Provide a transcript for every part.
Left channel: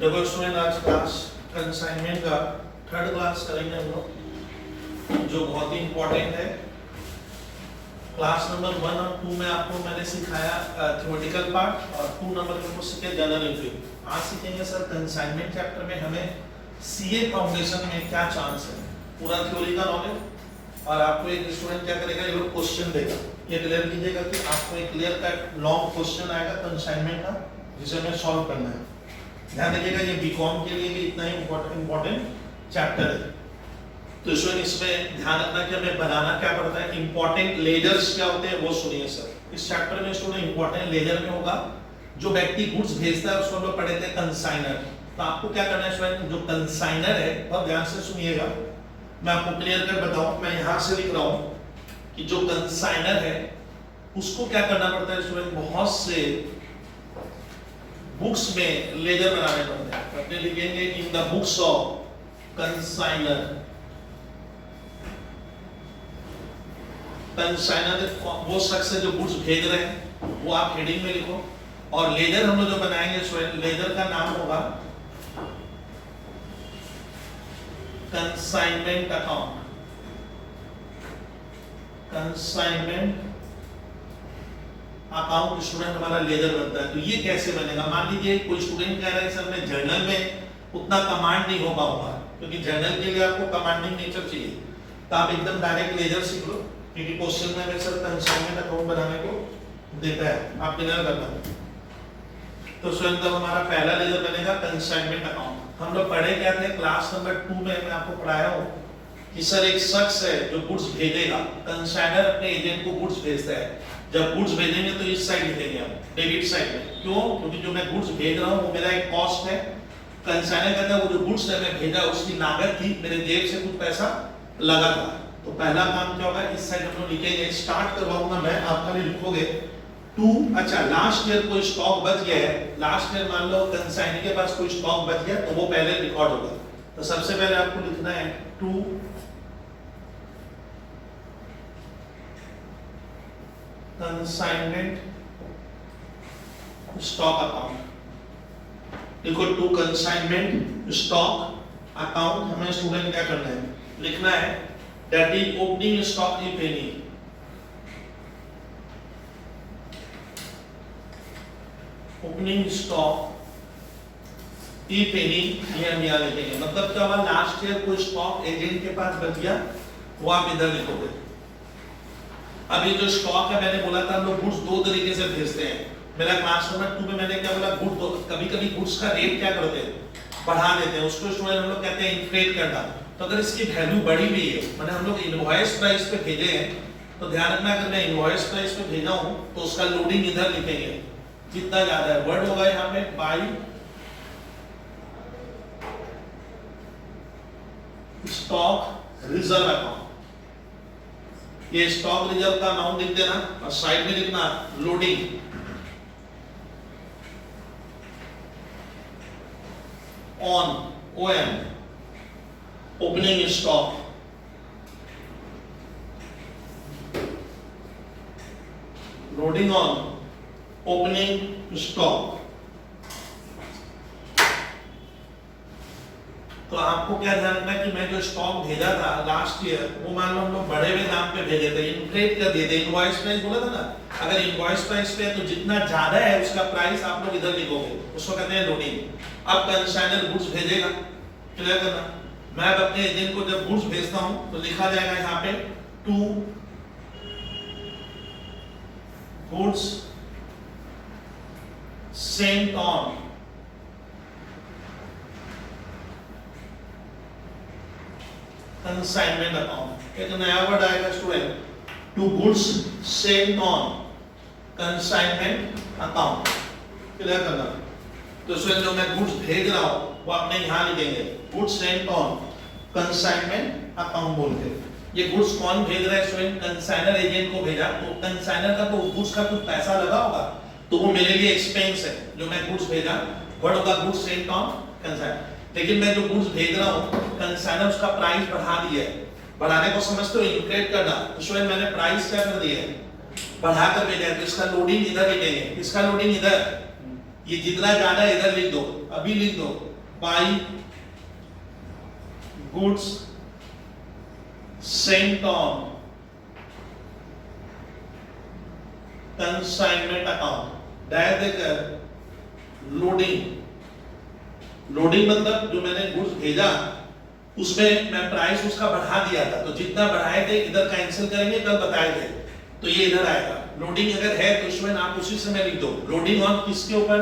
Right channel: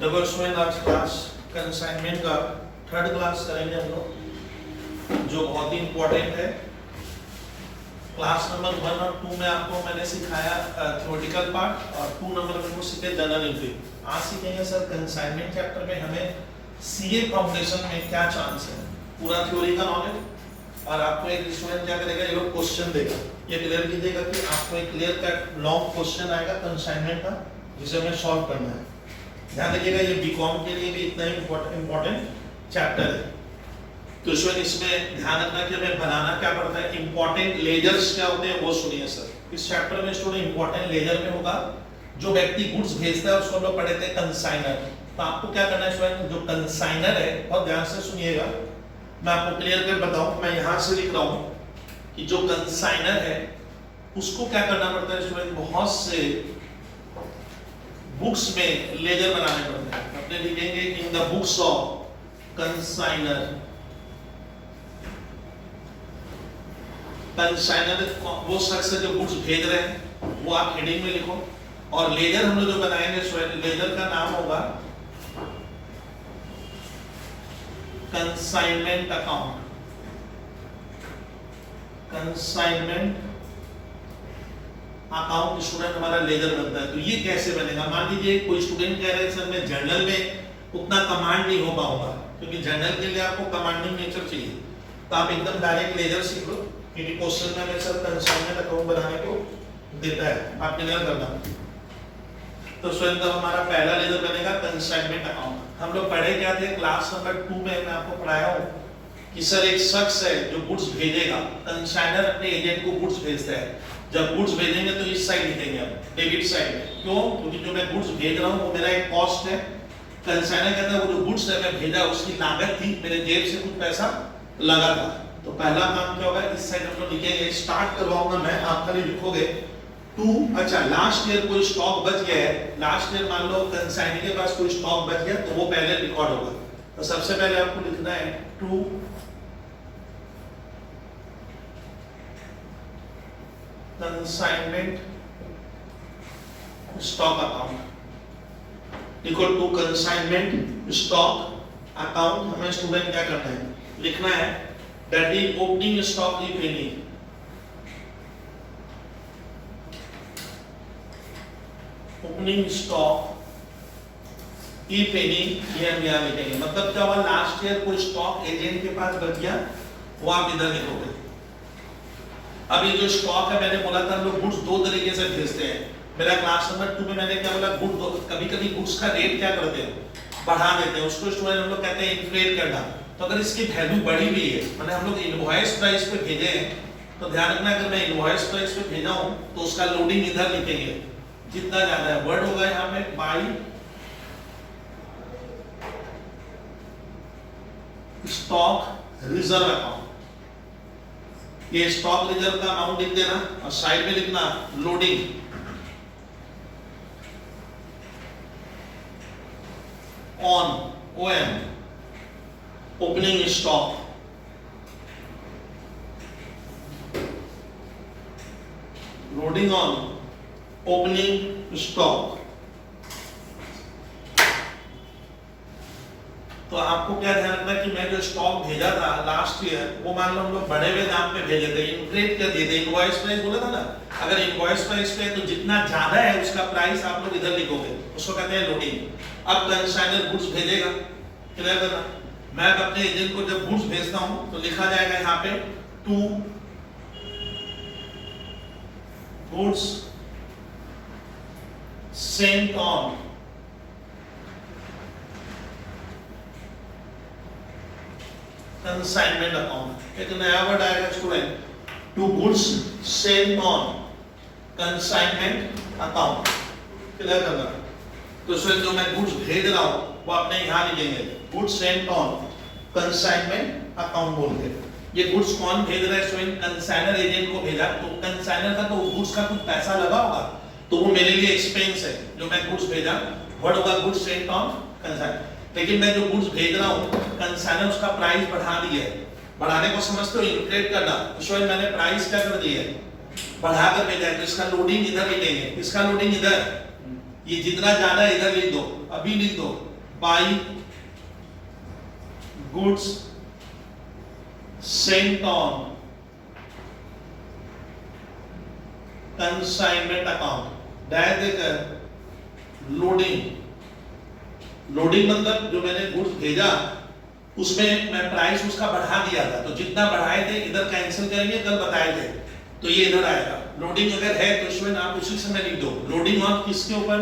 देखो स्टूडेंट आज class consignment का थर्ड क्लास करेंगे हम लोग, जो बहुत ही इंपॉर्टेंट है। क्लास नंबर 1 और 2 में आपको मैंने सिखाया थ्योरेटिकल पार्ट, और 2 नंबर में को सीखे जनरल एंट्री। आज सीखेंगे सर कंसाइनमेंट चैप्टर में हमें सीए फाउंडेशन में क्या चांस है, पूरा थ्योरी का नॉलेज। और आपको एक स्टूडेंट क्या करेगा, ये लोग क्वेश्चन देगा, ये क्लियर कीजिएगा कि आपको एक क्लियर कट लॉन्ग क्वेश्चन आएगा कंसाइनमेंट का, जिसे हमें सॉल्व करना है। ध्यान दीजिएगा, ये बीकॉम के लिए भी इतना ही इम्पोर्टेंट चैप्टर है। तो स्टूडेंट इसमें ध्यान रखना कि हमें बनाना क्या पड़ता है, इंपॉर्टेंट लेजर्स क्या होते हैं वो सुनिए सर। इस चैप्टर में स्टूडेंट इंपॉर्टेंट लेजर में होगा जो व्यक्ति गुड्स भेजता है, उसको हम लोग पढ़े थे कंसाइनर। तो आपको क्या करना है स्टूडेंट, जो कंसाइनर है बहुत ध्यान से सुनिएगा, मैं आपको क्लियर कर बताऊं। मैं यहां से लिख रहा हूं कि जो कंसाइनर है उसको क्या करना पड़ता है स्टूडेंट, बहुत से बुक्स में लेजर बनाने पड़ते हैं। अपने लिखेंगे in the books of consignor. Consignor वो शख्स है जो गुड्स भेज रहे हैं, वो आप हेडिंग में लिखो। और लेजर हम लोग जो बनाएंगे स्टूडेंट, लेजर का नाम होगा consignment account. Consignment account student हमारा लेजर बनता है। तो ये कैसे बनेगा, मान लीजिए कोई स्टूडेंट कह रहा है सर मैं जर्नल में उतना कमांड नहीं हो पाऊंगा, क्योंकि जर्नल के लिए आपको कमांडिंग नेचर चाहिए। तो आप एकदम डायरेक्ट लेजर सीख लो, क्योंकि क्वेश्चन में हमें सर कंसाइनमेंट अकाउंट बनाने को देता है, आप क्लियर करना। तो स्टूडेंट तब हमारा पहला लेजर बनेगा कंसाइनमेंट अकाउंट। हम लोग पढ़े क्या थे क्लास नंबर 2 में, मैं आपको पढ़ाया हूं कि सर एक शख्स है जो गुड्स भेजेगा, कंसाइनर अपने एजेंट को गुड्स भेजता है। जब गुड्स भेजेंगे तो इस साइड लिखेंगे आप, डेबिट साइड। क्यों? क्योंकि जो मैं गुड्स भेज रहा हूं वो मेरा एक कॉस्ट है। कंसाइनर कहता है वो जो गुड्स है मैं भेजा उसकी लागत थी, मेरे जेब से कुछ पैसा लगा था। तो पहला काम क्या होगा, इस साइड हम लोग लिखेंगे, स्टार्ट करवाऊंगा मैं, आप खाली लिखोगे टू। अच्छा, लास्ट ईयर कोई स्टॉक बच गया है, लास्ट ईयर मान लो कंसाइनर के पास कोई स्टॉक बच गया तो वो पहले रिकॉर्ड होगा। तो सबसे पहले आपको लिखना है टू कंसाइनमेंट स्टॉक अकाउंट। देखो टू कंसाइनमेंट स्टॉक अकाउंट हमें स्टूडेंट क्या करना है, लिखना है that is opening stock if any. Opening stock if any, ये हम यहां लिखेंगे। मतलब क्या हुआ, लास्ट ईयर कोई स्टॉक एजेंट के पास बच गया, वो आप इधर लिखोगे। अब ये जो स्टॉक है, मैंने बोला था हम लोग गुड्स दो तरीके से भेजते हैं। मेरा क्लास नंबर 2 में मैंने क्या बोला, गुड कभी-कभी गुड्स का रेट क्या करते हैं, बढ़ा देते हैं, उसको स्टूडेंट हम लोग कहते हैं इन्फ्लेट करना। तो अगर इसकी वैल्यू बढ़ी हुई है, मैंने हम लोग इनवॉइस प्राइस पे भेजे हैं, तो ध्यान रखना अगर मैं इनवॉइस प्राइस पे भेजा हूं तो उसका लोडिंग इधर लिखेंगे, जितना ज्यादा है। वर्ड होगा यहां पे बाय स्टॉक रिजर्व अकाउंट। ये स्टॉक रिजर्व का अमाउंट लिख देना और साइड में लिखना loading on om opening stock. Loading on opening stock. तो आपको क्या ध्यान रखना है कि मैं जो स्टॉक भेजा था लास्ट ईयर, वो मान लो हम लोग बढ़े हुए दाम पे भेजे थे, इन्फ्लेट कर दिए थे। इनवॉइस प्राइस बोला था ना, अगर इनवॉइस प्राइस पे तो जितना ज्यादा है उसका प्राइस आप लोग इधर लिखोगे, उसको कहते हैं लोडिंग। अब कंसाइनर गुड्स भेजेगा, क्लियर करना। मैं अपने एजेंट को जब गुड्स भेजता हूं तो लिखा जाएगा यहाँ पे to goods sent on consignment account. एक नया वर्ड आएगा student, to goods sent on consignment account, clear करना। तो स्टूडेंट जो मैं गुड्स भेज रहा हूं वो आपने यहां लिखेंगे goods sent on consignment account बोल के। ये गुड्स कौन भेज रहा है स्टूडेंट, कंसाइनर एजेंट को भेजा, तो कंसाइनर का तो गुड्स का कुछ पैसा लगा होगा, तो वो मेरे लिए एक्सपेंस है जो मैं गुड्स भेजा। वर्ड होगा गुड्स सेंट ऑन कंसाइनर। लेकिन मैं जो गुड्स भेज रहा हूं कंसाइनर उसका प्राइस बढ़ा दिया है। बढ़ाने को समझते हो, इन्फ्लेट करना। तो स्टूडेंट मैंने प्राइस क्या कर दिया है, बढ़ा कर भेजा है, तो इसका लोडिंग इधर लिखेंगे, इसका लोडिंग इधर, ये जितना ज्यादा इधर लिख दो, अभी लिख दो by goods sent on consignment account. Direct देकर लोडिंग मतलब जो मैंने गुड्स भेजा उसमें मैं प्राइस उसका बढ़ा दिया था, तो जितना बढ़ाए थे इधर कैंसिल करेंगे, कल बताए थे, तो ये इधर आएगा। लोडिंग अगर है तो इसमें आप उसी समय लिख दो। लोडिंग ऑन किसके ऊपर?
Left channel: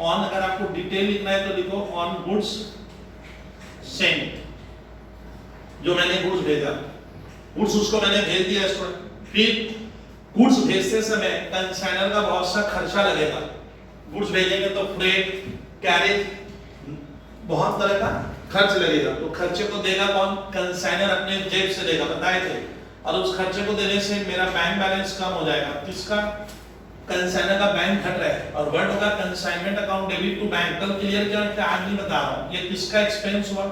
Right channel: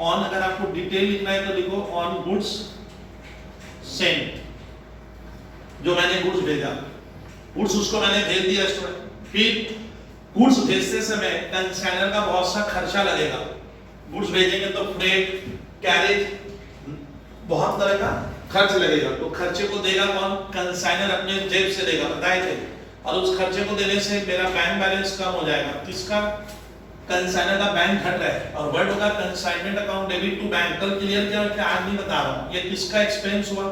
ऑन, अगर आपको डिटेल लिखना है तो लिखो ऑन गुड्स सेंट, जो मैंने गुड्स भेजा, गुड्स उसको मैंने भेज दिया स्टूडेंट। फिर गुड्स भेजते समय कंसाइनर का बहुत सा खर्चा लगेगा। गुड्स भेजेंगे तो फ्रेट, कैरेज, बहुत तरह का खर्च लगेगा, तो खर्चे को देगा कौन? कंसाइनर अपने जेब से देगा, बताए थे। और उस खर्चे को देने से मेरा बैंक बैलेंस कम हो जाएगा। किसका? कंसाइनर का बैंक घट रहा है, और वर्ड होगा consignment account debit to bank. कल क्लियर किया क्या? आज नहीं बता रहा हूं। ये किसका एक्सपेंस हुआ?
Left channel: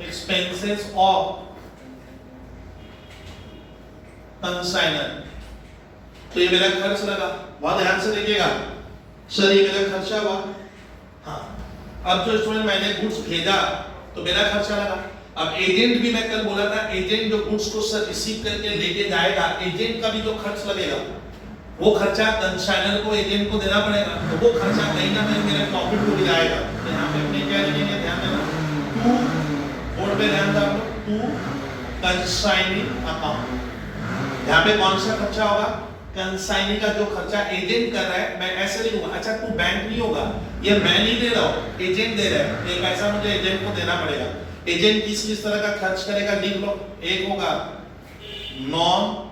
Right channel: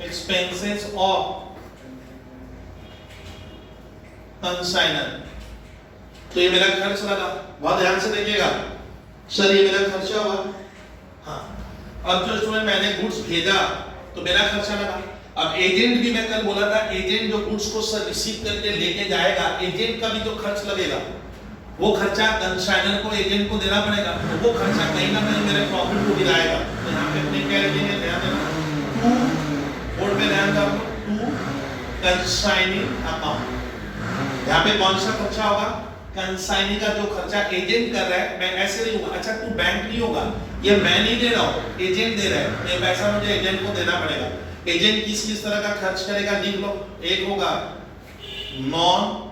Expenses of consignor. तो ये मेरा खर्च लगा, बहुत ध्यान से देखिएगा सर, ये मेरा खर्चा हुआ। हाँ, अब जो स्टूडेंट मैंने गुड्स भेजा तो मेरा खर्चा लगा। अब एजेंट भी, मैं कल बोला था, एजेंट जो गुड्स को सर रिसीव करके लेके जाएगा, एजेंट का भी जो खर्च लगेगा वो खर्चा कंसाइनर को, एजेंट को देना पड़ेगा। तो वो खर्चा कहीं ना कहीं मेरे प्रॉफिट को गिराएगा। तो यहाँ पे अपने क्या लिखेंगे? ध्यान देना, टू, बोर्ड पे ध्यान दो, टू कंसाइनिंग अकाउंट। यहाँ पे कौन सा खर्चा होगा? कंसाइनिंग का जो खर्चा एजेंट कर रहा है, मैं ऐसे लिखूंगा। अच्छा, तू बैंक नहीं होगा, ये मैं नहीं दे रहा हूँ, एजेंट दे रहा है, ये पैसा मुझे एजेंट को देना पड़ेगा। एजेंट किस किस तरह का खर्च करेगा लिख लो। एक होगा नॉन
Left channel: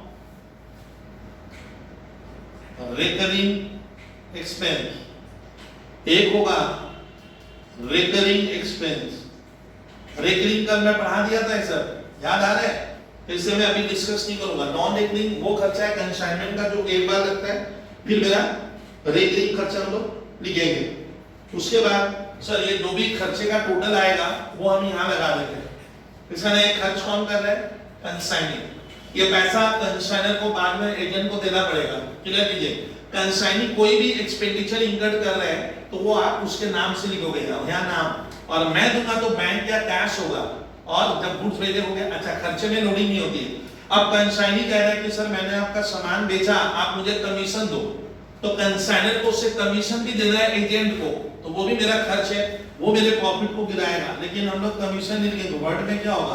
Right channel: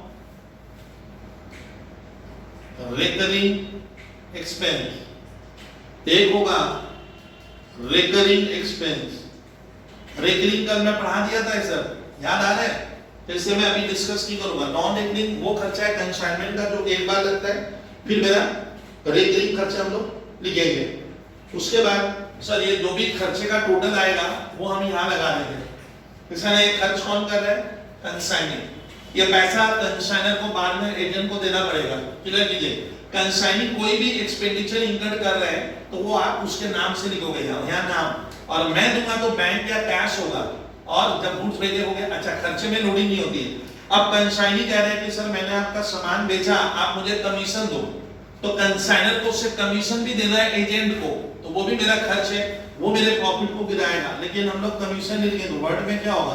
रिकरिंग एक्सपेंस, एक होगा रिकरिंग एक्सपेंस। रिकरिंग कल मैं पढ़ा दिया था सर, याद आ रहा है? फिर से मैं अभी डिस्कस नहीं करूंगा। नॉन रिकरिंग वो खर्चा है कंसाइनमेंट का जो एक बार लगता है, फिर मेरा रिकरिंग खर्चा हम लोग लिखेंगे। उसके बाद सर ये जो भी खर्चे का टोटल आएगा वो हम यहाँ लगा देंगे। इसका एक खर्च कौन कर रहा है? कंसाइनिंग। ये पैसा कंसाइनर को बाद में एजेंट को देना पड़ेगा। क्लियर कीजिए, कंसाइनिंग कोई भी एक्सपेंडिचर इंकर्ड कर रहे हैं तो वो आप उसके नाम से लिखोगे, यहाँ नाम, और मैं दूंगा तो बैंक या कैश होगा। और जब गुड्स भेजे होंगे, अच्छा खर्चे में लोडिंग नहीं होती है। अब कंसाइनी कह रहा है कि सर मैंने आपका सामान बेचा, आप मुझे कमीशन दो, तो कंसाइनर को उससे कमीशन भी देना है एजेंट को, तो वो भी मेरा खर्च है, वो मेरे प्रॉफिट को गिराएगा। लेकिन हम लोग कमीशन नहीं देंगे, वर्ड में क्या होगा?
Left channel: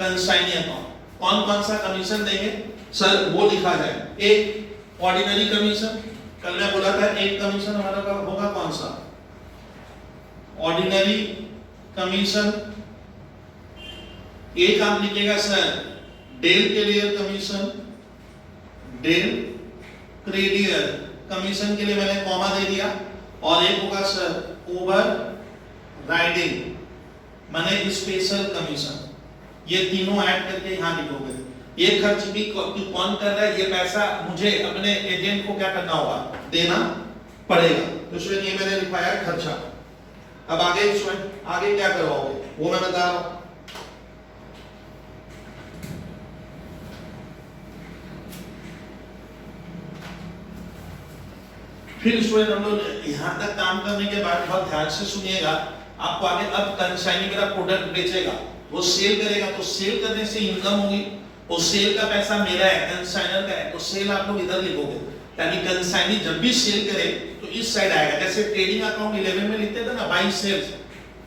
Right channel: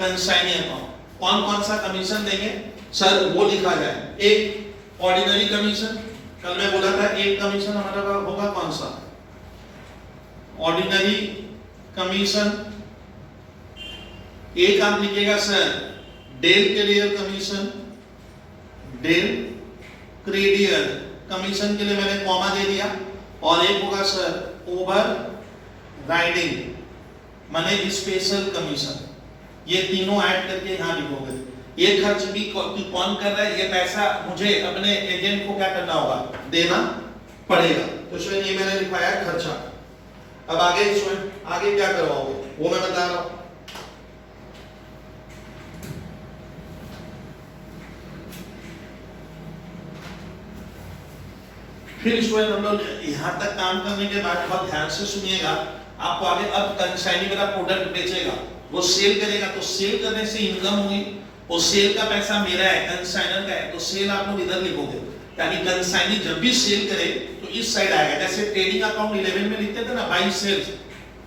Consignee account. कौन कौन सा कमीशन देंगे सर वो लिखा जाए। एक ऑर्डिनरी कमीशन, कल मैं बोला था एक कमीशन हमारा होगा कौन सा? Ordinary commission. एक आप लिखेगा sir del credere commission, del credere commission के लिए मैंने कॉमा दे दिया। और एक होगा सर ओवर राइडिंग माने स्पेशल कमीशन। ये तीनों ऐड करके यहाँ लिखोगे। ये खर्च भी कौन कर रहा है? ये पैसा मुझे अपने एजेंट को क्या करना होगा? देना पड़ेगा। तो स्टूडेंट ये मैंने लिखवाया है खर्चा। अब आगे स्टूडेंट आगे क्या करवाओगे वो मैं बता रहा हूं। फिर स्टूडेंट हम लोग यहाँ तक काम करने के बाद बहुत ध्यान से सुनिएगा। आपको आगे अब कंसाइनी मेरा प्रोडक्ट बेचेगा, वो सेल करेगा, तो सेल करने से इनकम हुई, वो सेल का पैसा मेरा है, कंसाइनर का है, तो सेल आप लोग इधर लिखोगे ताकि कंसाइनी जब भी सेल करे तो इस साइड आएगा। जैसे ट्रेडिंग अकाउंट 11 में लिखते थे ना बाई सेल्स,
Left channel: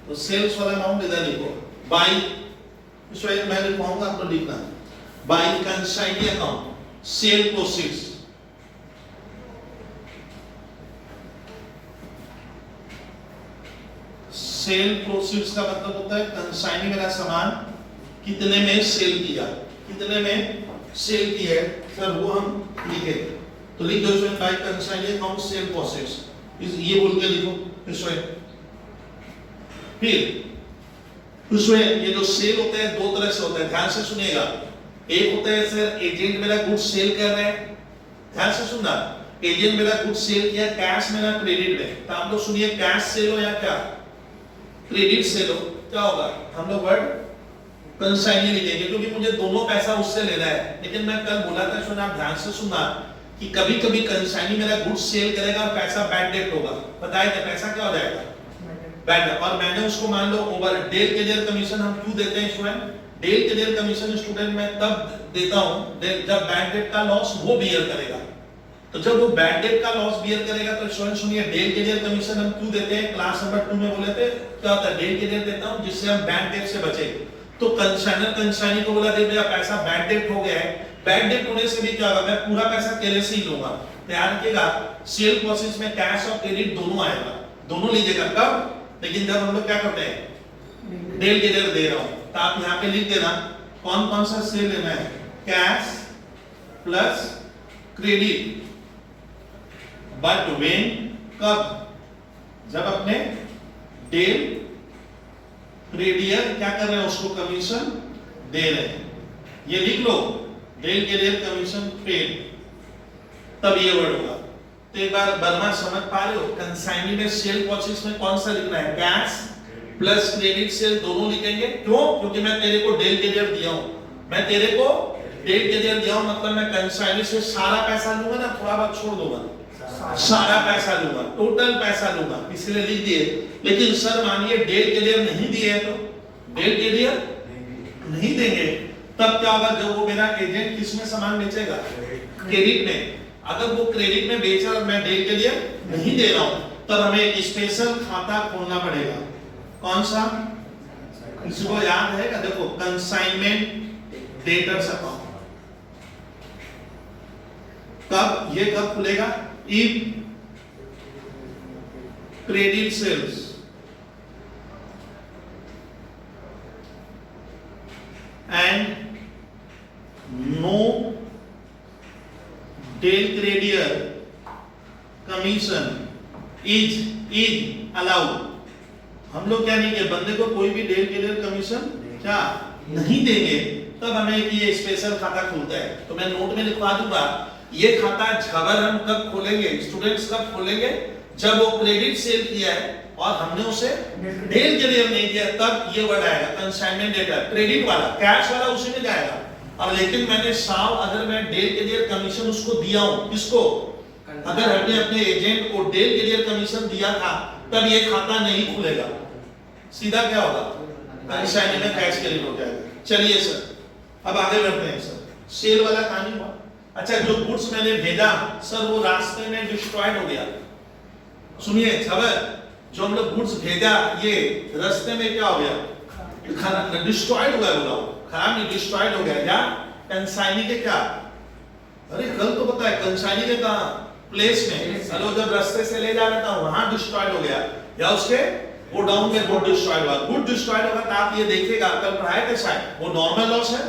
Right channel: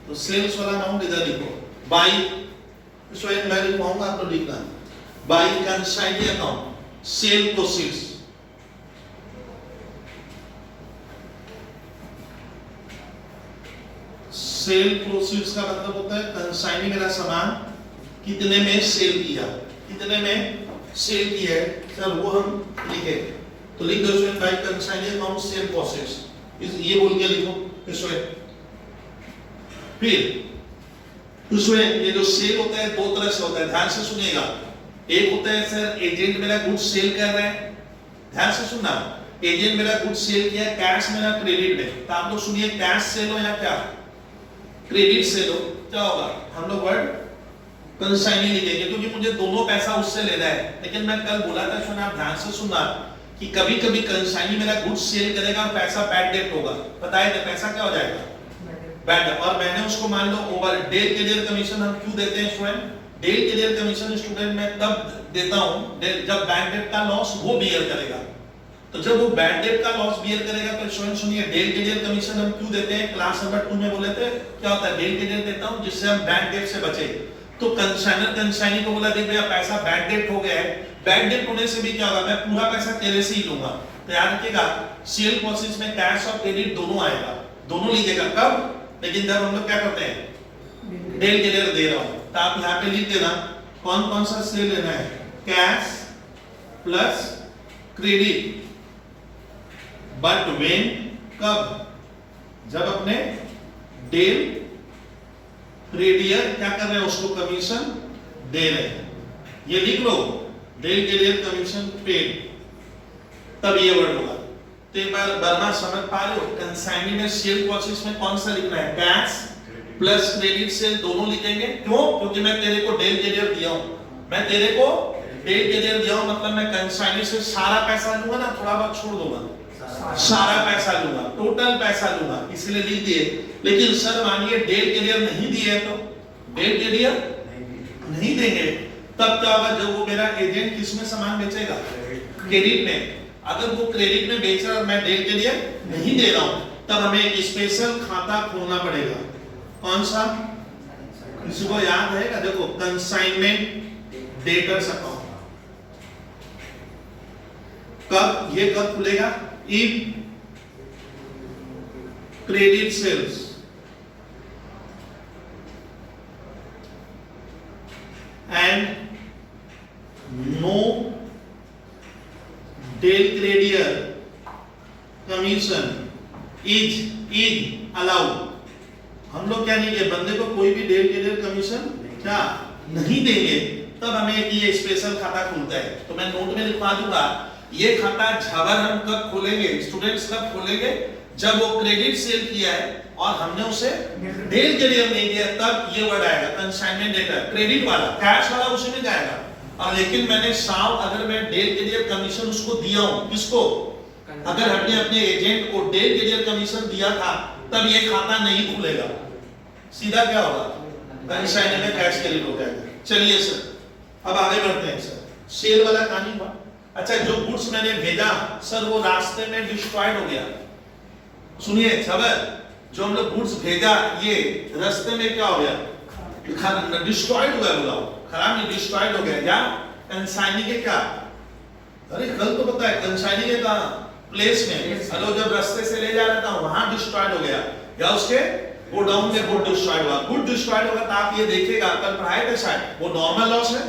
तो सेल्स वाला अमाउंट इधर लिखो बाई। स्टूडेंट मैं लिखवाऊंगा, आप लोग लिखना by consignee account sale proceeds. Sale proceeds का मतलब होता है कंसाइनी मेरा सामान कितने में सेल किया, कितने में सेल किया है सर वो हम लिखे। तो लिख दो student bye consignee account cell process, ये बोल के लिखो स्टूडेंट। फिर स्टूडेंट ये जो सेल होता है दो तरह से होता है, ध्यान से सुनिएगा। एक होता है सर एजेंट मेरा गुड्स सेल कर रहे हैं, ध्यान से सुनना, एजेंट मेरा गुड्स सेल किया, कैश मेरा क्रेडिट में। तो आप लोग सुनिए कैश सेल हो या क्या क्रेडिट सेल हो, क्या होगा? हम लोग वर्ड कंसाइनी लिखेंगे क्योंकि मुझे दोनों पैसा उससे लेना है। लेकिन मैं कल बोला था सुना, आप ध्यान से सुनना, कि कभी कभी कंसाइनी मेरा गुड्स सेल करेगा और पैसा बैड डेट होगा, पता है क्या पैसा क्या हो जाएगा बैड डेट, और मैंने उसको मान लो ओवर डेल क्लियर कमीशन हम क्यों देते हैं student, del credere commission student मैं तब देता हूं जब बैड डेट का लॉस वो बियर करेगा। तो जब वो बैड डेट का लॉस बियर करेगा तो स्टूडेंट सुनिए डेल क्लियर कमीशन हम क्यों देते हैं, क्लास नंबर 2 में बोले थे क्या होता है डेल क्लियर देता हूं जिससे हम बैड डेट से बचे। तो कंसाइनर कंसाइनी को बोला देख भैया पैसा बैड डेट हो गया है, बैड डेट होने से भी क्या होगा मैं पूरा पैसा तेरे से ही लूंगा। तो याद रखिएगा सेल प्रोसेस में कैश और क्रेडिट दोनों आएगा, दोनों लीजिएगा कब, लेकिन जब हम लोग क्या करते हैं डेल क्लियर दे रहा हूं तो आप यहां पे लिख देना कौन कौन सा सेल लेना है, cash plus credit, but when कब, जब अपने डेल क्रेडियर क्या कर रहे हैं उसको कमीशन दे रहे हैं, ये लिख लो डेल क्रेडियर कमीशन पेड, तब ये वर्ड होगा। तो एक बार बर्मा समझ पा रहे हो कंसाइनी में सेल प्रोसेस में कौन सा लिखना है, कैश प्लस क्रेडिट सेल दोनों लिखेंगे, क्यों, क्योंकि मैं तेरे को डेल क्रेडियर दिया हूं, मैं तेरे को डेल क्रेडियर दिया हूं मतलब मैं कंसाइनी से सारा पैसा लूंगा ना, थोड़ा बहुत छोड़ दूंगा, सारा पैसा लूंगा, टोटल पैसा लूंगा, इसलिए लिख दिए। लेकिन सर मानिए डेल क्लियर नहीं दिए तो डेल क्लियर नहीं देंगे तब क्या होगा, जब वो मेरा एजेंट किसमें सामान बेचेगा, क्रेडिट में, अगर वो क्रेडिट में बेचा और मैं डेल क्लियर नहीं दे रहा हूं तब हमें एक स्पेशल खाता खोलना पड़ेगा, कौन सा, इसको याद है क्या, देखो कंसाइनमेंट डेटर्स अकाउंट, कब ये कब खुलेगा, if credit sales and no deal creditor commission is allowed। हम लोग क्या नहीं किए, बंदे को कोई भी डेल क्रेडियर कमीशन क्या नहीं देंगे तब हमें ये स्पेशल खाता खुलता है। तो मैं नोट में लिखवा दूंगा ये खाता झबर हम कब खोलेंगे, स्टूडेंट्स कब खोलेंगे, जब वो क्रेडिट सेल किया है और हमने उसे डेल क्रेडियर नहीं दिया तब ये वर्ड आएगा कंसाइनमेंट डेटर, क्रेडिट वाला, कैश वाला उसी में जाएगा। और लेकिन मैंने साव अगर मैं डेल क्रेडियर कमीशन उसको दिया हूं, किसको, अगर हमने अपने एजेंट को डेल क्रेडियर कमीशन दिया था तब ये खाता नहीं खुलेगा, सीधा क्या होगा कंसाइनमेंट में कैश क्रेडिट हो जाएगा। चलिए सर अब आगे बढ़ते हैं सर, सेल वाला कहानी हुआ। अच्छा जो गुड्स मैंने भेजा सर वो रास्ते में डिस्ट्रॉयड हो गया, सुनिए खबर, जो हम लोग गुड्स भेजा ये रास्ते में क्या हो गया, डिस्ट्रॉयड हो गया, खराब नहीं डिस्ट्रॉयड हो गया, या कंसाइनी के क्या, अरे कल तो पता है कंसाइनी के कहां प्लेस में, हेलो जब रास्ते से ले जा रहा था वहां डिस्ट्रॉयड हो गया, या उसके गोडाउन में गुड डिस्ट्रॉयड हुआ, गुड डिस्ट्रॉयड होगा तो आप ये देखिएगा कल पढ़ाए थे शायद, वो नॉर्मल लॉस है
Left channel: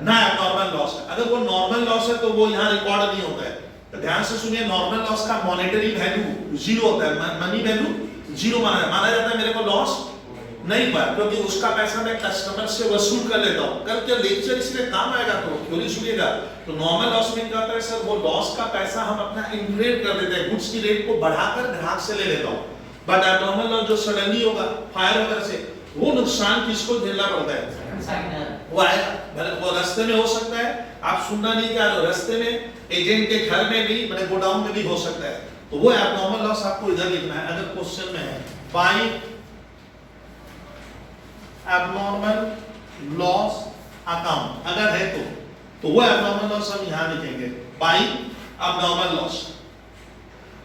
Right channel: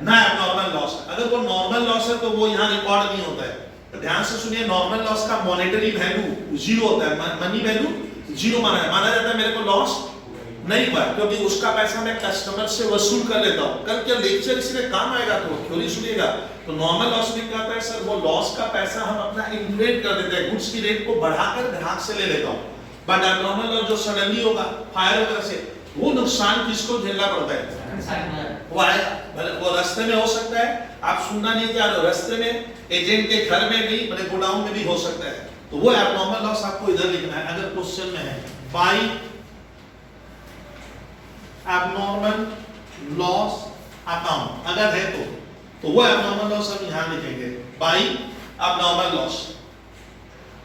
ना एबनॉर्मल लॉस है, अगर वो नॉर्मल लॉस है तो वो यहाँ रिकॉर्ड नहीं होता है। तो ध्यान से सुनिए नॉर्मल लॉस का मॉनेटरी वैल्यू जीरो होता है, मनी वैल्यू जीरो माना जाता है, मेरे को लॉस नहीं हुआ क्योंकि उसका पैसा मैं कस्टमर से वसूल कर लेता हूँ। कल के लेक्चर इसलिए काम आएगा तो थ्योरी सुनिएगा। तो नॉर्मल लॉस में क्या होता है सर, वो लॉस का पैसा हम अपना इन्फ्लेट कर देते हैं, गुड्स की रेट को बढ़ाकर ग्राहक से ले लेता हूँ, बट एबनॉर्मल लॉस जो सडनली होगा फायर वगैरह से वो नुकसान किसको झेलना पड़ता है, वो आएगा, वो रास्ते में हो सकता है, आप सुनना नहीं चाह रहे, रास्ते में एजेंट के घर में भी मतलब गोडाउन में भी हो सकता है, तो वो एबनॉर्मल लॉस आपको इधर लिखना है। अगर क्वेश्चन में है बाय एबनॉर्मल लॉस अकाउंट अगर है तो वो एबनॉर्मल लॉस हम यहां लिखेंगे बाय एबनॉर्मल लॉस।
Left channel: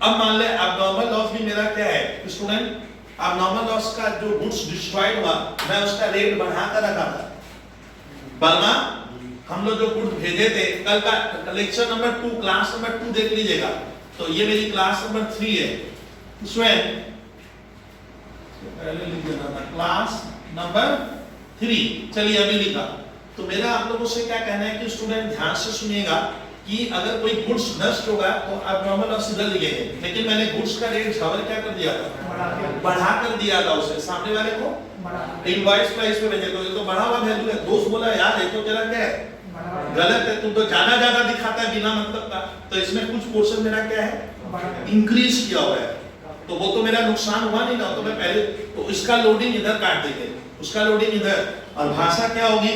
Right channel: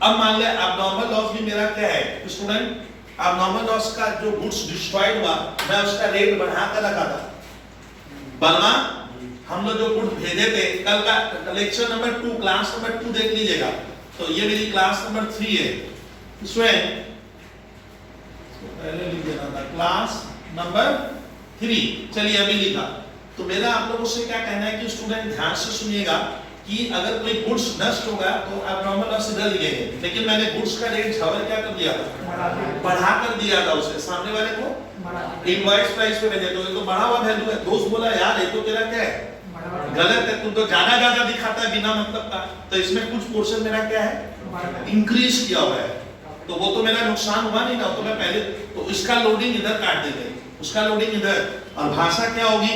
अब मान ले एबनॉर्मल लॉस भी मेरा क्या है स्टूडेंट, एबनॉर्मल लॉस का जो गुड्स डिस्ट्रॉयड हुआ मैं उसका रेट बढ़ा कर रखा था, बर्मा हम लोग जो गुड्स भेजे थे कल का लेक्चर नंबर 2 क्लास नंबर 2 देख लीजिएगा, तो ये मेरी क्लास नंबर 3 है, इसमें पहले लिख देना था क्लास नंबर 3, चलिए अभी लिखा। तो मेरा आप लोगों से क्या कहना है कि स्टूडेंट ध्यान से सुनिएगा कि अगर कोई गुड्स नष्ट होगा तो एबनॉर्मल लॉस इधर लिखेंगे, लेकिन मैंने गुड्स का रेट झवर क्या कर दिया था, बढ़ा कर दिया था उसे, सामने वाले को इनवॉइस प्राइस पे भेजे, तो ये तो बढ़ा हुआ वैल्यू है। दोस्त बोला यार ये तो तेरा क्या है गलत है, तू तो ज्यादा दिखाता है बिना मतलब का, तो इसमें कुछ पोर्शन मेरा क्या है इंक्रीज किया हुआ है, तो वो तो मेरा नुकसान हुआ नहीं ना, तो मैं पहले तो इसका लोडिंग इधर काट देंगे, उसका लोडिंग इधर, और भाषा क्या होगी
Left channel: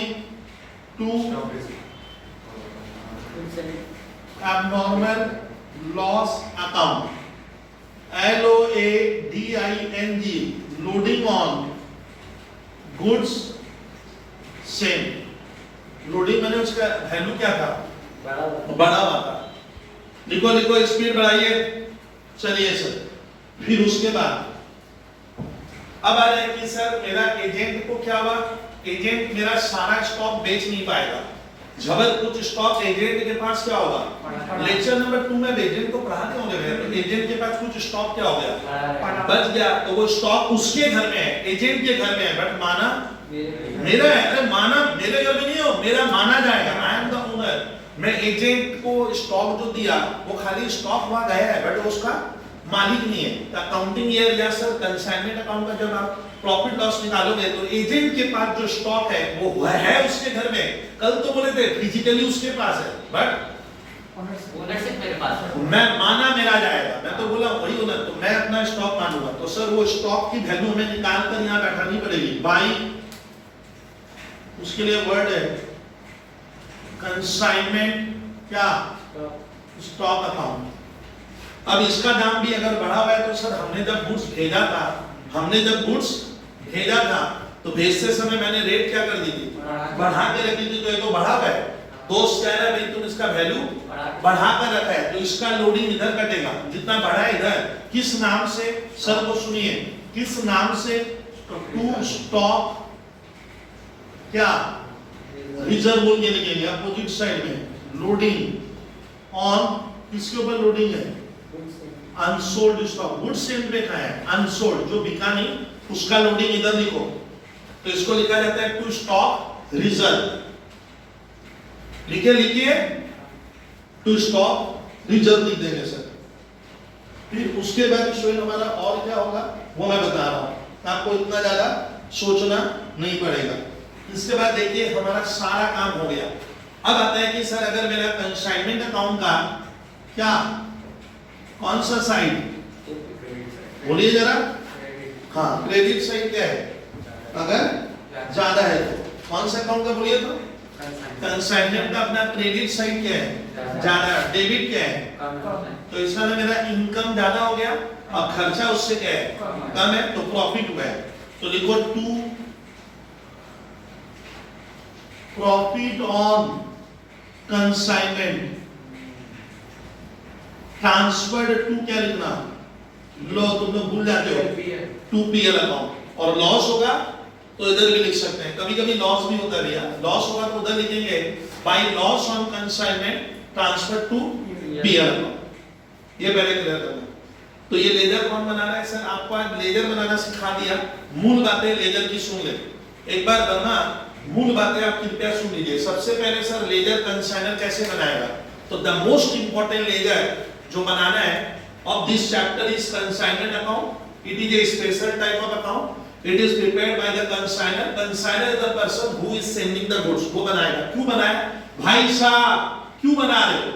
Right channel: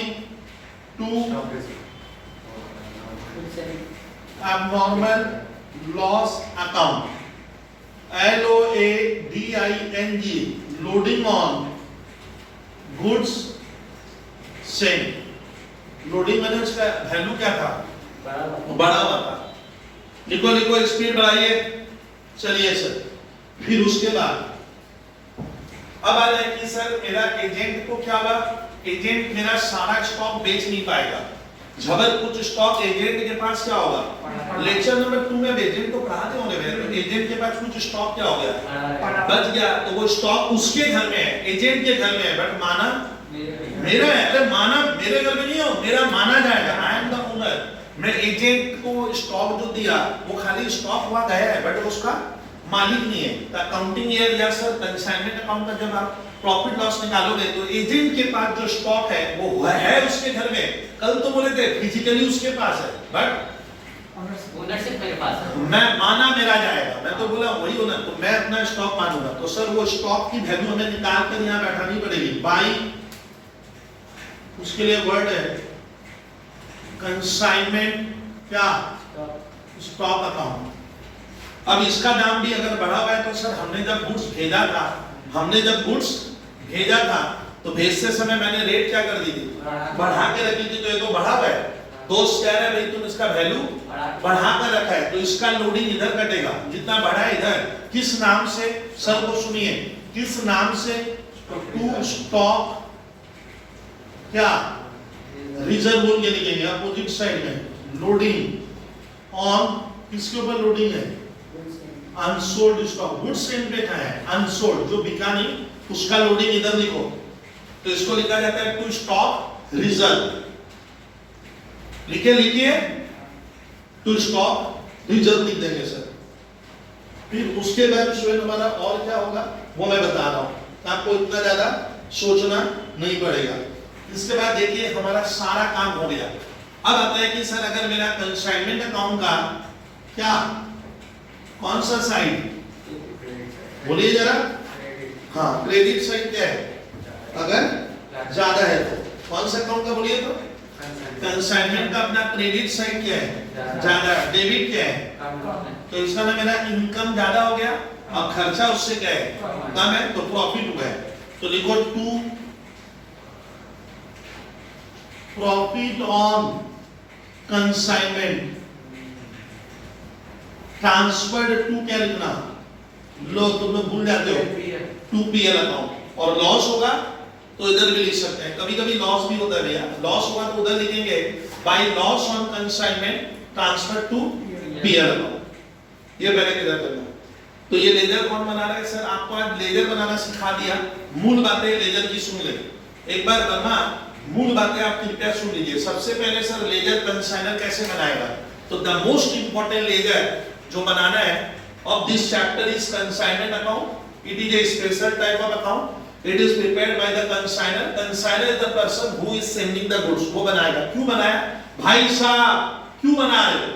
to abnormal loss account, LOADING, loading on goods sent. Loading मैंने उसका वैल्यू क्या था, बड़ा हुआ था। लिखो लिखो, स्पीड बढ़ाइए। चलिए सर, फिर उसके बाद अब आ रहा है कि सर मेरा एजेंट को क्या हुआ, एजेंट मेरा सारा स्टॉक बेच नहीं पाएगा। जबर कुछ स्टॉक एजेंट के पास क्या होगा, लेक्चर नंबर 2 में एजेंट को पढ़ाते होंगे भैया, तो एजेंट के पास कुछ स्टॉक क्या हो गया, बच गया। तो वो स्टॉक उसके घर में है, एजेंट के घर में है, बट माना मेरा है। अरे माना मेरे घर में नहीं हो, मेरा माना जाएगा, आई एम द ओनर। मैं एजेंट को स्टॉक जो दिया वो खाली स्टॉक हुआ गया है, बट उसका मालिक नहीं है। अकाउंटिंग ईयर या सर कंसाइनमेंट अकाउंट का जब आप प्रॉफिट लॉस निकालोगे तो एजेंट के पास जो स्टॉक है वो है उसके घर में। कल तो बोले थे फिजिकली उसके पास है, बट ओनरशिप मेरे पास है। मैं माना मेरा जाएगा, मैं तो बोला वही ओनर, तो मैं अपना स्टॉक मानूंगा। तो सर वो स्टॉक की वैल्यू हमें निकाल कर यहाँ बैठानी पड़ेगी बाई, उसके लिए वर्ड है कंसाइनमेंट क्या, स्टॉक अकाउंट। अब इसका दाम भी अगर बढ़ा हुआ है तो सर हमने जब गुड्स भेजा था, तो भेजते समय मैंने रेट क्या कर दी थी, बढ़ा के रखी थी। तो ये तो बढ़ा हुआ है, दोस्त कह रहा है भाई तुम इसका वैल्यू बढ़ा कर रखा है, तो इसका लोडिंग इधर कटेगा, जितना बढ़ा है इधर। किस नाम से, सर को सुनिए, किस नाम से, टू स्टॉक क्या, रिजर्व बोल के लिखेंगे अपोजिट साइड में, लोडिंग ऑन, किसके ऊपर लोडिंग है, अनसोल्ड स्टॉक। गुड सेम पे का है, अनसोल्ड जो बिका नहीं उसका लोडिंग इधर लिखो। तो इसको लिखा जाता है टू स्टॉक रिजर्व। लिखिए टू स्टॉक रिजर्व लिख देंगे सर। फिर उसके बाद स्टूडेंट हमारा और क्या होगा वो मैं बता रहा हूं, आपको इतना ज्यादा सोचना नहीं पड़ेगा। इसके बाद देखिए हमारा सारा काम हो गया। अब आता है कि सर अगर मेरा कंसाइनमेंट अकाउंट का क्या, कौन सा साइड बोलिए जरा, हाँ क्रेडिट साइड क्या है, अगर ज्यादा है तो कौन सा अकाउंट का बोलिए, तो कंसाइनमेंट का अपना क्रेडिट साइड क्या है, ज्यादा, डेबिट क्या है, तो इसका ना मेरा इनकम ज्यादा हो गया और खर्चा उससे क्या है, कम है, तो प्रॉफिट हुआ है। तो लिखो to profit on consignment transferred to, क्या लिखना, लो तुम लोग भूल जाते हो, टू पीएल अकाउंट। और लॉस होगा तो इधर भी लिख सकते हैं, कभी कभी लॉस भी होता है भैया, लॉस हुआ तो उधर लिखेंगे by loss on consignment transfer to PL account. ये पहले क्लियर करना। तो ये लेजर कौन बना रहा है सर, आपको आज लेजर बनाना सिखा दिया, मूल बातें लेजर की सुन ले एक बार। बना मूल बातें आप कृपया सुन लीजिए। सबसे पहले सर लेजर कंसाइनर कैसे बनाएगा, तो द मोस्ट इंपॉर्टेंट लेजर जो बनाना है of this chapter is consignment account. It is a special type of account. It is prepared by the consigner. Consigner is the person who is sending the goods. वो बनाएगा। क्यों बनाया भाई साहब, क्यों बना रहे हो,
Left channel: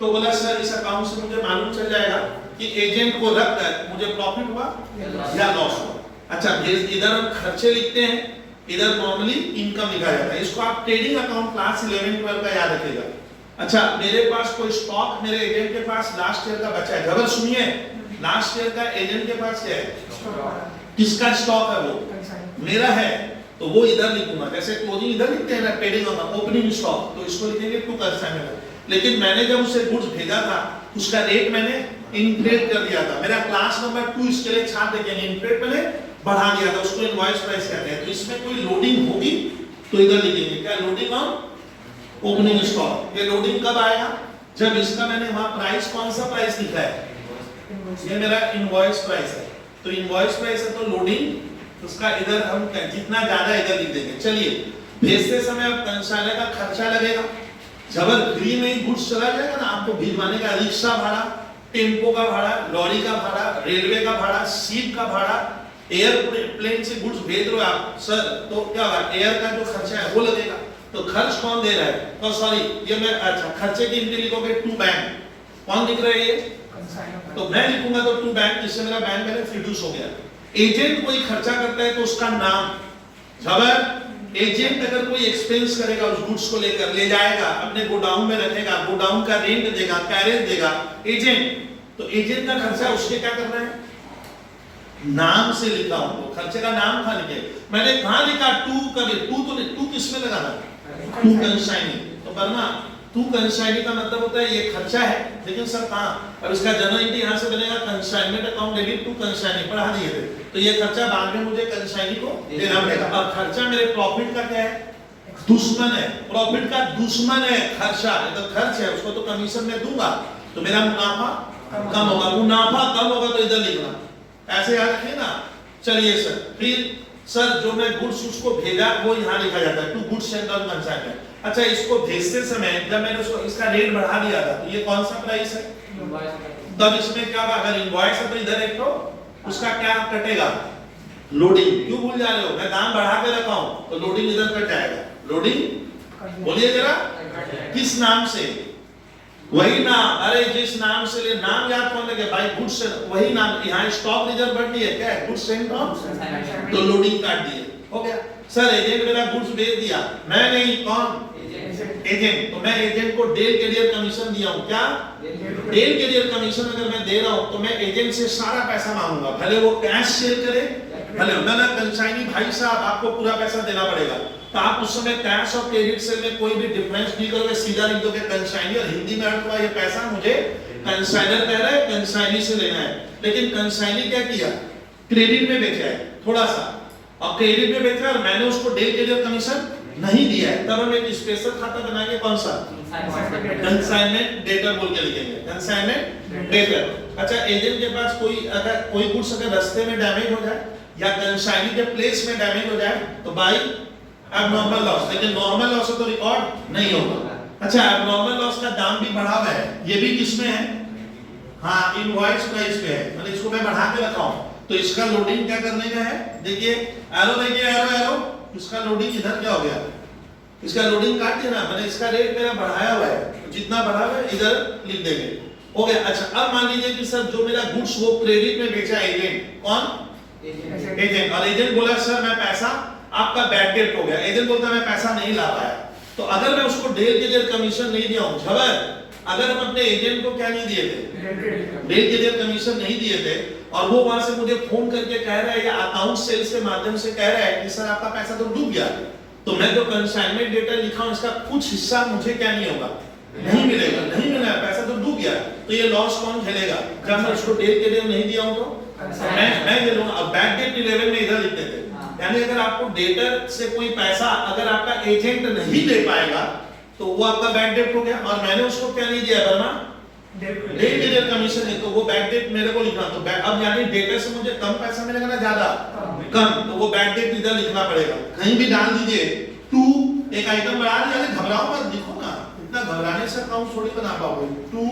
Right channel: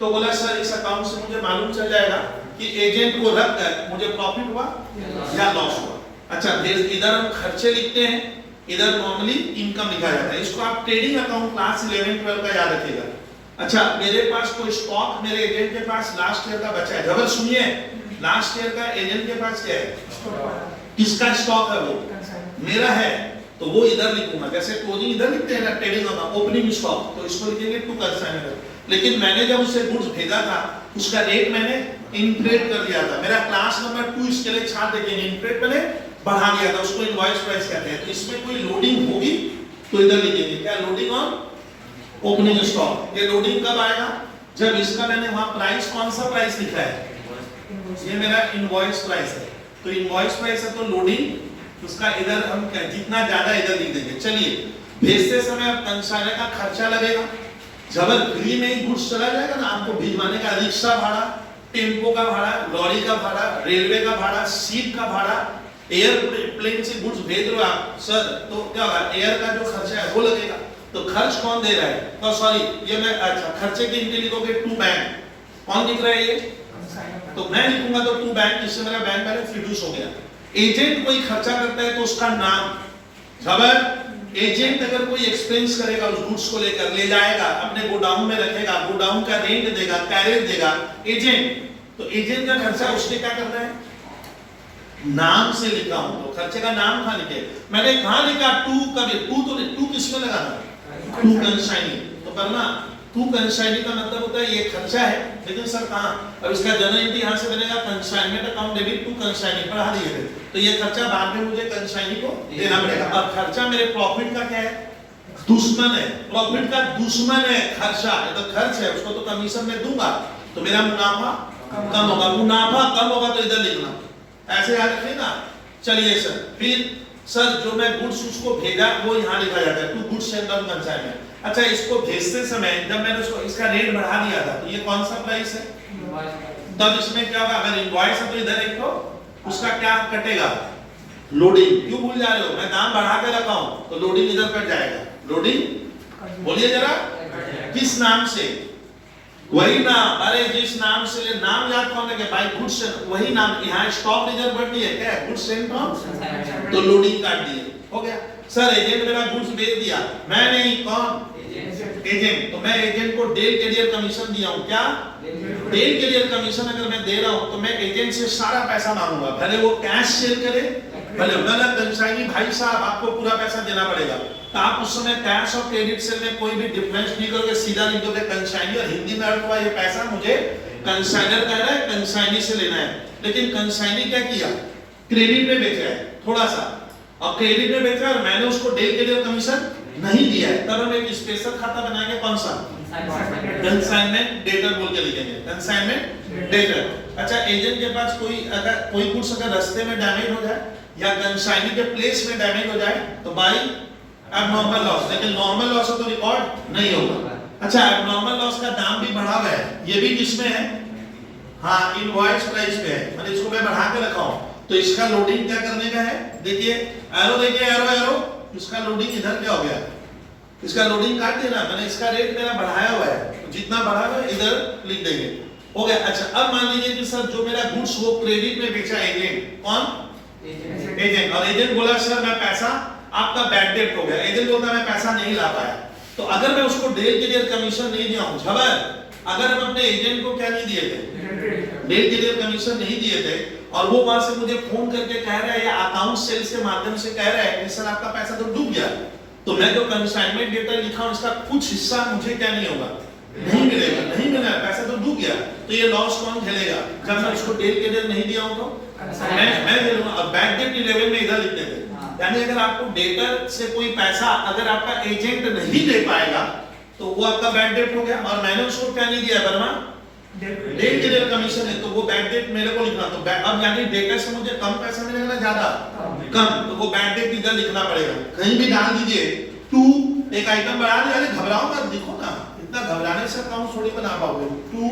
तो बोला सर इस अकाउंट से मुझे मालूम चल जाएगा कि एजेंट को रख कर मुझे प्रॉफिट हुआ या लॉस हुआ। अच्छा इधर हम खर्चे लिखते हैं, इधर नॉर्मली इनकम लिखा जाता है। इसको आप ट्रेडिंग अकाउंट क्लास 11-12 का याद रखिएगा। अच्छा मेरे पास कोई स्टॉक मेरे एजेंट के पास लास्ट ईयर का बचा है, जबर सुनिए, लास्ट ईयर का एजेंट के पास क्या है, किसका स्टॉक है, वो मेरा है, तो वो इधर लिखूंगा। जैसे क्लोजिंग इधर लिखते हैं ना, ट्रेडिंग अकाउंट ओपनिंग स्टॉक, तो इसको लिखेंगे टू कंसाइनमेंट। लेकिन मैंने जब उसे गुड्स भेजा था उसका रेट मैंने इनक्रेट कर दिया था, मेरा क्लास नंबर 2 इसके लिए छाट देखेंगे, इनक्रेट मैंने बढ़ा दिया था, उसको इनवॉइस प्राइस कहते हैं। तो इसमें कोई लोडिंग होगी तो इधर लिखेंगे क्या, लोडिंग ऑन ओपनिंग स्टॉक। ये लोडिंग कब आएगा, जब इसका मैंने वहां प्राइस, कौन सा प्राइस लिखा है, ये मेरा इनवॉइस प्राइस है, तो इनवॉइस प्राइस है तो लोडिंग उसका इधर हम जितना ज्यादा इधर लिख देंगे। चलिए भेजते समय अब कंसाइनर का खर्चा लगेगा, जब फ्री में ही गुड्स चला जाएगा ना, आपको भिजवाने का रिक्शा भाड़ा, टेम्पो का भाड़ा, लॉरी का भाड़ा, रेलवे का भाड़ा, सीट का भाड़ा, एयरप्लेन से गुड्स भेज रहे हो आप सर, तो क्या होगा, एयर का जो खर्चा है वो लगेगा। तो खर्च कौन दे रहा है, तो सॉरी ये मैं, अच्छा खर्चे की इनके लिखोगे टू बैंक, कौन लिख रहा है ये, तो मैं लिखूंगा तो टू बैंक, जिससे मेरा बैंक बैलेंस रिड्यूस हो गया। एजेंट कोई खर्चा करता है तो उसका नाम, जबर एजेंट अगर कोई एक्सपेंस करेगा उस गुड्स को लेकर ले जाएगा, अपने गोडाउन में रखेगा, गोडाउन का रेंट देगा, कैरेज देगा एजेंट, तो एजेंट का खर्चा उसके क्या करना है, नाम से लिखा हूं तो खर्चे का नाम कहां लिखे, मैंने कहां लिखा टू, कभी टू तो नहीं, टू किसमें लगाना, टू कंसाइनी, तो करना टू कंसाइनी का मतलब होता है ये खर्चा है, लेकिन सर कहां, और इसका जर्नल एंट्री यहां से बनेगा consignment account debit to consignee, पढ़ा दिए थे, तो ये खर्चा बाद में मुझे कंसाइनी को देना पड़ेगा। अब खर्चा मेरे प्रॉफिट का क्या है, दुश्मन है, प्रॉफिट का दुश्मन है खर्चा, तो खर्च है उसको तो कमीशन में दूंगा, तो मेरा मुनाफा कम होगा, मुनाफा कम होगा तो इधर लिखना, ऐसे याद रखिए ना। चलिए सर, फिर सर जो मैं गुड्स उसको भेजा वो यहाँ लिखा जाता है टू गुड्स एंड कंसाइनमेंट। अच्छा, इसको भेजते समय जब मैंने उसको इसका रेट बढ़ा दिया था, तो ये कौन सा प्राइस है, तब इसमें क्या होगा, अगर इनवॉइस है तो इधर एक तो उसका क्या कटेगा, लोडिंग, क्यों भूल जा रहे हो, मैं दाम बढ़ा के रखा हूं तो लोडिंग इधर कट जाएगा, लोडिंग बोलिए जरा, किस नाम से, वही नाम, अरे जिस नाम से ले, नाम याद कौन रखे भाई, गुड्स, वही नाम, यहाँ स्टॉक रिजर्व बढ़ दिया क्या है, गुड्स एंड तो लोडिंग काट दिए, हो गया। सर एजेंट मेरा गुड्स भेज दिया, मैं नहीं, कौन, एजेंट, तो मैं एजेंट को डेल कैरियर कमीशन दिया हूं, क्या डेल कैरियर कमीशन अगर मैं दे रहा हूं तो मैं एजेंट से सारा पैसा मांगूंगा, भले वो कैश सेल करे, भले ना कंसाइनी भाई साहब आपको पूरा पैसा देना पड़ेगा, तो आप उस समय कैश और क्रेडिट सेल में कोई भी डिफरेंस नहीं करोगे, सीधा लिख दोगे कंसाइनी, और हिंदी में अर्थ हुआ ये पैसा मुझे कंसाइनर कह रहा है, कंसाइनी से लेना है, लेकिन कंसाइनी क्या किया, क्रेडिट में बेचा है थोड़ा सा, और क्रेडिट में बेचा और मैंने उसको डेल कैरियर कमीशन नहीं दिया है, तब हम एक स्पेशल खाता बनाएंगे, कौन सा, कंसाइनमेंट डेटर बोल के लिखेंगे, कंसाइनमेंट डेटर। अच्छा, एजेंट के पास कोई अगर कोई गुड्स अगर रास्ते में डैमेज हो जाए या कंसाइनी के प्लेस में डैमेज हो जाए तो बाई एबनॉर्मल लॉस, लेकिन नॉर्मल लॉस तो रिकॉर्ड नहीं होगा। अच्छा, एबनॉर्मल लॉस का दाम भी बढ़ा हुआ है, ये भी किसमें है, हाँ इनवॉइस प्राइस पे है, मतलब इसको मैं बढ़ा के रखा हूं, तो इसका लोडिंग क्या करने का है, देखिए एरो, देखिए एरो एरो, इसका लोडिंग इधर क्या हो गया, इसका लोडिंग काट दिया ना, मैंने इसका रेट मेरा बढ़ाया हुआ है, तो जितना बढ़ा हुआ है इधर लिख देंगे, हो गया। अच्छा, अब मान लीजिए कि सर जो मेरा गुड्स वो क्रेडिट में बेचा एजेंट, कौन, एजेंट, और एजेंट बोला सर मैं पैसा, आपका बैड डेट हो गया, एजेंट बोलता मैं पैसा नहीं ला पाया, तो अगर मैं उसको डेल कैरियर कमीशन नहीं दिया हूं, झबर, अगर हम अपने एजेंट को क्या नहीं दिए थे, डेल कैरियर कमीशन नहीं दिए थे, और वो वहां से मुझे फोन करके कह रहा है या अकाउंट सेल से माध्यम से कह रहा है कि सर आपका पैसा तो डूब गया, तो मैं जो कंसाइनमेंट डेटा लिखा हूं इसका कुछ हिस्सा मुझे क्या नहीं होगा, नहीं मिलेगा, नहीं मिला, पैसा तो डूब गया, तो ये लॉस कौन झेलेगा, जब मैं उसको डेल कैरियर नहीं दिया हूं तो मैं झेलूंगा। अब बैड डेट की लेवल में इधर लिख देते, यानी अगर आपको डेटर से कोई पैसा अगर आपका एजेंट नहीं दे पाएगा तो वो आपका बैड डेट हो गया, और मैंने उसको क्या नहीं दिया करना, डेल कैरियर कमीशन है, तो वो बैड डेट मेरे को लिखना, तो अब यानी डेटर से मुझे कम पैसा मिलेगा ना ज्यादा, कम, तो वो बैड डेट इधर लिखना पड़ेगा, कहीं भी डाल दीजिए टू, एक आइटम बढ़ा दिया, घबराओ मत, देखो ना, इतना घबराने से अकाउंट थोड़ी बना पाओगे, टू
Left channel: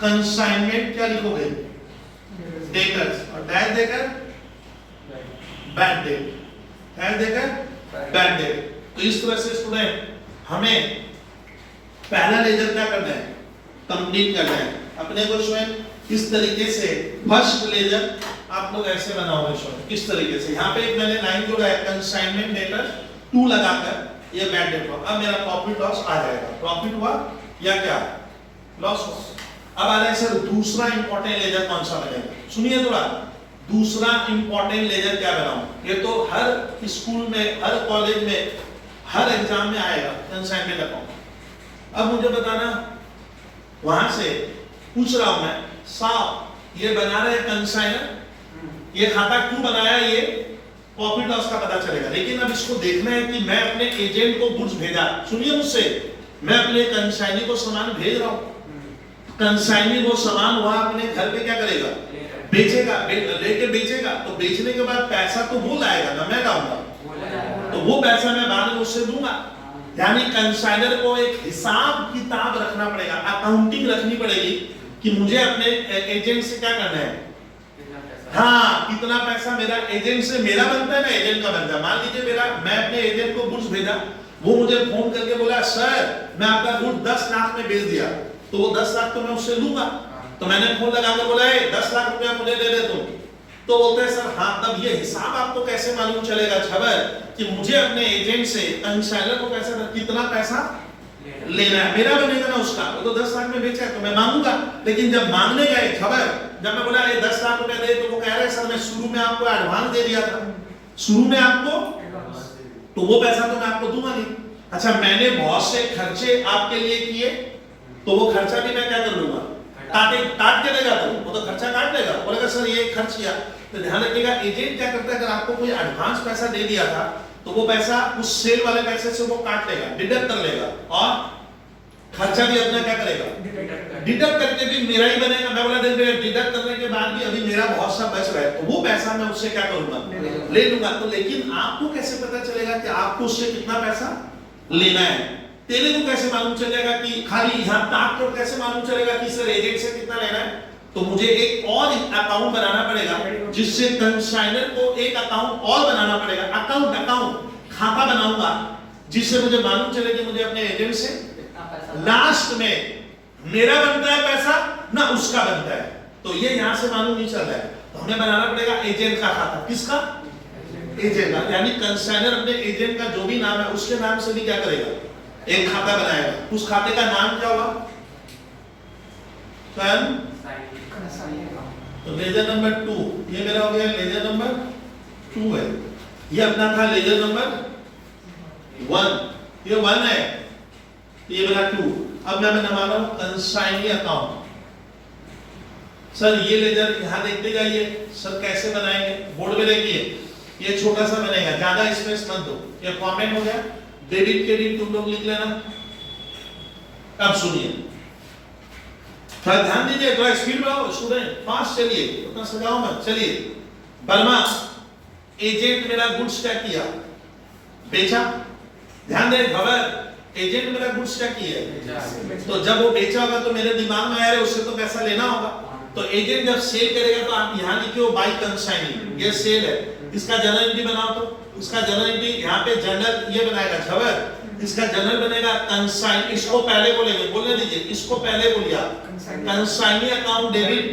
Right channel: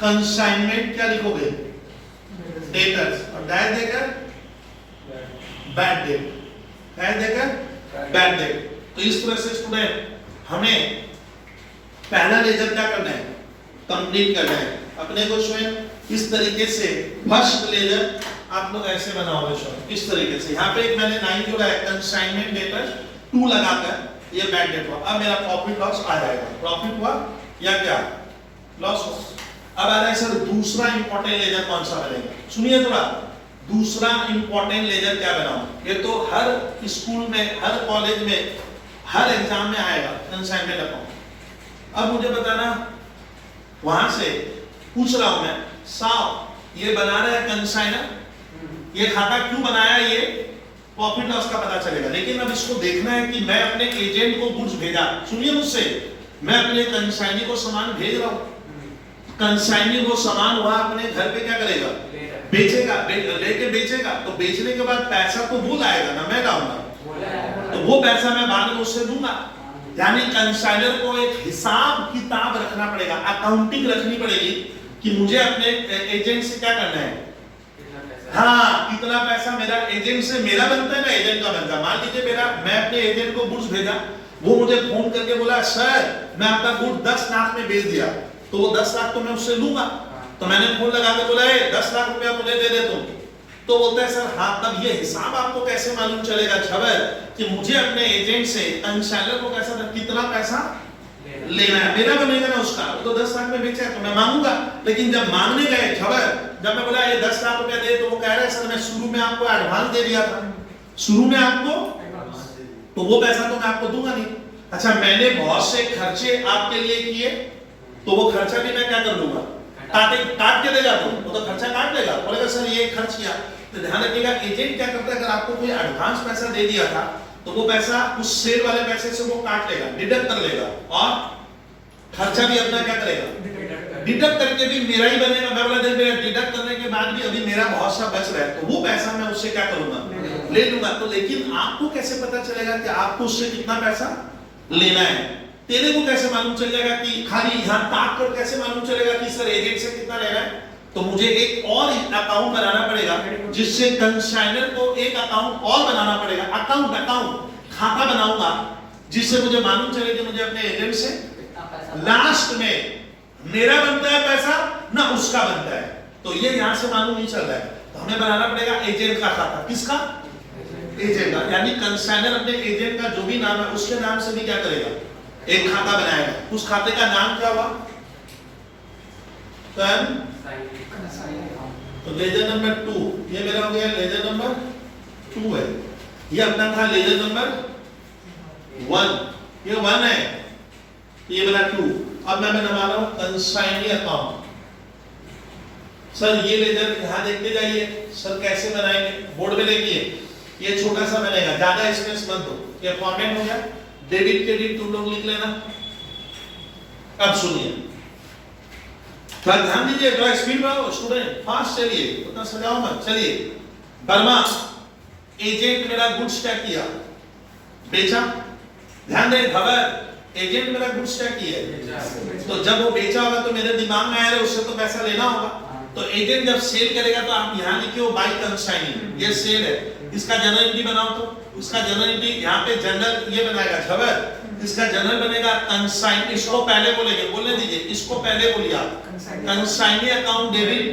कंसाइनमेंट क्या लिखोगे, डेटर्स, और डैश देकर बैड डेट, डैश देकर बैड डेट। तो इस तरह से स्टूडेंट हमें पहला लेजर क्या करना है, कंप्लीट करना है, अपने को स्वयं इस तरीके से फर्स्ट लेजर आप लोग ऐसे बनाओगे स्वयं किस तरीके से, यहाँ पे एक मैंने लाइन जोड़ा है कंसाइनमेंट डेटर टू लगाकर, ये बैड डेट हुआ, अब मेरा प्रॉफिट लॉस आ जाएगा, प्रॉफिट हुआ या क्या लॉस हुआ। अब आ रहा है सर दूसरा इंपॉर्टेंट लेजर कौन सा बनेगा, सुनिए थोड़ा, दूसरा इंपॉर्टेंट लेजर क्या बनाऊं, ये तो हर स्कूल में, हर कॉलेज में, हर एग्जाम में आएगा, कंसाइनमेंट अकाउंट। अब मुझे बताना, वहां से पूछ रहा हूं मैं, साहब ये बना रहे हैं कंसाइनर, ये खाता क्यों बनाया, ये प्रॉफिट लॉस का पता चलेगा, लेकिन अब इसको देखना है कि मैं अपने एजेंट को गुड्स भेजा, सुनिए मुझसे, मैं अपने कंसाइनी को सामान भेज रहा हूं, कंसाइनी वो सामान वहां अपने घर पे क्या करेगा, बेचेगा, लेके बेचेगा, तो बेचने के बाद पैसा तो वो लाएगा ना, मैं लाऊंगा, तो वो पैसा मैं बाद में उससे दूंगा, यानी कंसाइनर को एक हिसाब किताब रखना पड़ेगा, अकाउंटिंग रखनी पड़ेगी कि मुझे अपने एजेंट से क्या करना है, हाँ कितना पैसा मेरा एजेंट से मेरा बनता है ना, एजेंट का बनता है, मान लीजिए मेरा, मैं अपने एजेंट को गुड्स भेजा, वो मुझे फोन करके बोला सर मैं आपका गुड 10 लाख में बेच दिया, तो वो 10 लाख तो मैं उससे लूंगा, तो मैंने फोन लगा कर बोला 10 लाख रुपया मुझे दे दे तुम, तो तो बोलता है सर हाँ, तब ये हिसाब आपको कैसे मालूम चलेगा छबर कि मुझे अपने एजेंट से कंसाइनर को पैसा कितना पैसा लेना है, मेरा बनेगा ना उसका, वो तो 10 लाख में बेचा है तो मैं मांगूंगा। लेकिन जब मांगने गए खबर, जब मैं बोला ये 10 लाख रुपया दे, तो वो कह रहे सर मैं शुरू में आपको एडवांस दे दिया था, शुरू में आपको, तो वो पैसा तो मैं आपको दूंगा नहीं। अच्छा मैंने बहुत से खर्चे आपके लिए किए, तो वो खर्चा भी मैं क्या कर लूंगा, काट के देगा, तो वो तो खर्चा काट लेगा, बोलेगा सर ये खर्च किया। तो ध्यान रखिएगा एजेंट क्या करता है, अगर आपको कोई एडवांस पैसा दे दिया था तो वो पैसा उस सेल वाले पैसे से वो काट लेगा, डिडक्ट कर लेगा, और खर्चा भी अपना क्या करेगा, डिडक्ट करके भी मेरा ही बनेगा। मैं बोला मेरा डिडक्ट करने के बाद भी अभी मेरा बहुत सा बच रहा है, तो वो पैसा मैं उससे क्या करूंगा, ले लूंगा। तो लेकिन आपको कैसे पता चलेगा कि आपको उससे कितना पैसा लेना है, तेरे को कैसे मालूम चल जाएगा कि खाली यहाँ ताक तोड़ कैसे मालूम चलेगा कि सर एजेंट से कितना लेना है। तो मुझे एक और अकाउंट बनाना पड़ेगा, जिससे कंसाइनर को एक अकाउंट और बनाना पड़ेगा, अकाउंट खाता बनाऊंगा, जिससे मुझे मालूम चले कि मुझे अपने एजेंट से लास्ट में मेरा बनता है पैसा ना उसका बनता है। तो ये यहां से मालूम नहीं चल रहा है, तो हमें बनाना पड़ेगा एजेंट का खाता। किसका, एजेंट का, यानी कंसाइनर अपने एजेंट का जो भी नाम है उसके नाम से भी क्या करेगा, एक खाता बनाएगा। उस खाते का नाम क्या होगा, तो लेजर नंबर 2, ये मेरा हो गया लेजर नंबर 2 है, ये अपना था लेजर नंबर 1, ये 1 है, ये बना 2। अब मैं बना रहा हूं कंसाइनी अकाउंट। सर ये लेजर यहां देखते जाइए सर कैसे बनाएंगे, बोर्ड पे देखिए, ये छोटा सा बनेगा, ज्यादा स्पेस मत दो। ये फॉर्मेट हो गया, डेबिट क्रेडिट तुम लोग लिख लेना। अब सुनिए, थोड़ा ध्यान दीजिए, थोड़ा स्पीड में हो स्टूडेंट, फास्ट चलिए, उतना सजाओ मत, चलिए। वर्मा एजेंट मेरा गुड्स क्या किया, बेचा। ध्यान दे खबर, एजेंट मेरा गुड्स क्या किया, तो जब वो बेचा होगा तो मेरे दिमाग में आया उससे तो पैसा लेना होगा। तो एजेंट जब सेल करेगा तो आप यहाँ लिखिए बाई कंसाइनिंग, ये सेल है, इसका जनरल एंट्री बनाओ, तो इसका जनरल एंट्री यहाँ पे जनरल ये बनाएगा खबर, इसका जनरल बनेगा कंसाइन, इसको पहले बोलेंगे, बोलने दीजिए, इसको पहले बोलिए आप, consignee account debit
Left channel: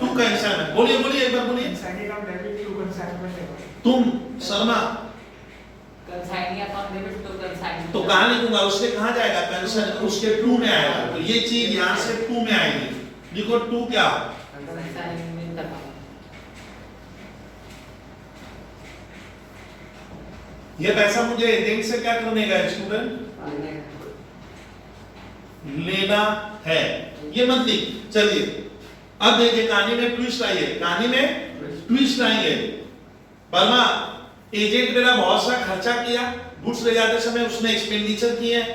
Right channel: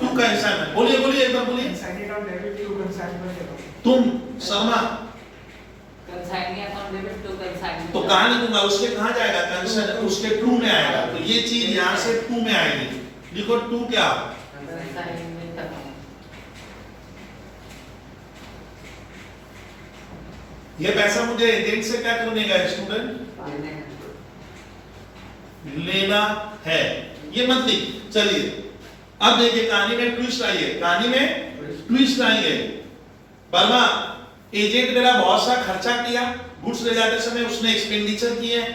to consignment, बोलिए बोलिए एक बार बोलिए, consignee account debit to consignment. तुम Sharma consignee account debit to consignment, तो कहाँ लिखूंगा, उसके कहाँ जाएगा, कंसाइन उसके 2 में आएगा, तो ये चीज यहाँ से 2 में आएगी। लिखो 2 क्या, कंसाइनमेंट अकाउंट। ये पैसा मुझे एजेंट से क्या करने का है स्टूडेंट, लेना है, ये मत लिख। चलिए अब देखिए कहानी में ट्विस्ट आई है, कहानी में ट्विस्ट आएंगे। वर्मा एजेंट मेरा बहुत सा खर्चा किया, गुड्स ले जाते समय उसने एक्सपेंडिचर किए हैं,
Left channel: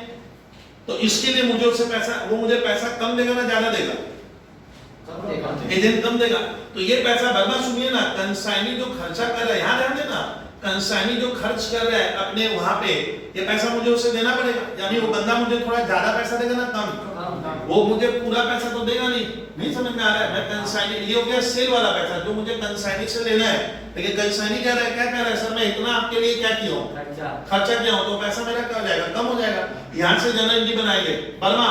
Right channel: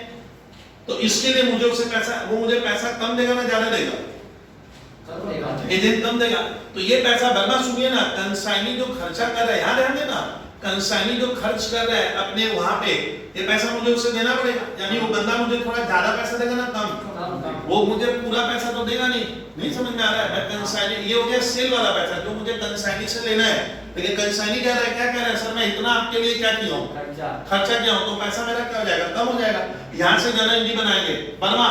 तो इसके लिए मुझे उससे पैसा, वो मुझे पैसा कम देगा ना ज्यादा देगा, एजेंट कम देगा। तो ये पैसा वर्मा सुनिए ना, कंसाइनी जो खर्चा कर रहा है, यहाँ ध्यान देना, कंसाइनी जो खर्च कर रहा है अपने वहां पे, ये पैसा मुझे उससे देना पड़ेगा। यानी वो बंदा मुझे थोड़ा ज्यादा पैसा देगा ना कम, वो मुझे पूरा पैसा तो देगा नहीं समझ में आ रहा है। मैं कंसाइनी, ये हो गया सेल वाला पैसा जो मुझे कंसाइनी से लेना है, लेकिन कंसाइनी कह रहा है, क्या कह रहा है, सर मैं इतना आपके लिए क्या किया हूँ, खर्चा किया हूँ, तो पैसा मेरा क्या हो जाएगा, कम हो जाएगा। यहाँ से जनरल एंट्री बनाएंगे, वर्मा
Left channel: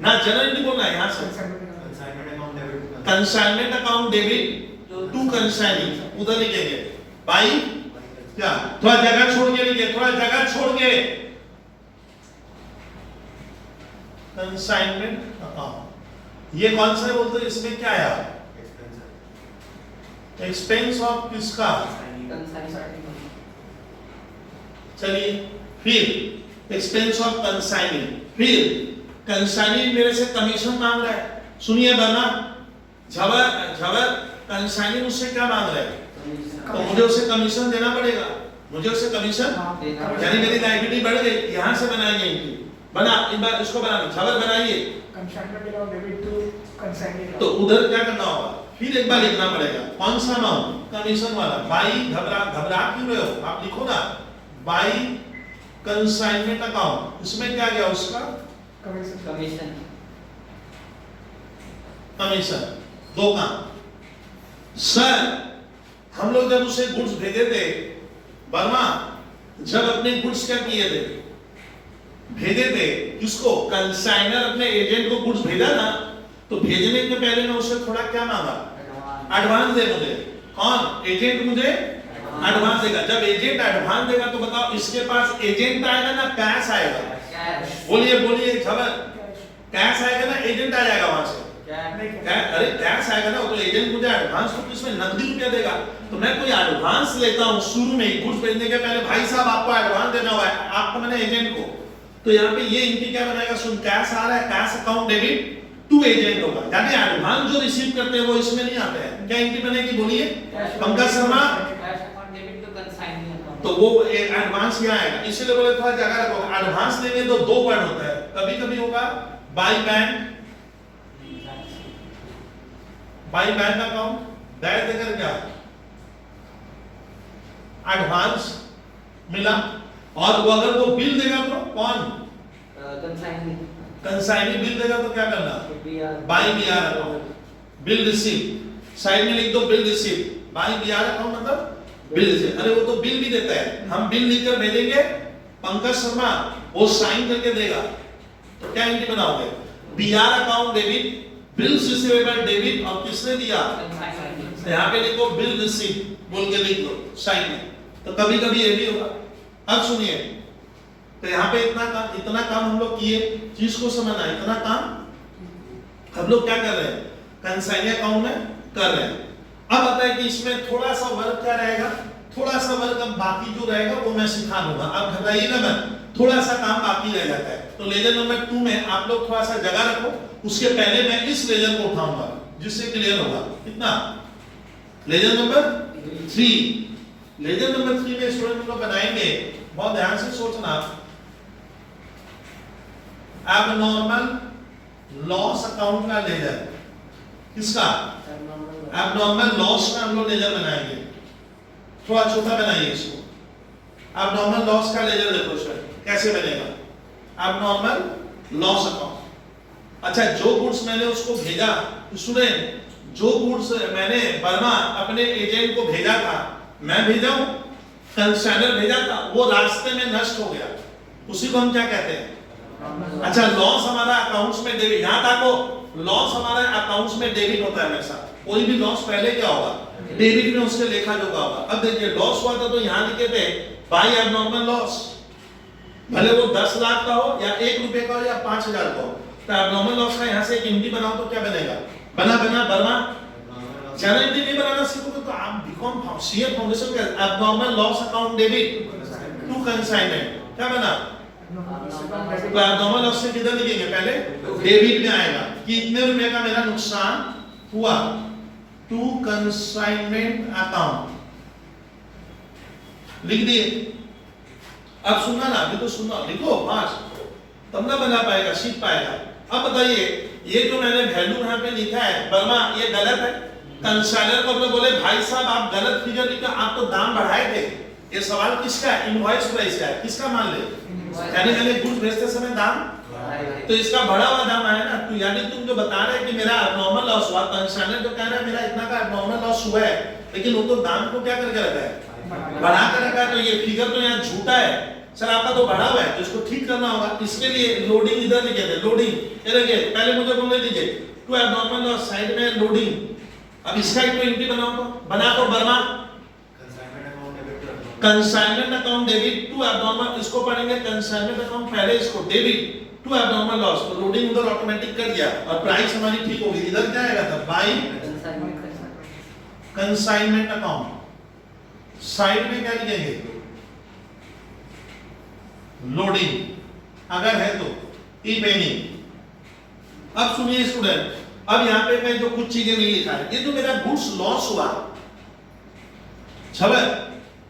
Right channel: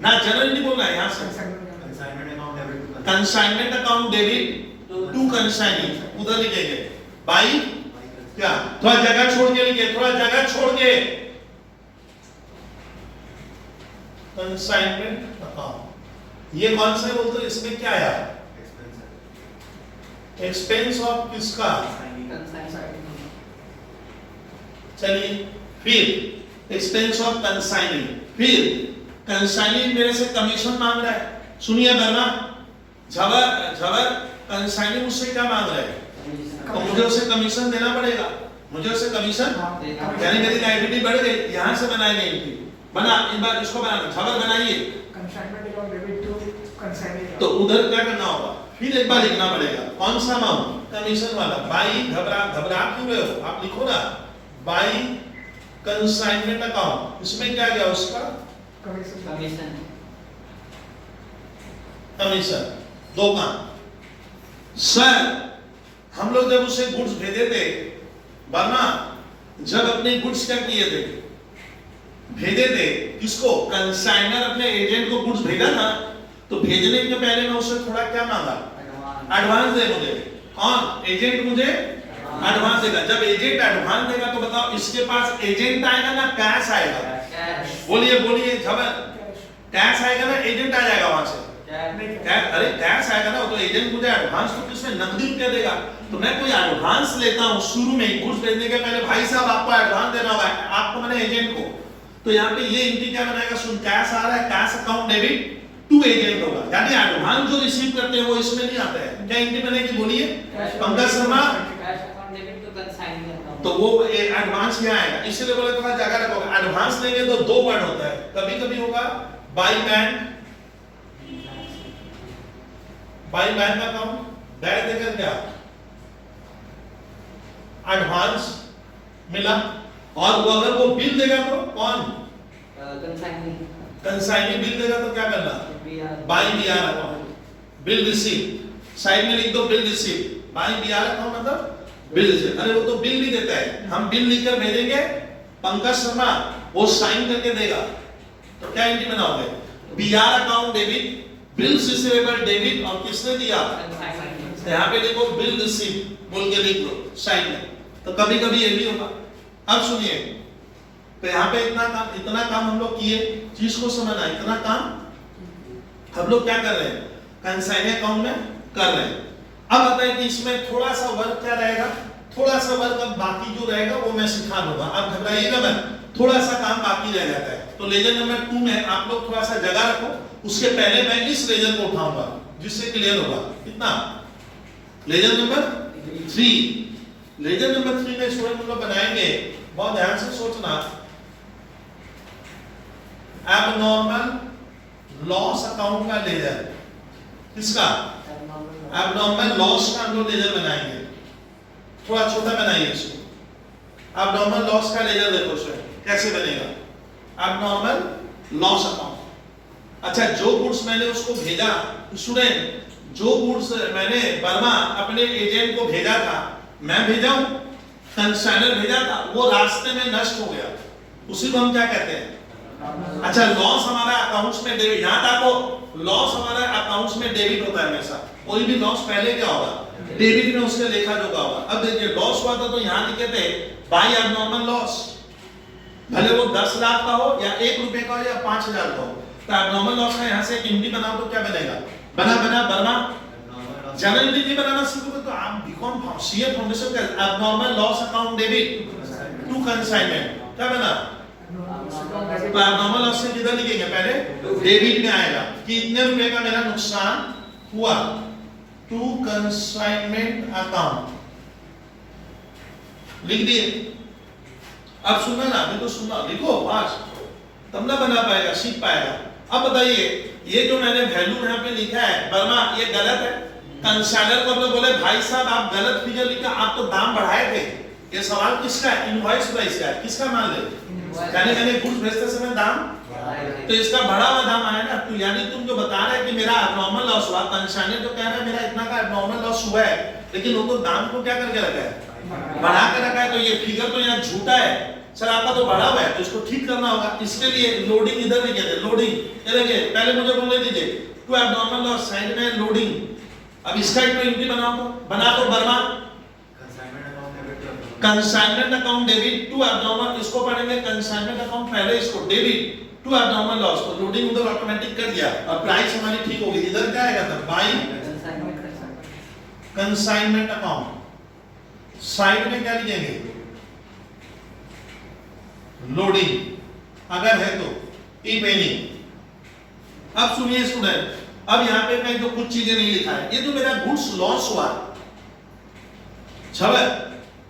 ना जनरल एंट्री बोलना है, यहाँ से consignment account debit to consignee, उधर लिखेंगे बाई क्या, थोड़ा जगह छोड़ के लिखिए, थोड़ा जगह छोड़ के, कंसाइनमेंट अकाउंट। ये कौन सा है बोलते हैं, इसमें क्या है, एक्सपेंस ऑफ किसका, चलिए फिर एक्सपेंस ऑफ कंसाइनिंग, फिर कंसाइनिंग मेरे से कमीशन मांग रहा है। सुनिए बना, झवर कंसाइनिंग उससे क्या मांग रहा है, तो मुझे उसे कमीशन देना पड़ेगा, मुझे उसे कमीशन, यानी मेरी लायबिलिटी बढ़ गई। यहाँ से बनाएंगे इनकी, बना इन बार इसको बनाना, खबर बनाइए, consignment account debit to consignee. तो उधर क्या करना होगा, फिर एक बार लिखना पड़ेगा, कौन सा अमाउंट, कमीशन वाला। बाई घबरा क्यों रहे हो, आप लिखो ना, बाई कंसाइनमेंट अकाउंट, इसमें क्या गया उसका कमीशन, कमीशन, दो काम। सर हम लोग जब उसे गुड्स भेजे थे, वर्मा जब अपने गुड्स क्या किए थे, भेजे थे किसको, कंसाइनर अपने एजेंट को गुड्स भेजा ना, तो भेजने के पहले मैं उससे थोड़ा क्या मांगा, एडवांस दे मुझे। कौन? एजेंट मुझे एडवांस देगा। जब एजेंट एडवांस देगा तो बताओ इसके पास एजेंट आएगा ना कैश आएगा? कैश। बोलिए बोलिए खबर। कैश। कैश आएगा ना एजेंट आ जाएगा वहां से? नहीं कैश, अरे कैश आएगा ना, तो एजेंट मुझे एडवांस तो किसमें नकदी रुपया देगा। तो मैं कोई एडवांस लेता हूँ शुरू में ही, गुड्स भेजने के पहले, भाई साहब आपको एडवांस देना हुआ है, आपको मैंने एजेंट को, तो यहाँ पे ये इनकी क्या बनाएगा, सुन कैश आ रहा है, cash account debit to agent होगा, यानी एडवांस जो रिसीव करते हैं वो इसमें नहीं आते हैं। क्या एंट्री बनेगी बोलिए Pankaj Sharma? Cash account debit to consignment account. तो वो एडवांस यहाँ आएगा, इसलिए बोले थोड़ा जगह रखो। एडवांस लेंगे तो दो वर्ड होता है, कभी कभी होगा by bank, by bank account, direct देकर क्या एडवांस मिला, और वो अगर वो बिल देगा तो कौन? कंसाइनिंग। कंसाइनी बिल देगा तो क्या करना? By BR account, bill receive, side में लिख दो bill receive, by BR account मतलब बिल रिसीव। अरे वो तो बिल भी देता है, हम बिल लिखकर भेजेंगे, पंकज शर्मा वो साइन करके देगा, तो क्या एंट्री बनाओगे? BR account debit, bills receivable debit, और किसने दिया? तो यहाँ पे लिखो बिल रिसीव बोल के लिख दो साइन में, तो कभी कभी ये भी होगा। अब सुनिए, तो यहाँ पे इतना काम हम लोग किए, चीज को समझना, इतना काम हम लोग क्या कर रहे हैं, कंसाइनी अकाउंट में कर रहे हैं। अब आता है कि इसमें थोड़ा सा वर्क क्या रहेगा, थोड़ा सा वर्क अब बाकी जो रहेगा वो मैं सिखा दूंगा, आप घबराइएगा मत, थोड़ा सा काम बाकी रह जाता है। तो लेजर नंबर 2 में आप लोग थोड़ा सा जगह रखो, उसके पहले मैं इस लेजर को उठाऊंगा जिससे क्लियर होगा। कितना? लेजर नंबर 3, लेजर नंबर 3 में स्टूडेंट हम लोग बनाएंगे, बहुत ध्यान से सोचना, एबनॉर्मल लॉस अकाउंट का लेजर। किसका? एबनॉर्मल लॉस का हम लोग लेजर बनाएंगे, थोड़ा छोटा बनाइए इसको। एबनॉर्मल लॉस का लेजर देखो सर कैसे बनेगा, एबनॉर्मल लॉस अकाउंट। अच्छा, जो गुड्स मैंने उसको भेजा स्टूडेंट, जो गुड्स मैंने बर्मा अपने एजेंट को भेजा था, मैं भेजा हूं, कंसाइनर भेजा था, वो रास्ते में नष्ट हो गया, उसी को हम क्या कहते हैं? अच्छा, लॉस हमारा अकाउंट्स में डेबिट, यहां तक वो लॉस हमारा अकाउंट्स में डेबिट होता है हमेशा। कोई भी लॉस पहले क्या होगा? डेबिट में उसके लेखा जोखा होगा। अब देखिए लॉस हुआ था तो यहां लिखे थे बाई एबनॉर्मल लॉस, भले वो 10 लाख का हो या 1 रुपए का हो या 5000 का हो, तो एबनॉर्मल लॉस का यहां से एक एंट्री बनाओ तो क्या बनेगा? बना बर्मा चैनल एंट्री नहीं बनाना सीखोगे तो आप बीकॉम सीए फाउंडेशन का abnormal loss account debit to consignment क्या बना? तो एबनॉर्मल लॉस से किधर लिखेंगे? पहले डेबिट में आएगा कि इतने रुपए का मेरा नुकसान हुआ, टू कंसाइनमेंट अकाउंट लिख दिए। अब सुनना ना, अभी तो सुनना, लिखो फास्ट, तब ना बना पाएगा, सीख पाएगा। अब बताइए, ये जो मैंने वैल्यू यहाँ पे लिखा है वर्मा, ये गलत है? कंसाइनर को अपने बोले भाई साहब आप गलत फिगर लिखा, आप तो दाम बढ़ाए थे। ये सवाल किसका है? इनवॉइस प्राइस का है, किसका मान ले? यानी मैंने गुड्स भेजते समय दाम, तो इसका बढ़ा हुआ दाम आया ना, तो यानी तुम जो बता रहे कि मेरा एबनॉर्मल लॉस हुआ, कंसाइनर तो कह रहा है मेरा इतना का एबनॉर्मल लॉस हुआ है, लेकिन वो तो दाम को क्या करके रखा है? बढ़ा कर रखा है, तो ये फिगर तो यहाँ झूठा है सर, आपका तो बढ़ा हुआ है, तो इसको ठीक करना होगा। इसके लिए लोडिंग इधर लिखे थे, लोडिंग ये देखिए, पहले मुझे बोल दीजिए टू एबनॉर्मल लॉस, साइड में लोडिंग। अब इसका एक तो एंट्री बनाओ, तो बना तो बर्मा consignment account debit to abnormal, इसको पढ़ेंगे कंसाइनमेंट अकाउंट पहले, इसको डेबिट टू एबनॉर्मल लॉस, तो लोडिंग उधर ऑटोमेटिक कर दिया और प्राइस हमारी ठीक होगी। इधर क्या आएगा था? बाय कंसाइनमेंट अकाउंट, साइड में क्या लिखेंगे? लोडिंग, अगर है तो इफ एनी। अब सुनिए स्टूडेंट, अब यहां पे मैं जो कुछ चीजें नहीं लिखा है, ये जो मेरा गुड्स लॉस हुआ छबर,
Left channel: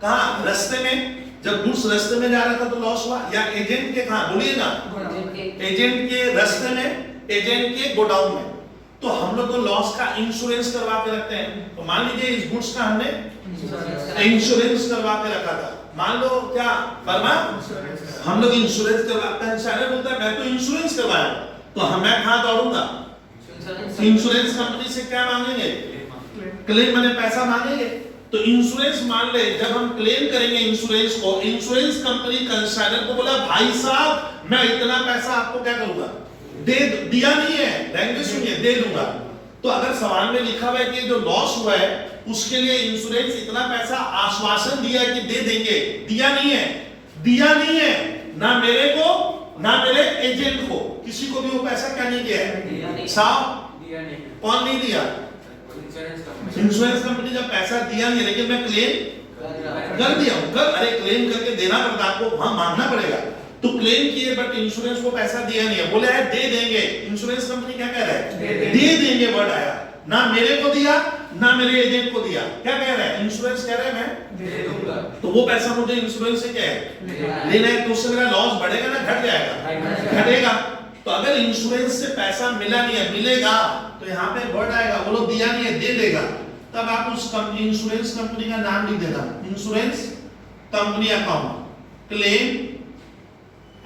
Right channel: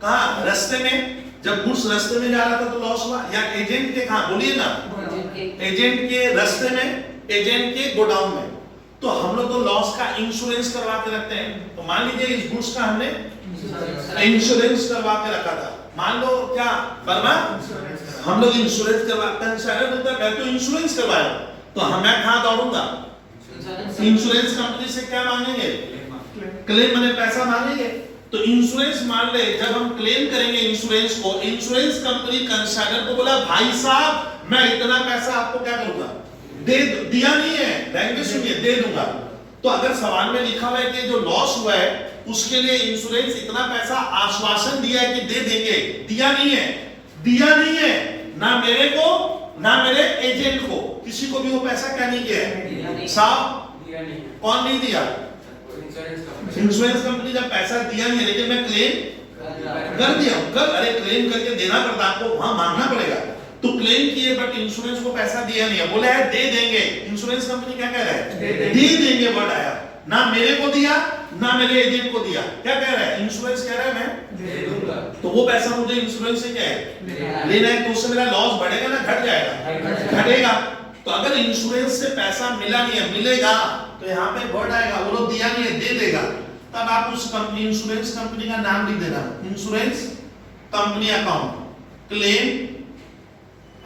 कहां? रास्ते में, जब गुड्स रास्ते में जा रहा था तो लॉस हुआ, या एजेंट के कहां? बोलिए ना, एजेंट के रास्ते में, एजेंट के गोडाउन में। तो हम लोग तो लॉस का इंश्योरेंस करवा के रखते हैं, तो मान लीजिए इस गुड्स का हमने इंश्योरेंस करवा के रखा था, मान लो क्या वर्मा, हम लोग इंश्योरेंस करवा, कंसाइनर बोलता है मैं तो इंश्योरेंस करवाया, तो मैं कहां दौड़ूंगा? इंश्योरेंस कंपनी से क्या मांगेंगे? क्लेम, मैंने पैसा मांगेंगे। तो इंश्योरेंस मान ले, जब हम क्लेम करेंगे इंश्योरेंस को, इंश्योरेंस कंपनी कंसाइनर को बोला भाई साहब मैं इतना पैसा आपको क्या करूंगा? दे दिया नहीं है, बैंक में सुनिए, दे दूंगा। तो अगर सवाल में लिखा हुआ है कि जो लॉस हुआ है उसके लिए इंश्योरेंस इतना पैसा आश्वासन दिया है कि दे देंगे, दिया नहीं है ना मेरे को ना मेरे एजेंट को, किसी को भी वो पैसा क्या नहीं किया है साहब, कौन नहीं दिया? इंश्योरेंस कंपनी का पैसा दिया नहीं, लेकिन मैं क्लेम कर दिया। अरे क्लेम करके देना पड़ता, आपको वहां मांगना पड़ेगा, तो क्लेम किए बट इंश्योरेंस को पैसा दिया नहीं है, बोला है दे देंगे। इंश्योरेंस कंपनी क्या कह रहा है? दे देंगे वर्ड आया, ना मेरे को दिया ना मेरे एजेंट को दिया, क्या कह रहा है? इंश्योरेंस कह रहा है मैं दे दूंगा। तो वो पैसा मुझे इंश्योरेंस से क्या है लेना है, तो उससे मेरा लॉस बढ़ेगा ना घट जाएगा? घटेगा। तो अगर इंश्योरेंस से पैसा मिला नहीं है, मिलेगा, तो यहाँ पे वर्ड आएगा, वो लोग दिया नहीं है दे देगा, तब आप उस कंपनी इंश्योरेंस कंपनी का नाम लिख देना, insurance company account, claim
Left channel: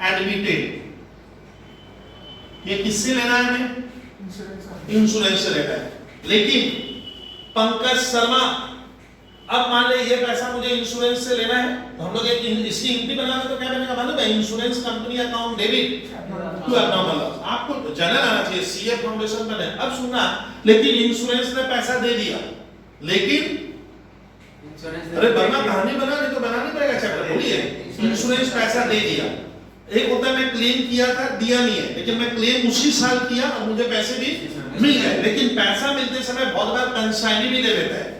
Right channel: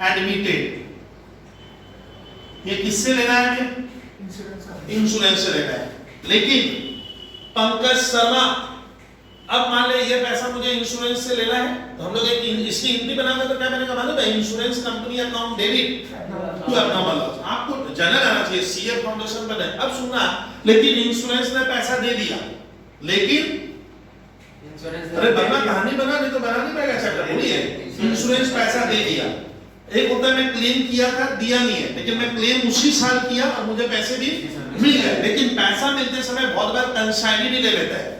admitted. ये किससे लेना है हमें? इंश्योरेंस से लेना है। लेकिन पंकज शर्मा, अब मान ले ये पैसा मुझे इंश्योरेंस से लेना है, तो हम लोग एक इसकी एंट्री बनाएंगे तो क्या बनेगा मालूम है? Insurance company account debit to abnormal loss. आपको जनरल आना चाहिए, सीए फाउंडेशन बने। अब सुनना, लेकिन इंश्योरेंस ने पैसा दे दिया, लेकिन अरे बना कहानी बना, नहीं तो बनानी पड़ेगा चैप्टर, बोलिए। इंश्योरेंस पैसा दे दिया, एक होता है मैं क्लेम किया था दिया नहीं है, लेकिन मैं क्लेम उसी साल किया और मुझे पैसे भी मिल गए, लेकिन पैसा मिलते समय बहुत बार कंसाइनी भी ले लेता है।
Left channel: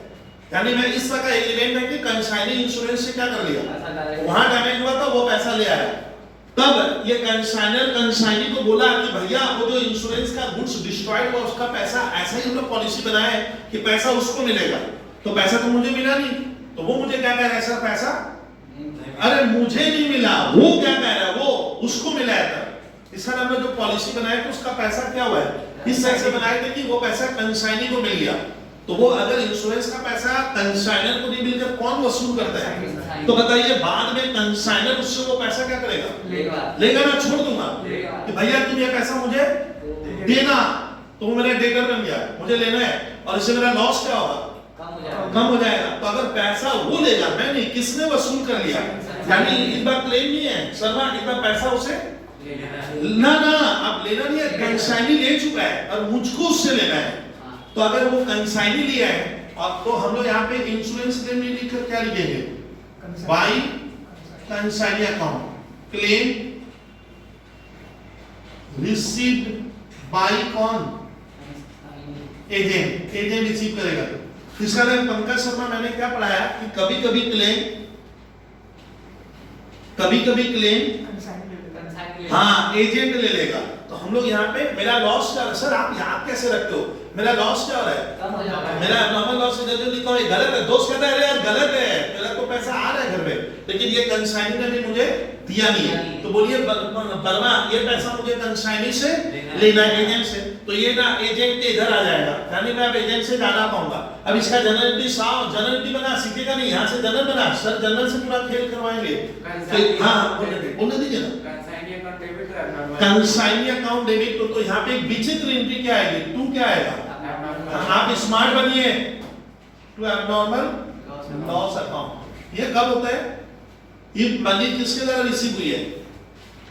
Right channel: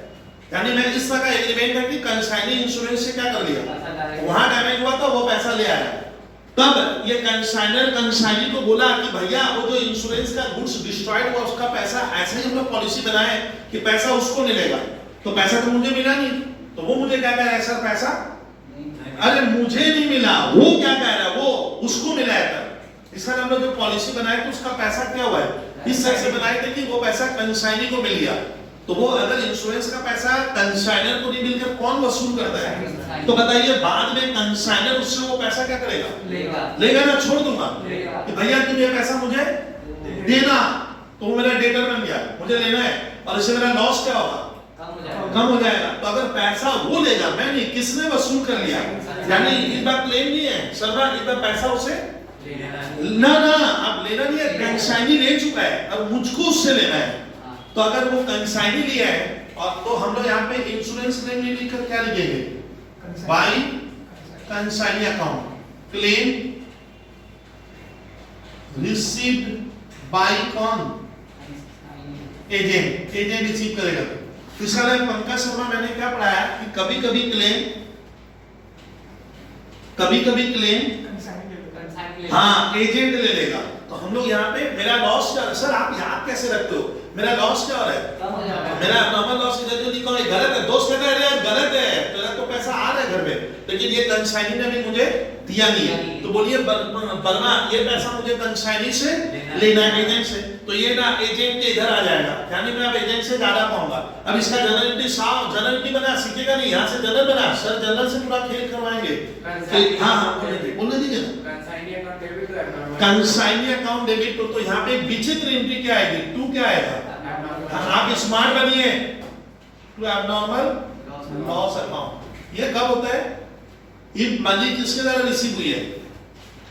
यानी मैं इस तरह का एग्रीमेंट है कि कंसाइनी इंश्योरेंस से क्या कर लिया, वहां डैमेज हुआ था वो पैसा ले आया, तब ये कंसाइनर कंसाइनी को बोला कि भैया वो जो इंश्योरेंस का गुड्स डिस्ट्रॉयड हुआ उसका पैसा, ऐसे ही हम लोग पॉलिसी बनाए कि पैसा उसको मिलेगा, तो पैसा तो मुझे मिला नहीं, तो वो मुझे क्या कह रहा है सर पैसा अरे मुझे नहीं मिला, वो क्या कह रहा है वो उसको मिला है। इसका हम लोग जो पॉलिसी बनाए थे उसका पैसा क्या हुआ है, इस तरह से बनाए थे कि वो पैसा कंसाइनी को मिल गया। तो वो अगर इंश्योरेंस का पैसा कंसाइनर को नहीं मिलकर कौन वसूल करता है? तो बताइए बाद में कंसाइनर उससे वो पैसा क्या करेगा? लेगा ना, छोड़ दूंगा कि भैया तुम ये पैसा मुझे देना, तो मेरा डेटर बन गया, मुझे लेना है, और इससे मेरा लॉस क्या होगा? कम हो जाएगा। तो अगर पैसा वो लेगा, मैं नहीं, किसने वसूल कर लिया, यानी इस बार क्लेम नहीं है सर, इस बार पैसा उसे ना आप लेना नहीं है, कंसाइनी ले चुका है और मुझको उससे लेना है। तो अगर वो कंसाइनी लिया है, और तो हम लोग यहाँ पे इंश्योरेंस क्लेम नहीं लिखकर क्या लिखेंगे? Bye consignee account, claim received by कौन? एजेंट, एजेंट रिसीव करेगा। इसका नाम पंकज शर्मा, मैंने क्या पढ़ाया कि कभी कभी क्लेम हाँ एजेंट ले लेगा। तो हम लोग यहाँ पे मेरा लॉस क्या, सर आप यहाँ कैसे रखते हो, मेरा लॉस क्या हो रहा है? मेरा नॉर्मल लॉस इधर जो लिखा है गलत है, दोस्त कहता है अरे यार गलत है, मेरा तो पैसा आ रहा है घर में, लेकिन ये कंसाइनी ने भी मुझे दिया नहीं है, तो बोलिए वर्मा ये पैसा मुझे कंसाइनी से लेना है, एजेंट से, तो ये ना एजेंट के इधर आ जाएगा, यानी मैं अब एजेंट से ज्यादा पाऊंगा। अब इसका जनरलिटी साहब जनरलिटी बना, सीखेगा नहीं, यहाँ से जनरल बना, सर जनरल से पूरा खेल करवाएंगे। हाँ बोलने दीजिए ना, कंसाइनी अकाउंट डेबिट तो यहाँ पे विचित्र एंट्री क्या आएगी? टू क्या आएगा? आप स्मार्ट बनिए, टू एब्नॉर्मल लॉस अकाउंट। ये कब होता है? ये मनी किसके द्वारा रिसीव हुई है?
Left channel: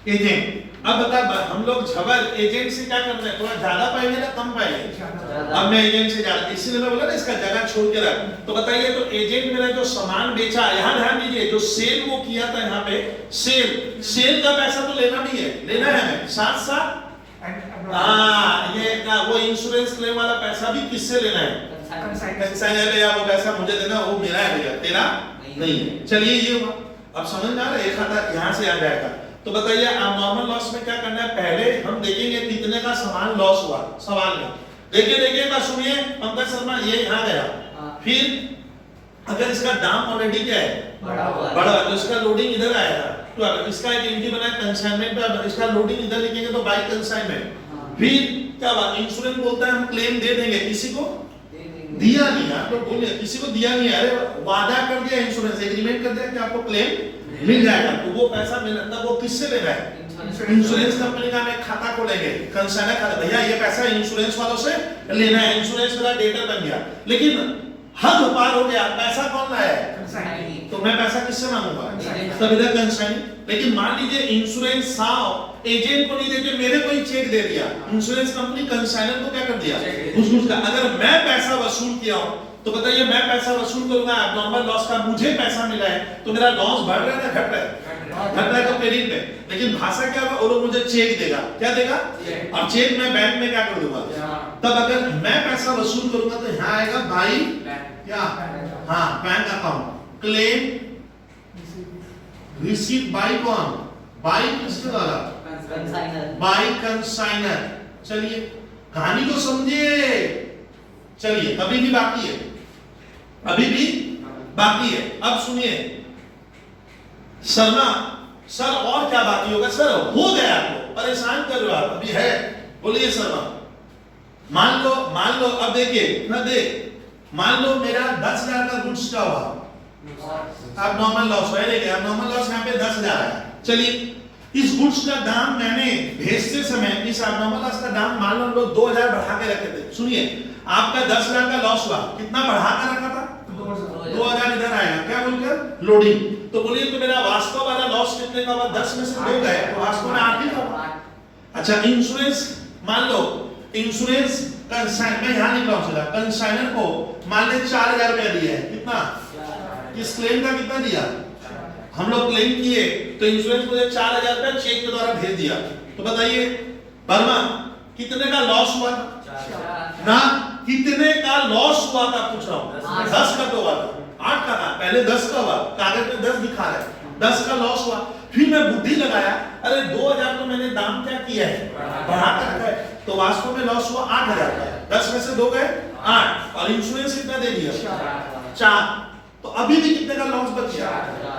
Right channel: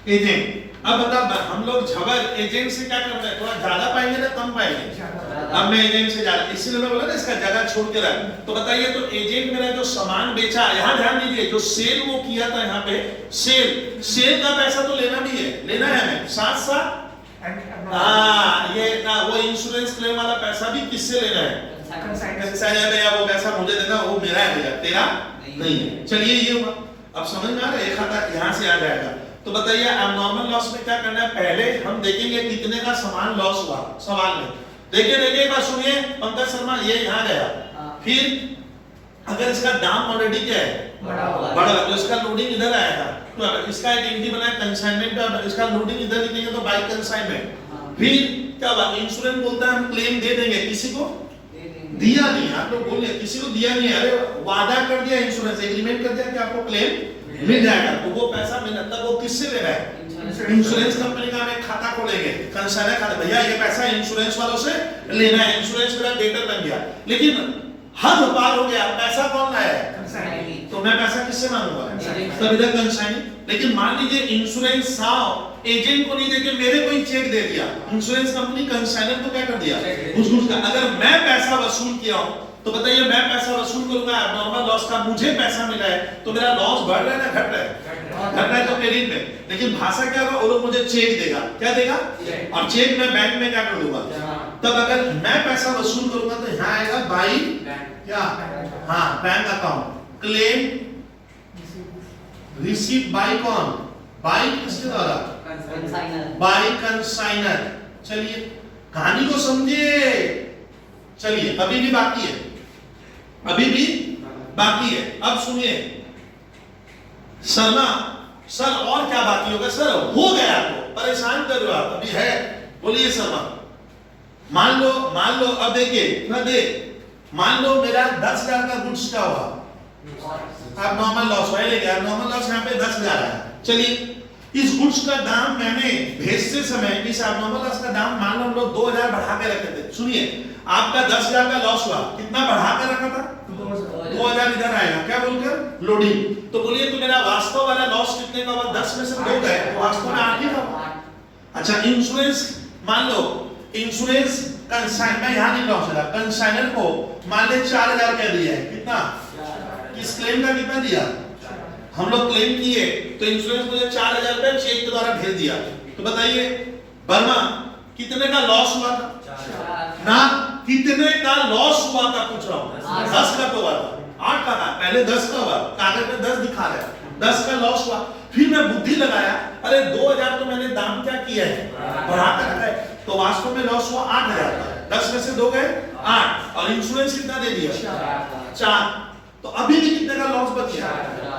एजेंट। अब बता हम लोग झबर एजेंट से क्या करते हैं, थोड़ा ज्यादा पाएंगे ना कम पाएंगे? अब मैं एजेंट से ज्यादा, इसीलिए मैं बोला ना इसका जगह छोड़ के रख। तो बताइए, तो एजेंट मेरा जो सामान बेचा, यहाँ ध्यान दीजिए, जो सेल वो किया था यहाँ पे, सेल का पैसा तो लेना भी है, लेना है हमें, साथ साथ ये ना वो इंश्योरेंस क्लेम वाला पैसा भी किससे लेना है? कंसाइनर भैया वो पैसा मुझे देना, वो मेरा है भैया, तेरा नहीं है। चलिए ये हुआ, अब समझ में आ रहा है, एक खाता यहाँ से आ जाएगा। तो बताइए अब नॉर्मल लॉस में क्या करना है? पहले हम देखेंगे कितने का सामान लॉस हुआ सवाल में। देखिए एक बार सुनिए पंकज शर्मा, ये यहाँ गया, फिर अगर इसका दाम ऑलरेडी क्या है बड़ा, तो इसका लोडिंग इधर आएगा, तो इसका एक एंट्री बना है कंसाइनमेंट, और इसका लोडिंग इधर लिखेंगे तो बाय कंसाइनमेंट। फिर क्या बात, इंश्योरेंस बोलता है हम क्लेम दे देंगे, किसी को दिया नहीं, आप लोग बोलिए किसी को दिया नहीं है, अरे वादा कर दिया, इंश्योरेंस एग्रीमेंट कर दिया कि आपको क्लेम मिल जाएगा, तो वो पैसा मिलना, तब वो किससे ले रहा है? इंश्योरेंस कंपनी का हमें खाता खोलेंगे, कंसाइनर खाता, भैया ये पैसा इंश्योरेंस वालों से लेना है, इंश्योरेंस मेरा डेटर बन गया, लेकिन हद पार हो गया, पैसा कौन लाया है? तो मैं पैसा किससे मांगूंगा? तब इधर कंसाइनी। लेकिन मान लीजिए इंश्योरेंस साहब एजेंट को नहीं देके मेरे को ही चेक दे दिया, इंश्योरेंस कंपनी कंसाइनर को क्या कर दिया, घूस का। अगर मैं पैसा वसूल किया हूं तो बताइए, मैं पैसा वसूल करूंगा एब्नॉर्मल लॉस का, मुझे पैसा मिला है तो मेरा लॉस बढ़ रहा है ना घट रहा है? घट रहा है तो क्रेडिट में। लेकिन भाषा क्या होगा, वो लोग मुझे चेक देगा, क्या देगा, और चेक में बैंक में क्या कर दूंगा। तब अगर मैं पैसा वसूल करूंगा तो यहाँ आएगा बाई क्या, हाँ bank account, claim receive by कौन, बाई किसके द्वारा, कंसाइनर, बाई कंसाइनर। चलिए कहानी को समझिए, चलिए अभी भी बाकी है, अभी भी बाकी है। अब सुनिए शर्मा सर, और क्या बाकी होगा सर, हो गया तो परेशान कर रहा आप अभी है, बोलिए शर्मा। मान लो अब देखिए ना, मान लो मेरा 10,000 का गुड्स का हुआ, अब नॉर्मल लॉस है, नॉर्मल लॉस यहाँ पे 10,000 है। चलिए इस गुड्स का दाम मैंने भेजते समय इस एब्नॉर्मल लॉस का दाम मान लो हम लोग 2,000 बढ़ा के रखे थे। सुनिए आपका 10,000 का लॉस हुआ, कितना बढ़ा कर रखा था, 2,000 इधर आएगा, क्या बोलकर लोडिंग। तो बोलिए तो मेरा वास्तव वाला लॉस कितने का हुआ, 10 में से 2 गए तो वास्तव में 8 ही का हुआ। अच्छा इंश्योरेंस, मान लो इंश्योरेंस कंसाइन, मैं यहाँ लिख रहा हूँ, कंसाइनर को मान ले 4,000 रुपया दिया है, कितना, इस क्लेम का कितना दिया, हम लोग क्लेम किए तो इंश्योरेंस मुझे 4,000 रुपया चेक के द्वारा भेज दिया। तो बताइए वर्मा कितने का लॉस हुआ था ना, कितने का लॉस हुआ था पूछ रहा हूँ, 10 का तो हुआ था, 8 का था, पहले 10 का हुआ, कागज में 10 दिखा रहा है, 10 का लॉस हुआ। फिर मैं बुद्धि लगाया, अरे 2,000 तो मैंने दाम क्या किया है, बढ़ा कर रखा है, तो वास्तव में लॉस हुआ 8,000 का, 10 में से 2 गए 8, और इंश्योरेंस कितना दे दिया, 4। तो अभी भी कितने का लॉस बच गया,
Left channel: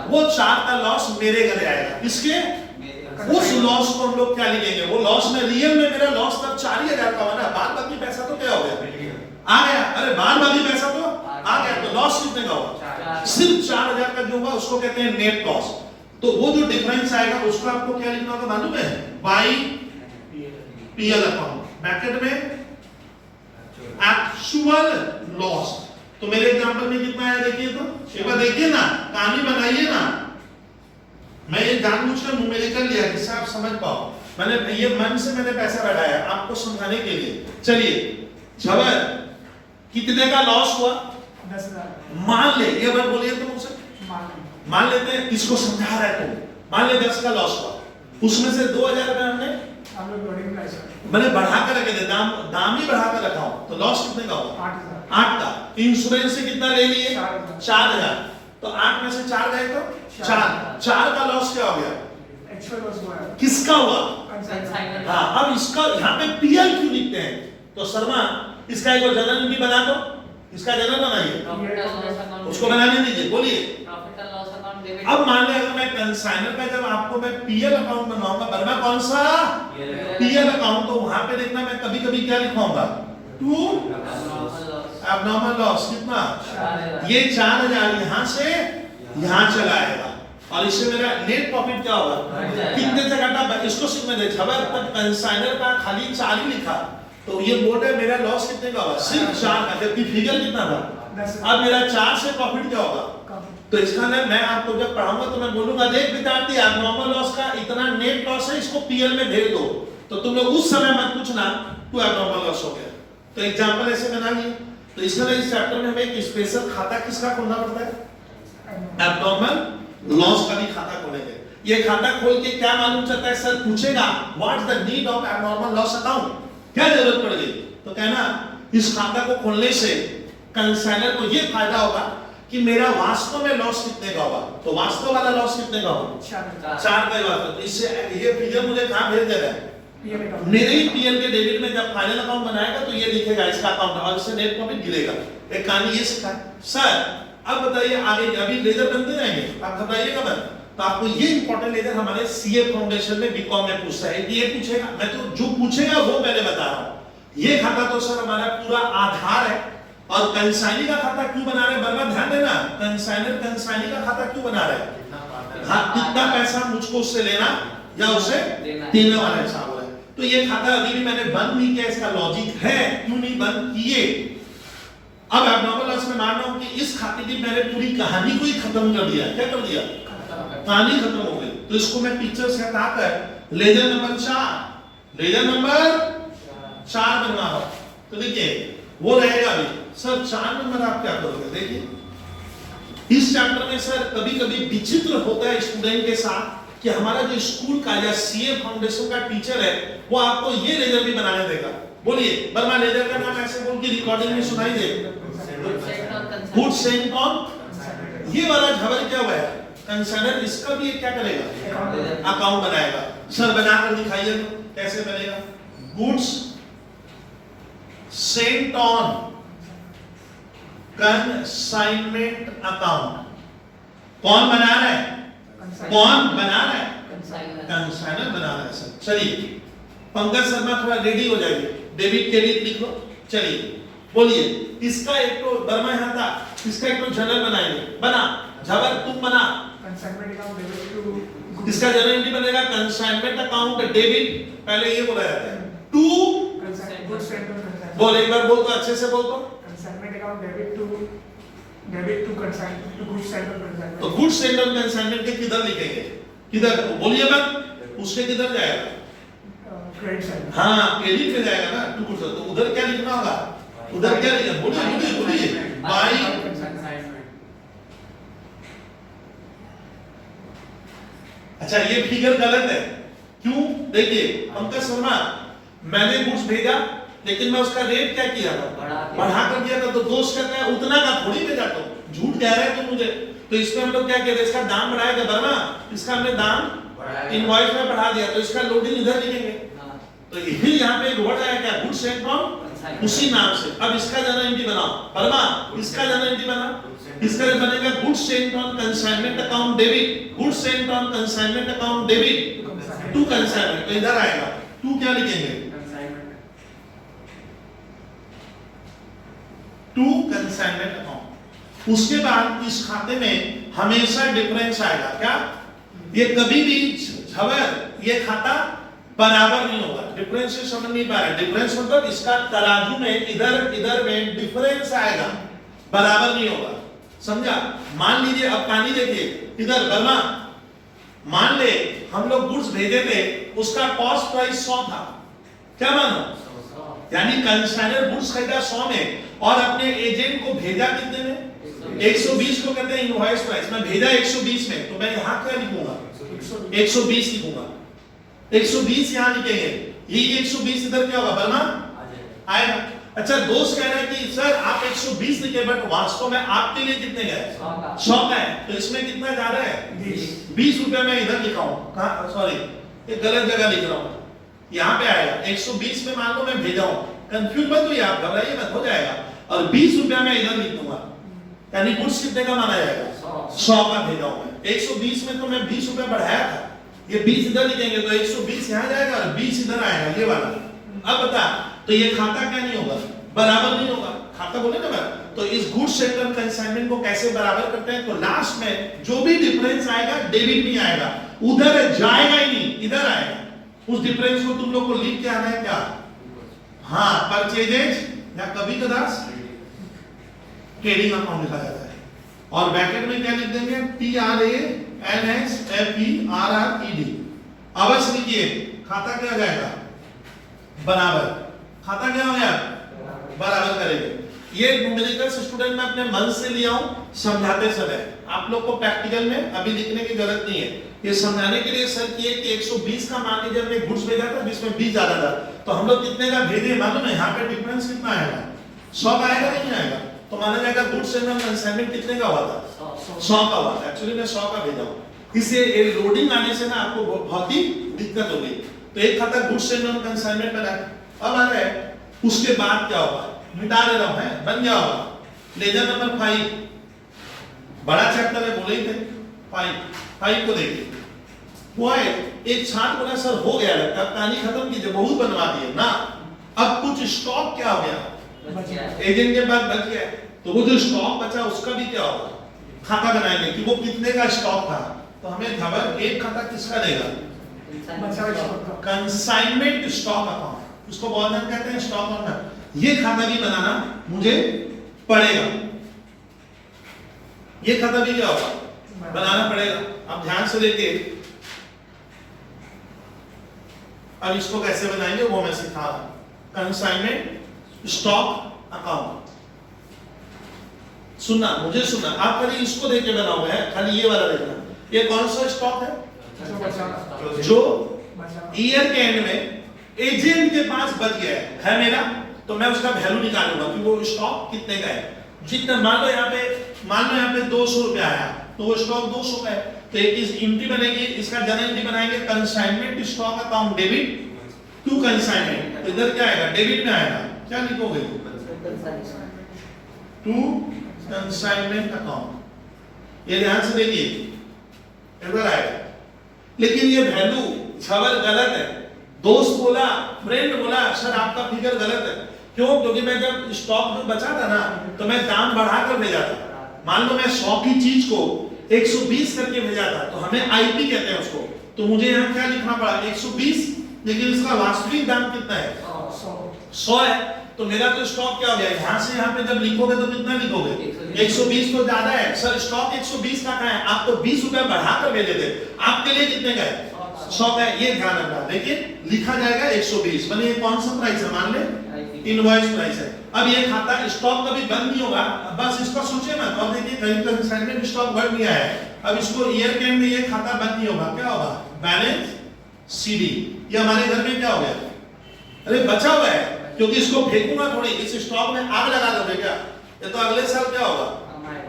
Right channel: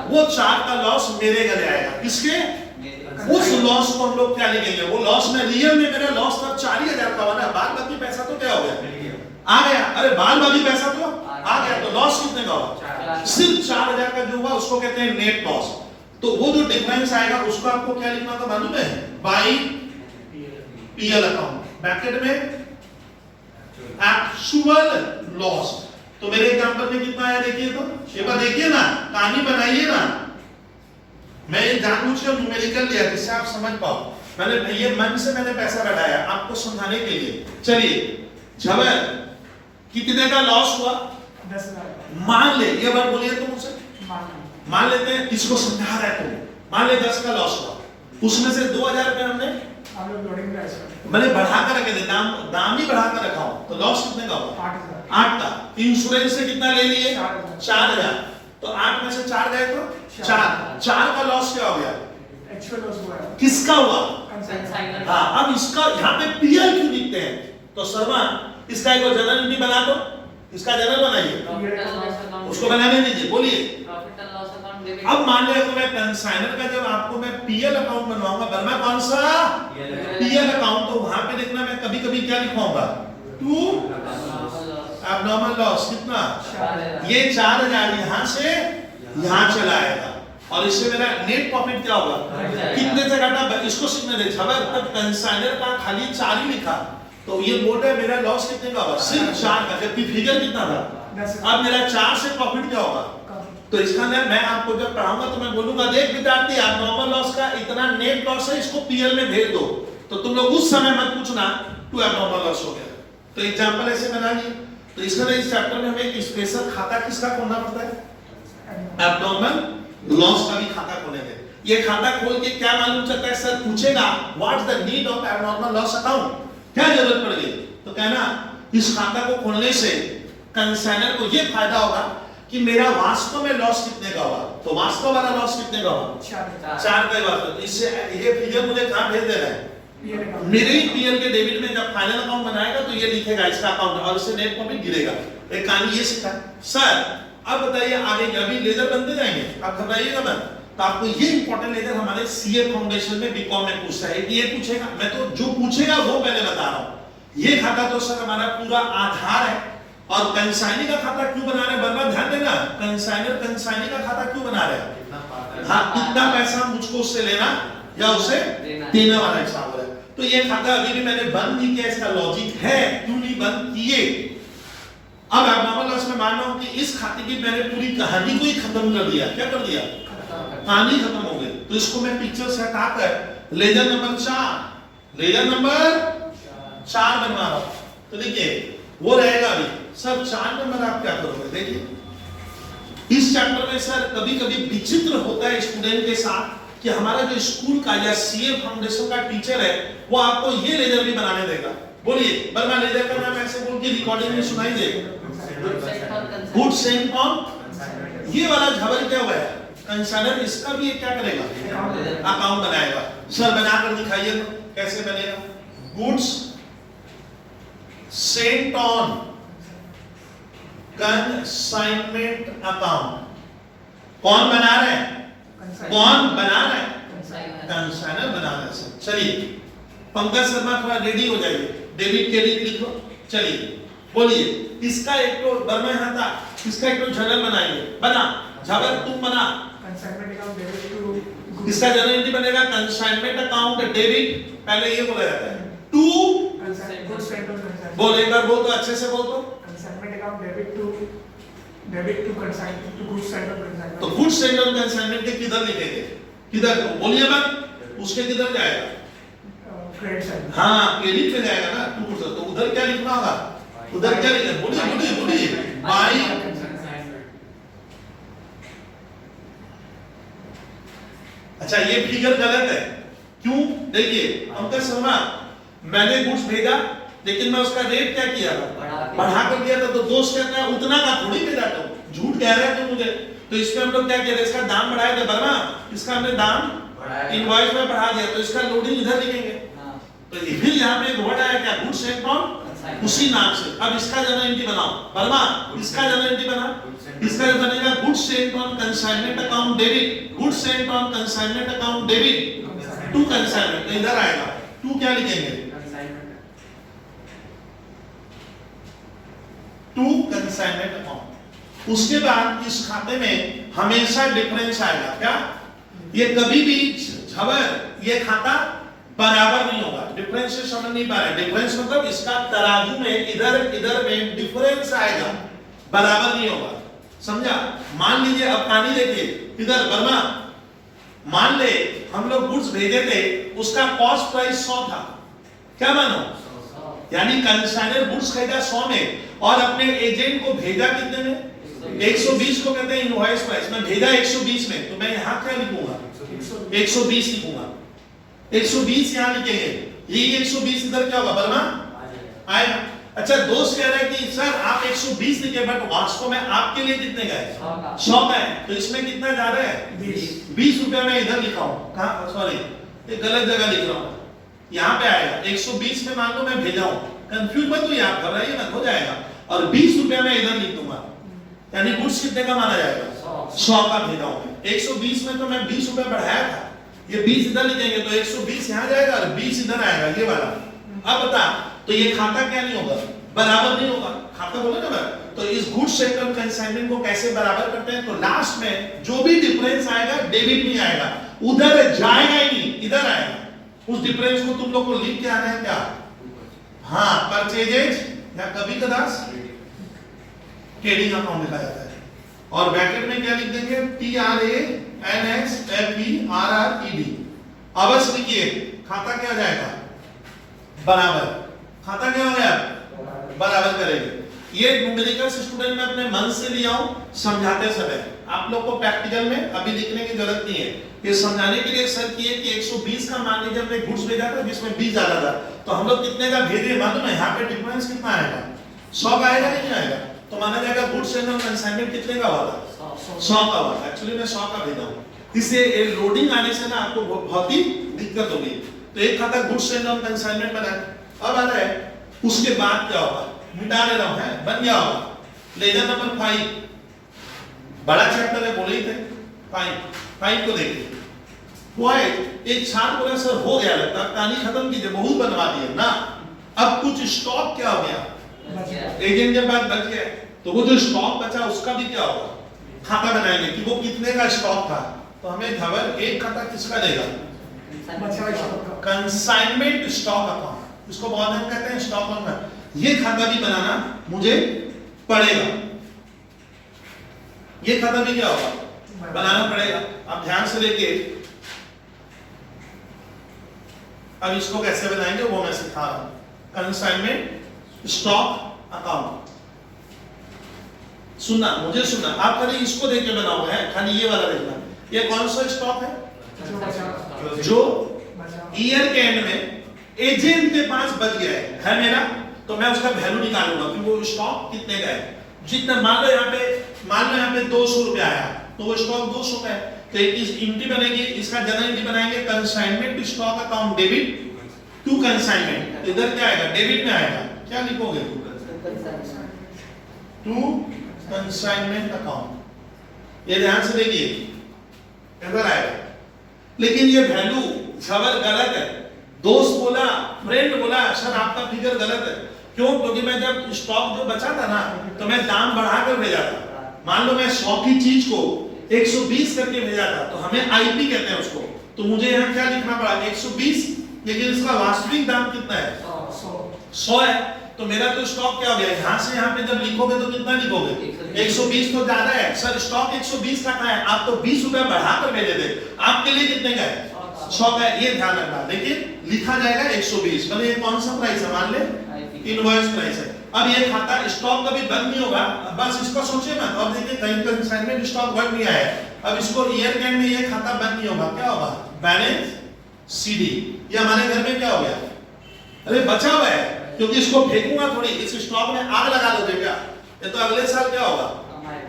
वो 4 का लॉस मेरे घरे आएगा, किसके, उस लॉस को हम लोग क्या लिखेंगे, वो लॉस में रियल में मेरा लॉस तब 4,000 का हुआ ना, बाद बाकी पैसा तो क्या हो गया, आ गया, अरे बाद बाकी पैसा तो आ गया, तो लॉस कितने का हुआ, सिर्फ 4,000 का जो हुआ उसको कहते हैं नेट लॉस। तो वो जो डिफरेंस आएगा उसको आपको क्या लिखना होगा मालूम है, बाई पीएल अकाउंट, ब्रैकेट में एक्चुअल लॉस। तो मेरे एग्जांपल में कितना आया देखिए, तो एक बार देखिए ना, कहानी बनाइए ना, मैं ये जानबूझकर न्यूमेरिकल लिया जिससे आप समझ पाओ, मैंने ये मन से मैंने पैसा बढ़ाया आपको समझाने के लिए। चलिए जबर कितने का लॉस हुआ, 10,000 मान ले, ये बार बोलिए तो मुझसे, मान लेते हैं इसको समझा रहा है, तो मान ले 10 का लॉस हुआ, उसमें से 2,000 रुपए हमने हम लोग लोडिंग प्राइस मैंने बढ़ा कर रखे थे, दाम ही बढ़ा कर रखा हूं, तो लॉस कितने का हुआ, 8 का। इंश्योरेंस से कितना ले लिए, 4,000, तो 8 में से 4 गए तो 4 का लॉस क्या हो गया, एक्चुअल लॉस हुआ है, किसका हुआ, कंसाइनर। हाँ अब इसका यहाँ पे पीएल क्यों लिखते हैं, तो शर्मा इसका एक जनरल भी बना दो, इसका जनरल बनाइए, उसको बनाने दीजिए, बोलिए। Profit and loss account debit. अब मान ले अगर मैं कंसाइनर का जब आपको मैं पीएल अकाउंट बनवाऊंगा, बनवा कौन सा, पीएल अकाउंट, तो वहां पे देखना मैं कभी कभी क्या लिखवाऊंगा, टू एब्नॉर्मल लॉस, कितना, ये 4,000 यहाँ से यहाँ चला आएगा, और इससे मेरा नेट प्रॉफिट क्या होगा, कितने से घटा, इसको सीखने दे। तब कंसाइनर का खाली 4 ही लिखा, तो ये बोर्ड है मेरा लॉस कितने का होगा, सिर्फ 4 का, जबकि फिगर कितना था, अब मेरा 4 से प्रॉफिट क्या होगा। तो इसका ना मैं आपको जब पढ़ाऊंगा तो मैं बोलूंगा, देख विद्यार्थी आप नॉर्मल लॉस का इतना नेट लॉस है, इसको पीएल में भेज दो, तो तुम लोग उस समय मत पूछना टू एब्नॉर्मल लॉस हो गया। तो एग्जांपल ऐसे बना लिए। तो इसमें इस चैप्टर में हमें एक स्पेशल खाता किसका खोलना पड़ता है, एब्नॉर्मल लॉस का भी खाता खोलेंगे। ये खाता खोल के क्या मालूम चलता है, सर पूछेगा what is the need of abnormal loss account, क्या जरूरत पड़ गई, तो कहना इस खाता को खोलने से कंसाइनर को ये फायदा होगा कि मेरा वास्तव में लॉस कितने का होगा, तो वास्तव वाला लॉस कितने का होगा, 4 का वास्तव। तो इससे ये फिगर मुझे कहां भेज दे रहा है, मेरे ही पीएल के डेबिट में जब फाइनल अकाउंट बनाएगा तो ये लिखेगा इसका अकाउंट, और इससे नेट प्रॉफिट गिरेगा। एक कहानी ये सीखा सर। अब बताइए आगे, अभी लेजर बनते जाएंगे, आप घबराइएगा मत। तो आपको ये इंपॉर्टेंट लेजर हमारे सीए फाउंडेशन में बीकॉम में पूछता है, ये पूछेगा, मैं तो जो पूछेगा वो पहले बता रहा हूं। ये खाता तो सर हमारा पूरा आधार है, और कंसाइनी का खाता क्यों बना रहे हैं, बर्बाद ध्यान देना, कंसाइनी का खाता क्यों बना रहे हैं, हाँ कितना पैसा मुझको उससे लेना या उसे देने वाला हिसाब हो रहा है। तो ये खाता अभी भी मैंने बंद नहीं किया, इसका लॉजिक है क्यों नहीं बंद किए। अब एब्नॉर्मल लॉस में मान रहा हूं कि इस खाते की मैंने पूरी कहानी को ही खत्म कर दिया, क्या कर दिया, कहानी खत्म हो गई। तो इसको मैं पिक्चर से हटाकर लेजर नंबर 4, लेजर नंबर 4 बनवा रहा हूं, तो देखिए वो रहेगा अभी। सर 4 नंबर आप क्या करोगे? देखिए इस चैप्टर में सर कभी कभी विचित्र होता है स्टूडेंट के साथ कि हमारा जो स्कूल का या सीए फाउंडेशन का टीचर है वो आपको ये लेजर भी बनाने देगा। बोलिए वर्मा, लेजर का नाम ऐसे बोल के रिकॉर्डिंग में सुनाई देगा। गुड सेंट कौन? ये वाला झबर क्या हुआ है कंसाइनर, इसका भी क्या करेगा? अकाउंट बनाएगा। सर बनाकर दिखाइए कैसे बनेगा। Goods sent on consignment account, कौन बना रहा है? कौन बना रहा है? कंसाइनर बना रहा है सर। चलिए पंकज शर्मा थोड़ा रेडी हो जाइए, डेबिट क्रेडिट लिख लो। चलिए बोलिए इसका एक तो वर्मा यहाँ था, इसका एक तो जर्नल बनाइए। बना झबर, तुम बना। Consignment account debit to इसका जर्नल एंट्री बनेगा कंसाइनमेंट अकाउंट डेबिट, पहले ये बोला जाता है to, good sent on consignment. बोल एक बार बोल तो अच्छे से बोल तो। Consignment account debit to consignment to good sent on consignment. तो गुड सेंड ऑन कंसाइनमेंट के किधर लिखेंगे? किधर बोलिए मत, उसके किधर जाएगा? Credit side. हाँ क्रेडिट पे जाएगा ना टू गुड। तो उधर क्या लिखना होगा? उधर क्या लिखेंगे? बोलिए बोलिए बोलिए। बाई, अच्छा ये फिगर गलत है। क्यों? देखिए पंकज शर्मा, मैंने गुड्स भेजा लेकिन मैं उसका रेट क्या किया था? बढ़ा कर दिया था। तो दोस्त क्या कहा? उतना का थोड़ी भेजा, तो झूठ कह रहे हैं तो मुझे। तो इसमें हम लोग क्या कह रहे हैं? इसका दाम बढ़ाया था वर्मा, इसका हमने दाम इनवॉइस में बढ़ा दिया, तो इसका लोडिंग इधर लिखेंगे। तो ये फिर यहाँ पे एक वर्ड आया क्या? गुड सेंट फ्रॉम, उसी नाम से। अब इसका जर्नल एंट्री बनाओ वर्मा, इसका जर्नल एंट्री बना। इसका जो बनेगा good sent on consignment account debit, good sent on consignment account debit to consignment, तो इधर आएगा। टू क्या लिखेंगे? To consignment account. उसके बाद इस खाते में हमेशा डिफरेंस आएगा। क्या? ये कभी भी झबर ये खाता बराबर नहीं होगा। डिफरेंस से समझ नहीं पा रहे? डिफरेंस मतलब इसका तराजू में इधर इधर में डिफरेंस आएगा, बराबर नहीं होगा। समझा? मान लीजिए अब पानी देखिए इधर वर्मा, मान ले हम लोग गुड्स भेजे थे, उसका कॉस्ट प्राइस 100 था। क्या मानो? यानी कंसाइनर गुड्स खरीदा 100 में और अपने एजेंट को भेजा कितने में? 120 को कहते हैं इनवॉइस प्राइस। मैं भेजा 120 में, तो मैं यहाँ क्या लिखूंगा? 120 लिखूंगा। 120 यहाँ लिखेंगे। ये 120 इधर क्या होगा वर्मा? आएगा। अच्छा दोस्त कह रहे हैं कि सर आप 120 लिखे बट वास्तव में आपके लिए कितने गए? 100 का है। तो इसमें कितना जा रहा है? 20 रुपए में इधर लिखा हूँ। कहाँ? सॉरी ये गलत जगह लिख रहा हूँ। यहाँ पे आएगा 120 में, मान लो मैं भेजा हूँ, कंफ्यूज मत हुई आप, घबराइए मत, हो जाएगा। और 20 रुपया में इधर लिख दूंगा, यानी गुड्स कितने का माना जाएगा? 100 का भेजा हूँ मैं। 120 में तो मैं 20 रुपया बढ़ाया था, ये 20 इधर लिखेंगे तो 120 यहाँ जाएगा और 20 इधर आएगा, ये वाला। अब बता, तो ये खाता क्या नहीं होगा? बराबर नहीं होगा। खाता बोले ना मैं, तो इस गुड्स सेंट ऑन कंसाइनमेंट को कैसे बराबर करते हैं? तो लास्ट में जो भी डिफरेंस आएगा डेबिट नहीं आएगा, उधर जाएगा ही नहीं, इधर आएगा। उस डिफरेंस को तुम लोग को लिख के आना है क्या? हाँ, परचेजेज या कभी कदार ट्रेडिंग अकाउंट लिखा जाता है। और ब्रैकेट में क्या लिख देंगे? TRANSFERRED। अवश्य लिखिए, खाता क्या हो जाएगा? बराबर। खाता क्या हो गया? बराबर करेंगे। ये न्यूमेरिकल स्टूडेंट मैं अपने मन से लिया हूं समझाते समय, आप लोग को प्रैक्टिकल में अभी लिखने की जरूरत नहीं है। ये समझाने के लिए सर किए कि 120 का मान लीजिए हमने गुड्स भेजा था जिसमें 20 ज्यादा था, तो हम लोग कितने का भेजे मालूम है? यहाँ पे डिफरेंस कितना आएगा? 100 का आएगा कि नहीं आएगा? तो माना जाएगा गुड्स एंड कंसाइनमेंट कितने का हुआ था? 100 का हुआ। एक्चुअली मैं 100 का भेजा हूँ, इसलिए लोडिंग आने से ना आपको बहुत ही दिक्कत होगी। तो एक खाता गुड्स एंड कंसाइनमेंट बना। अब आ रहा है उसके बाद क्या होगा? मिटा ले रहा हूं, है बन गया होगा। लेजर नंबर 5, बड़ा चैप्टर है, बोले ही थे। 5 को देखिए। हुआ है एक छात्र बोला सर हो गया, लगता कहानी खत्म कीजिए, बहुत बनवा दिए ना। अब कुछ स्टॉक क्या हो गया? एजेंट के पास बच गया, तो वो जो स्टॉक बचा उसका भी क्या होगा? खाता बनाएंगे कि वो कितने का स्टॉक था। तो हमें खबर एक खाता किसका देगा? कंसाइनमेंट स्टॉक अकाउंट, उसको बहुत ध्यान कहते हैं स्टॉक अकाउंट। ये खाता भी बनाना मुझे पड़ेगा, ये खाता भी क्या होगा? बनाना पड़ेगा। अब ध्यान से देखिए, अब इसको कैसे बनाएंगे वो मैं सिखा रहा हूं। कंसाइनमेंट स्टॉक अकाउंट, सुनना, मुझे सुनना, आप खाली इसको देख के बनाओगे, खाली ये वाला देखना। ये कौन सा स्टॉक है? जो ईयर के एंड में एजेंट के पास बच गया है मेरा, तो मैं उसका वैल्यू निकालूंगा कि वो स्टॉक कितने का है। जितना मान लो यहाँ पे 200 रुपया आया, तो वो स्टॉक 200 का है, तो एक इस एंट्री बनेगी, इसका जनरल एंट्री बनाएंगे consignment stock account debit to consignment. इधर क्या आएगा? डेबिट में आएगा, क्या लिखोगे? To consignment account. ये ध्यान से देखिए, इधर आएगा, लेकिन ये वैल्यू झबल गलत है। दोस्त बोला, फ्रेंड बोला, सर आपका फिगर गलत है। क्यों? क्योंकि मैं जब स्टॉक जो बचा था ना, तो मैं दाम बढ़ा कर भेजा था। मान लो मैं 100 की चीज को 120 करके भेजा था, तो हमें आईपी कहते हैं उसको, तो मुझे यहाँ क्या लिखना पड़ा? 120, लेकिन इसका वास्तविक दाम कितना है? 100 है। तो मेरा तो स्टॉक क्या हो गया? यहाँ से यहाँ पे जब लिखोगे तो कितना लिखोगे? 120 तो ज्यादा है सर, स्टॉक 120 का है, आप तो 20 रुपया बढ़ा कर भेजे थे, आपके लिए कितने का है? 100 का है। ये ध्यान रखना, देखिए लिखा जाएगा 120, मैंने ये कौन सा प्राइस है? मान ले इनवॉइस प्राइस है। अब ये खाता स्टॉक कभी बंद नहीं होगा, बस इसका सोचिए ना। और देखिए कहीं कंसाइनमेंट स्टॉक बढ़ नहीं आया है, अब इसको ईयर के एंड में ये खाता बंद नहीं होगा, क्या होगा? Balance CD. ये हमारे घर में क्या हो गया? अरे बचा हुआ है, क्योंकि इसको फेंकूंगा थोड़ी, इस स्टॉक में आग लगा दो बेटा, ये तो अगले साल क्या होगा?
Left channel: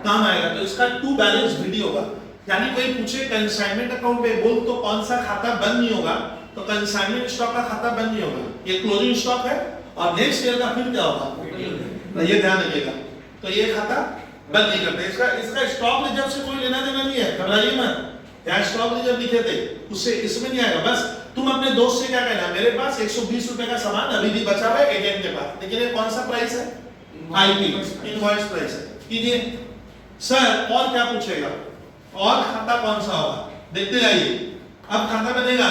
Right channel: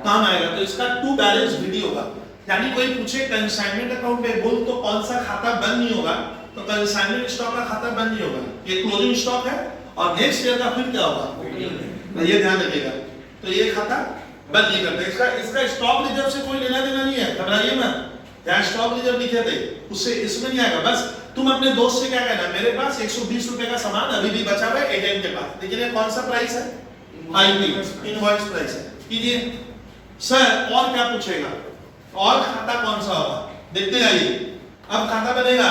काम आएगा। तो इसका टू बैलेंस वीडियो होगा। यानी कोई पूछे कंसाइनमेंट अकाउंट में बोल तो कौन सा खाता बंद नहीं होगा, तो कंसाइनमेंट स्टॉक का खाता बंद नहीं होगा, ये क्लोजिंग स्टॉक है, और नेक्स्ट ईयर का फिर क्या होगा? ये ध्यान रखिएगा। तो ये खाता बंद नहीं करते। इसका स्टॉक रिजर्व से कोई लेना देना नहीं है, घबराइए मत। यहाँ स्टॉक रिजर्व लिखे थे, उससे इसमें नहीं आएगा। बस तुम अपने दोस्त से क्या कहना, मेरे पास 120 रुपए का सामान अभी भी बचा हुआ है एजेंट के पास, लेकिन ये कौन सा प्राइस है? आईपी, इनवॉइस प्राइस है। कीजिए सर, और क्या पूछेगा? और खाता कौन सा होगा? देखते जाइए। अब खाता बनेगा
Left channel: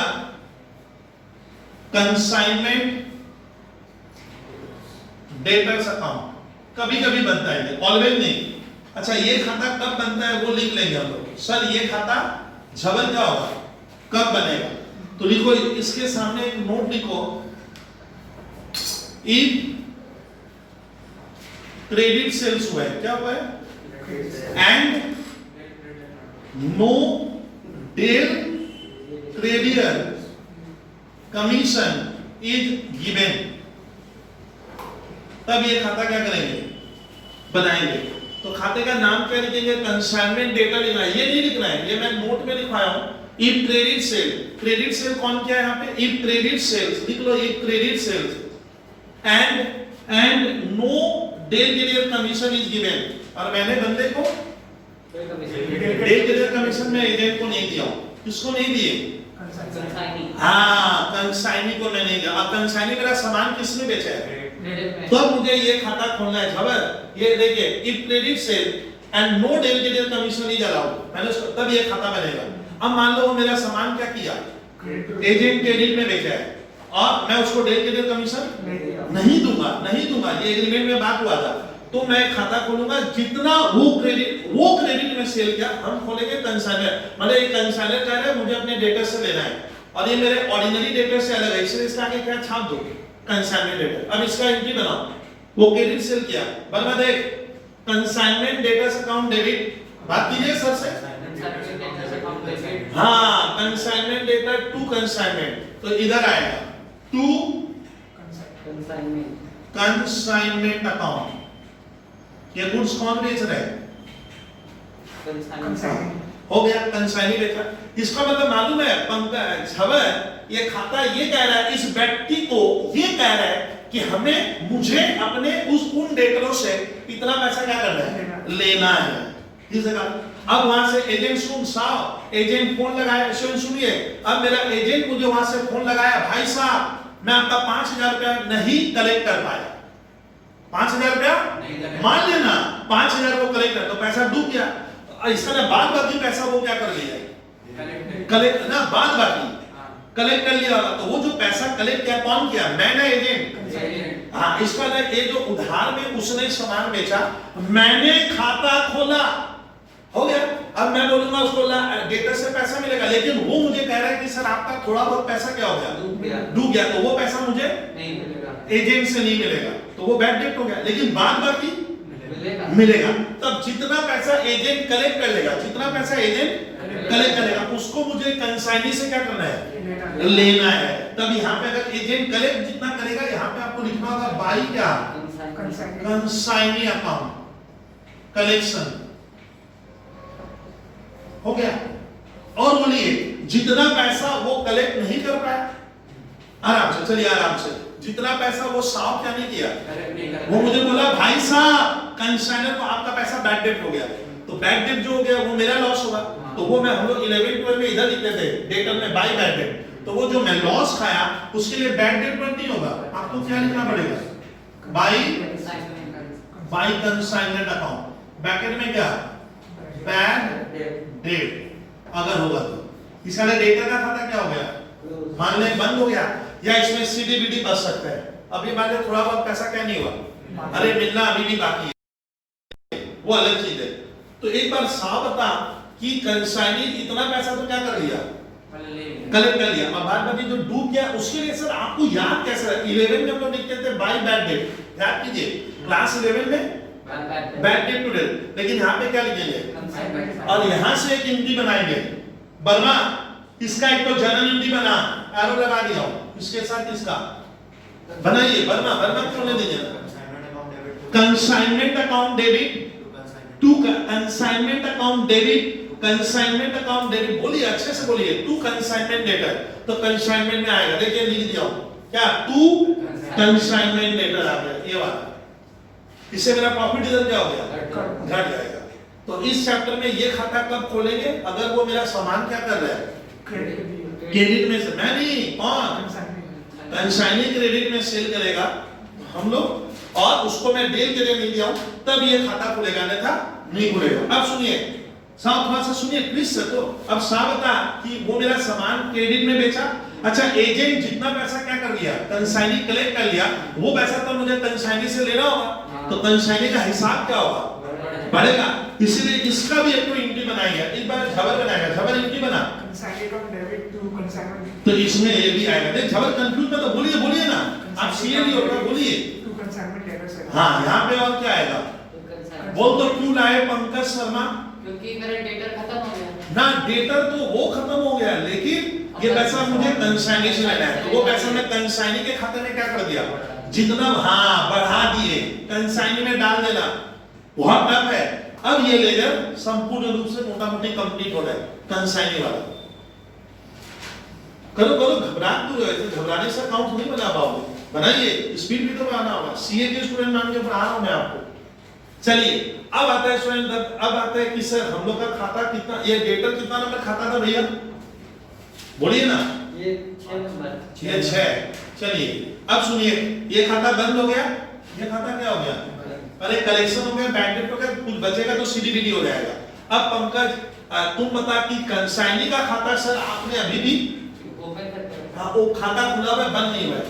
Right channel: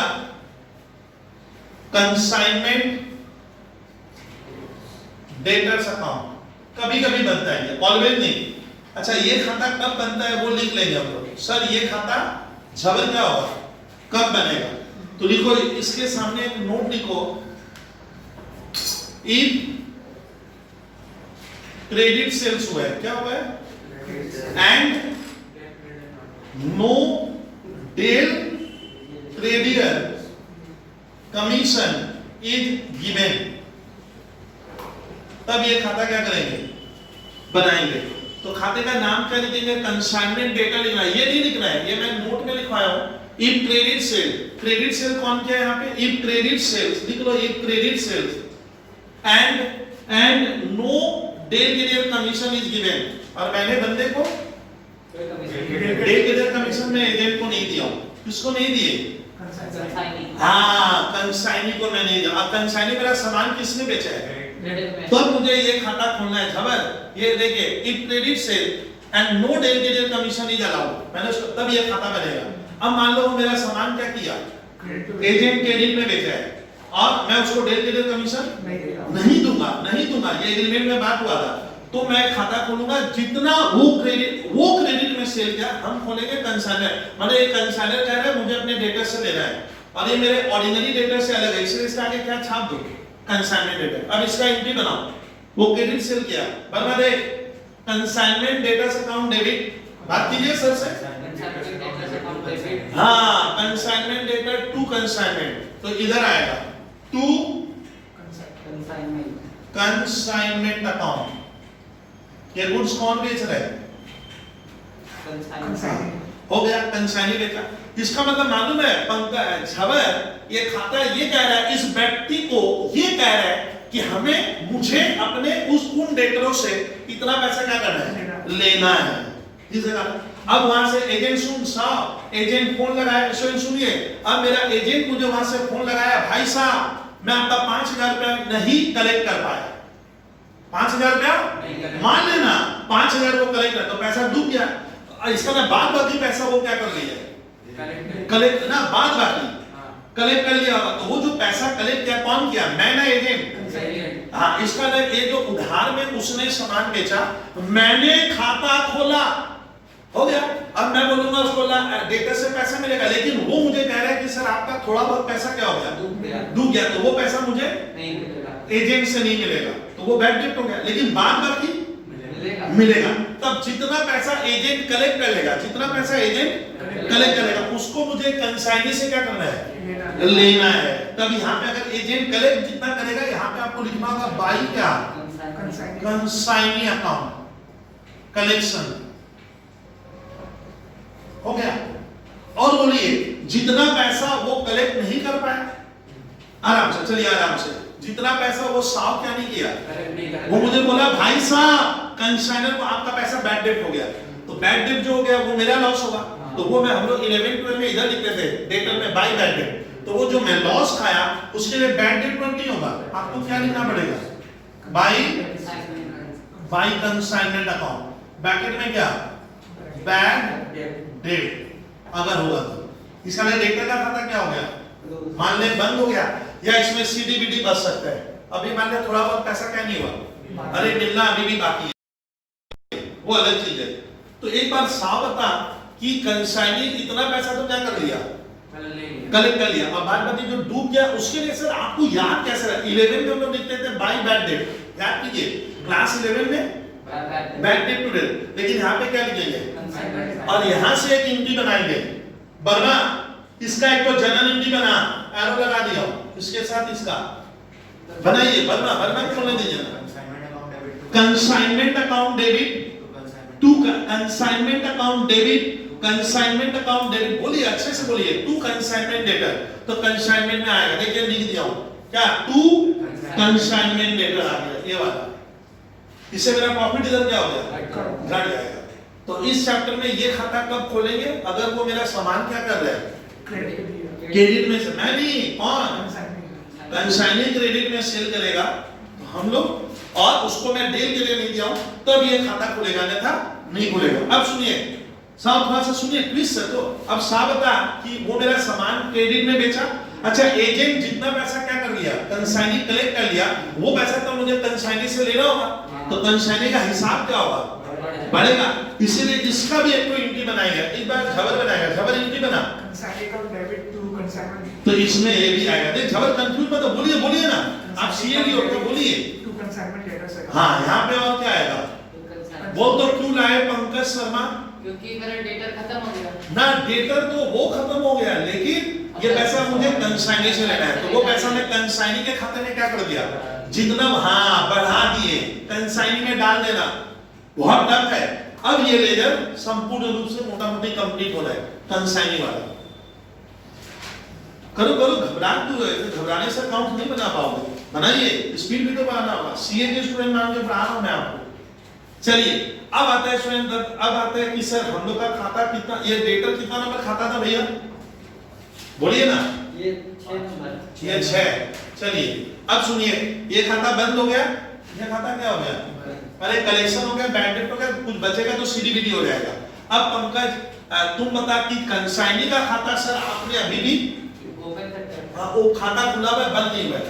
कंसाइनमेंट डेटर्स अकाउंट, कभी कभी बनता है, ऑलवेज नहीं। अच्छा, ये खाता कब बनता है वो लिख लेंगे हम लोग। सर ये खाता झबर क्या होगा, कब बनेगा? तो लिखो, इसके सामने एक नोट लिखो, इफ क्रेडिट सेल्स हुआ है, क्या हुआ है? And no del credere commission is given, तब ये खाता क्या करेंगे? बनाएंगे। तो खाते का नाम क्या लिखेंगे? कंसाइनमेंट डेटा लिखना है, ये नहीं लिखना है, ये मैं नोट में लिखवाया हूं। If credit sale, credit sale कौन क्या है यहाँ पे? इफ क्रेडिट सेल्स लिख लो, if credit sales and no del credit commission is given, और मैंने बंदे को डेल क्रेडिट कमीशन में एजेंट को नहीं दिया। किसको नहीं दिए? हाँ, कंसाइनी को मैं नहीं दिया। अब कंसाइनी मेरा सामान किसने बेचा है? तो मुझे ये खाता खोलना है झबर। ये देखिए, if credit sale and no del credit commission is allowed, मैंने तब ये खाता बनेगा। अब मान लो मेरा सामान क्या किया? एजेंट क्रेडिट में बेचा है, और मैं उसको डेल क्रेडिट कमीशन नहीं दूंगा, ये एग्रीमेंट में बात हुआ था। तो मैं खाता खोलूंगा, जितना वो क्रेडिट में सेल किया, हम खोलेंगे कंसाइनर। मतलब एक कंसाइनर कह रहे हैं मुझे अपने डेटर से लेना है, और ये मेरे ऑर्डिनरी डेटर से अलग है, इसलिए इसके आगे क्या छाप दो? Consignment debtor. अब इसका एंट्री बनाओ, वो क्रेडिट सेल किया, बराबर है कंसाइनमेंट डेटर्स अकाउंट डेबिट। बात कीजिए सर से। हाँ, कंसाइनमेंट डेटर टू कंसाइनमेंट, तो इधर आएगा टू कंसाइनमेंट अकाउंट। ये गुड्स कौन बेच रहा है? हो गया, कंसाइनी देखा। इसका मतलब मालूम है? पंकज झबर ये खाता ये कह रहा है, इस व्यक्ति को ये कह रहा है कि मुझे अपने उन डेटरों से इतना पैसा क्या करना है? लेना है। अब वहां से एजेंट फोन लगाया, सुनिए, अब मेरा एजेंट मुझे वहां से फोन लगाया, भाई साहब मैं आपका 5000 रुपया नहीं कलेक्ट कर पाया। 5000 रुपया मान लेना, 5000 को कलेक्ट कर, तो पैसा डूब गया। इसका ना बाद बाकी पैसा वो क्या कर लिया? कलेक्ट ना, बाद बाकी कलेक्ट कर लिया। तो वो जो पैसा कलेक्ट किया कौन किया? मैं ना एजेंट। हाँ, इसका ना ये जो उधार में उसने सामान बेचा, मैंने खाता खोला, हो गया। अब अब मैं बोलूंगा उसको डेटर से पैसा मिलेगा, लेकिन वो मुझे कह रहा है कि सर आपका थोड़ा बहुत पैसा क्या हो गया, डूब गया, तो वो पैसा मुझे नहीं मिलेगा, एजेंट से नहीं मिलेगा, तो वो बैड डेट हो गया। लेकिन बाद बाकी मिलेगा। तब जितना पैसा एजेंट कलेक्ट कर लेगा, जितना पैसा एजेंट कलेक्ट करेगा, उसको मुझे कंसाइनी से क्या करना है, लेना है। तब यहाँ पे अगर एजेंट कलेक्ट जितना करेगा, यहाँ पे आपको लिखना होगा बाई क्या, कंसाइनी अकाउंट कलेक्शन हो गया। और बोलिए जितना पैसा वो कलेक्ट नहीं कर पाया, आराम से चलिए, आराम से, जितना पैसा वो साफ क्या नहीं किया, वो मुझे बोला भाई साहब कंसाइनर को आपका पैसा बैड डेट हो गया, तो बैड डेट जो हो गया वो मेरा लॉस होगा, तो वो मैं हम लोग 11-12 में इधर लिखते थे डेटर में बाय बैड डेट, तो वो जो मैं लॉस खाया उसके लिए बैड डेट नहीं होगा, आपको क्या लिखना पड़ेगा, बाय कंसाइनमेंट अकाउंट, ब्रैकेट में क्या, बैड डेट अगर होगा तो। इसका डेटर का खाता क्या हो गया, मान ले बंद हो गया, या इसमें सीडीबीडी बच सकता है। अभी मान ले थोड़ा बहुत पैसा क्या नहीं हुआ, अरे मिलना अभी भी बाकी है, वो अलग चीज है। तो एक बार साफ बता कि कंसाइनी इतना पैसा तो क्या कर लिया, कलेक्ट कर लिया। अब बात बाकी जो डूब गया उसके लिए सर आपको याद कैसे रहा, 11 में हम लोग लिखते थे बाय बैड डेट, याद कीजिए क्लास 11 में बैड डेट टू डेट, लेकिन यहाँ पे क्या लिखेंगे, और यहाँ से एक एंट्री बनाएंगे, वर्मा इसका एक तो जनरल एंट्री बना, एरो लगा दिया हूं, इसके साथ इसका बनाइए, वर्मा खोलने दीजिए ना, consignment account debit to consignment account debit, consignment account debit, बोलिए अच्छे से बोलिए, टू कंसाइनमेंट डेटर, तो कंसाइनमेंट में आएगा, देखिए लिख दिया हूं क्या, टू कंसाइनमेंट डेटर आ गया, ये वाला, इससे मेरा प्रॉफिट इधर क्या हो गया, घट जाएगा। तो इस चैप्टर में ये खाता कब खोलेंगे, अगर वो मेरा सामान क्या कर रहा है, क्रेडिट में से, मैं नहीं, कौन, कंसाइनी क्रेडिट में सेल करेगा हम लोग, और उसको मैं डेल के लिए नहीं दिया हूं, तब ये खाता खुलेगा, अन्यथा नहीं खुलेगा। अब सुनिए साहब, थोड़ा सा सुनिए प्लीज सर, तो अब साहब बता कि वो मेरा सामान क्रेडिट में बेचा, अच्छा एजेंट जितना पैसा क्या कर लिया, कंसाइनी कलेक्ट कर लिया, वो पैसा तो मुझे कंसाइनी से लेना होगा, तो कंसाइनी का हिसाब क्या होगा, बढ़ेगा, इसीलिए इसका भी एक तो एंट्री बनाएगा, एक बार झबर बनाएगा, झबर एंट्री बना, डेबिट टू कंसाइनमेंट, तो इसमें ये भी आएगा, देख झबर कंफ्यूज मत हो, बोलिए ना, आप सीएल होगा, बोलिए टू कंसाइनमेंट डेटर से, हाँ यहाँ पे और क्या आएगा, वो तो क्यों लाए पंकज शर्मा, क्योंकि मेरा डेटर खत्म हो गया ना, डेटर तो वो खत्म हो गया, लेकिन ये पैसा मुझे कंसाइनी से लेना है, तो वो पैसा मैं कंसाइनी के खाते में क्या कर दिया, जितना हाँ बढ़ा दिए, कंसाइनी में डाल देना, बहुत टफ है। अब ये लेजर संपूर्ण रूप से मोटा मोटी कंप्लीट हो रहा है, कंसाइनी वाला, करो घबराने से अकाउंट नहीं बना पाओगे, बनाइए, स्पीड भी तो बढ़ाना होगा, सीए के स्टूडेंट मान के पढ़ा रहा हूं मैं आपको। चलिए अब आता है स्टूडेंट, अब आता है कि सर हम लोग का खाता कितना, ये डेटर कितना नंबर खाता था भैया, बोलिए ना, ये 6 नंबर, ये 6, चलिए अब सुनिए, ये खाता बंद हो गया, ये खाता क्या हो गया, अरे कलेक्शन हो गया, बैड डेट हो गया, कुछ बचेगा तो सीडीबीडी हो जाएगा। अब पंकज तुम बता कि कंसाइनी का खाता सर आपने अभी भी ओपन करते हैं, हाँ वो खाता खुला हुआ है, बंद नहीं हुआ है।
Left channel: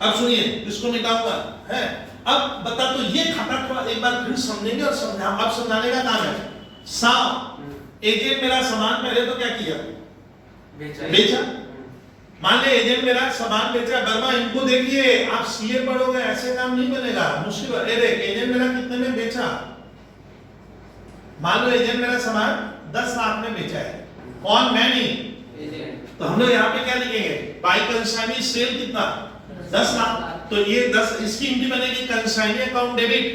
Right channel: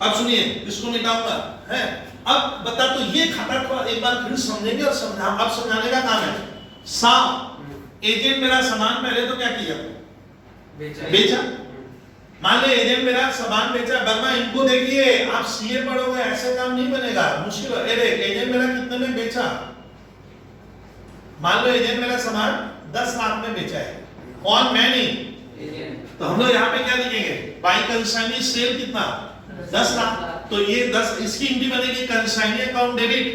अब सुनिए इसको मिटाऊंगा है, अब बता तो ये खाता को एक बार फिर समझेंगे और अब समझाने का काम है। साफ एजेंट मेरा सामान पहले तो क्या किया, बेचा, मान ले एजेंट मेरा सामान बेचा, वर्मा इनको देखिए आप सीए पढ़ोगे ऐसे काम नहीं बनेगा, मुश्किल है। देख एजेंट मेरा कितने में बेचा, मान लो एजेंट मेरा सामान 10 लाख में बेचा है, कौन, मैं नहीं, तो हम लोग यहाँ पे क्या लिखेंगे, बाय कंसाइनी सेल कितना 10 लाख, तो ये 10 इसकी एंट्री बनेगी consignee account debit,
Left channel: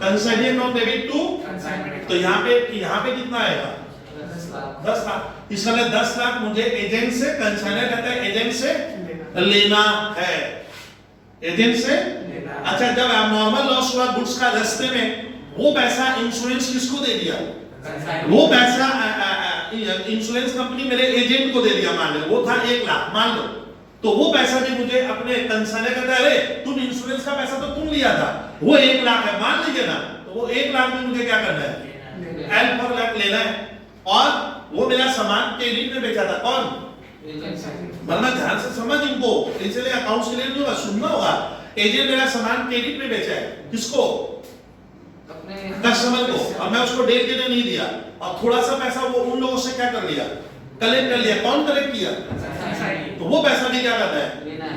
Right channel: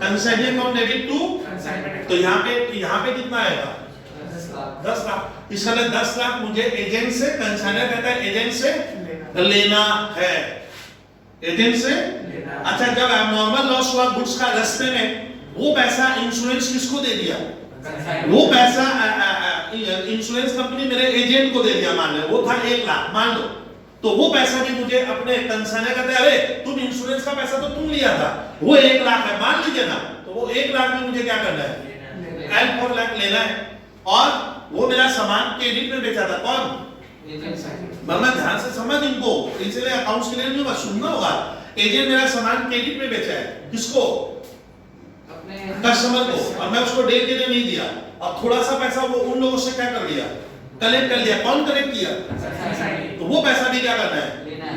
consignee account debit to, तो यहाँ पे कितना आएगा 10 लाख, इसका 10 लाख मुझे एजेंट से, कंसाइनर कहता है एजेंट से लेना है, एजेंट से, अच्छा जब नॉर्मल लॉस हुआ गुड्स का रास्ते में, वो पैसा इंश्योरेंस किसको दे दिया, वो पैसा इंश्योरेंस कंपनी मेरे एजेंट को दे दिया, मान लो वो था 1 लाख मान लो, तो वो पैसा भी मुझे अपने कंसाइनर कहता है अरे तुम इंश्योरेंस का पैसा तो तुम लिया था, वो 1 लाख है मान लीजिए ना, तो वो 1 लाख में मुझे क्या करना है, एल फॉर लाख लेना है, और वो मेरा सामान क्रेडिट में बेचा था, कौन, वरना ध्यान से समझ इनको, इसलिए अकाउंट्स के लिए नहीं होगा, सुनना होगा, एजेंट मेरा सामान क्रेडिट में बेचा है, किसको, कस्टमर को, और मैं उसको डेट के लिए नहीं दिया, और थोड़ा सा पैसा वो उन लोगों से क्या कर लिया, कलेक्ट कर लिया। कौन कलेक्ट किया? तो वो पैसा भी क्या करना है,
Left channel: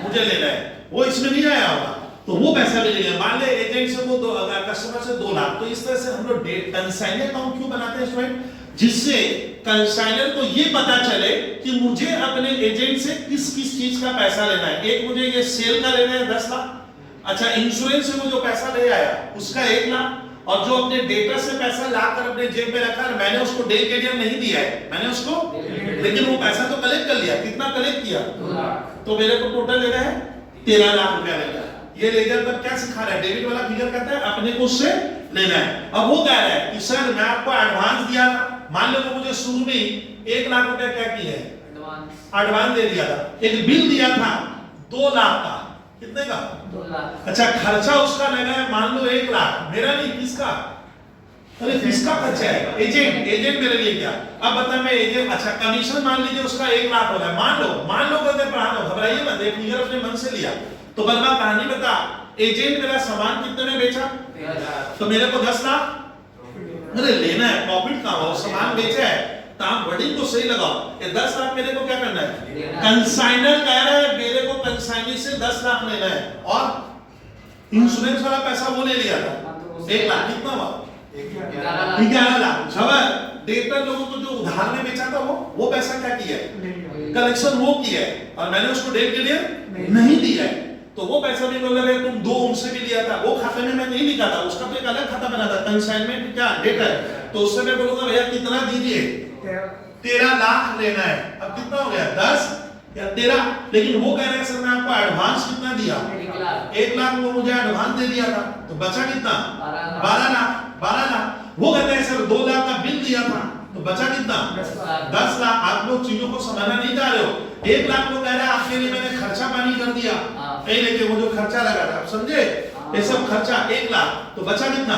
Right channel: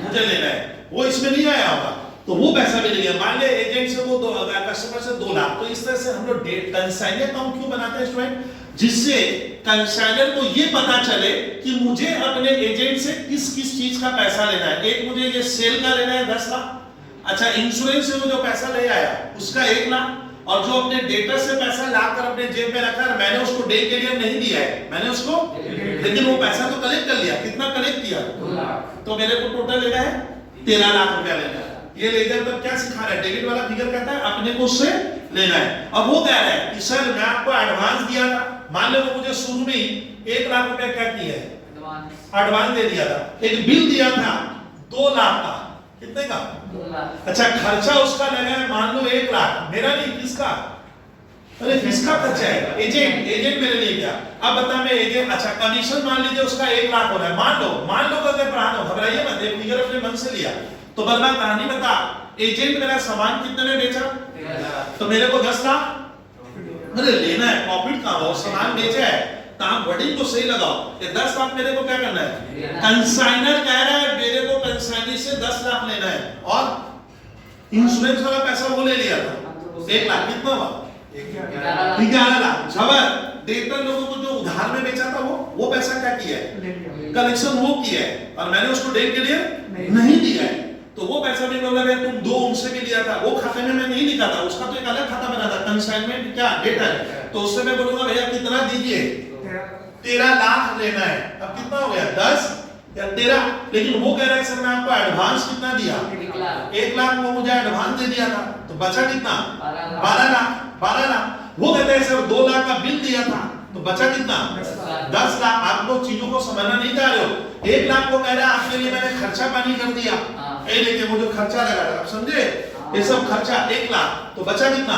मुझे लेना है, वो इसमें नहीं आया होगा, तो वो पैसा भी ले लिया। मान ले एजेंट से वो कस्टमर से 2 लाख, तो इस तरह से हम लोग डेट कंसाइनर अकाउंट क्यों बनाते हैं स्टूडेंट, जिससे कंसाइनर को ये पता चले कि मुझे अपने एजेंट से किस किस चीज का पैसा लेना है। एक मुझे ये सेल का लेना है 10 लाख, अच्छा इंश्योरेंस से वो जो पैसा ले आया उसका 1 लाख, और जो अपने डेटा से पैसा लाकर अपने जेब में रखा है, मैंने उसको डे के लिए नहीं दिया है, मैंने उसको, लेकिन वो पैसा तो कलेक्ट कर लिया। कितना कलेक्ट किया? 2 लाख। तो मेरे को टोटल लेना है 13 लाख रुपया लेना है। ये लेजर तब क्या सिखा रहा है, डेबिट वाला फिगर कहता है अपने को उससे लेना है। अब वो कह रहा है कि सर मैं आपको एडवांस दिया था, मान लो मुझे शुरू में ही 1 लाख रुपया क्या किया है, एडवांस दे दिया था। एक बिल दिया था 2 लाख का, कितने का? 2 लाख। अच्छा खर्चा उसका लगा है मान लो 1 लाख, मेरा नहीं किसका, अरे किसका खर्चा है, एजेंट मेरे लिए क्या। अब बता मैं एजेंट, अच्छा कमीशन मान लीजिए उसका 1 लाख हो रहा है, मान लो कहते पढ़ा दो, घबराइए मत, एक फिगर अपने मन से लिया तो बलवा कहानी बता, एजेंट मेरा सामान कितने में बेचा, 13 लाख। तो मेरे को 10 लाख, अरे लेना है, प्रॉफिट कहां हो, सामान बेचा है, तो आप बड़ी तो सही लगाओ, ये 10 लाख मेरे को क्या करना है, कंसाइनर कह रहा है मेरे को कंसाइनी से 10 लाख लेना है, और इंश्योरेंस वाला पैसा वो ले लिया था 1 लाख, कितना हुआ 11 लाख। खबर डेटर लोगों को जो उधार में बेचा था वो पैसा क्या किया है, कलेक्शन वो किया है, और मैंने उसको डेट के लिए नहीं दिया है, तो वो पैसा भी बोला तुम 2 उनसे भी लिया था, वो खाते में मैं नहीं लिखा था, उसका तो एक अलग खाता बना था, कंसाइनमेंट क्या डेटर, तो उससे मैं बोलूंगा भैया कितना दीजिए, 13 लाख लेना है। अब कितना हो गया 10 या 13, लेकिन वो कह रहा है सर मैं आपको एडवांस कितना दिया, 1 लाख वो मुझे एडवांस दे दिया था, तो बचा कितना 12 लाख। वो कहते हैं सर 2 लाख का बिल दिया था, तो बचा कितना 10 लाख। आप लोग चीजों को समझना नहीं जा रहे हो, 1 लाख को कह रहा है आपके लिए मैंने खर्चा पानी कर दिया, ये लेके वो जो खर्चा लगा था, आप समझे, ये सब खर्चा 1 लाख, तो बचा कितना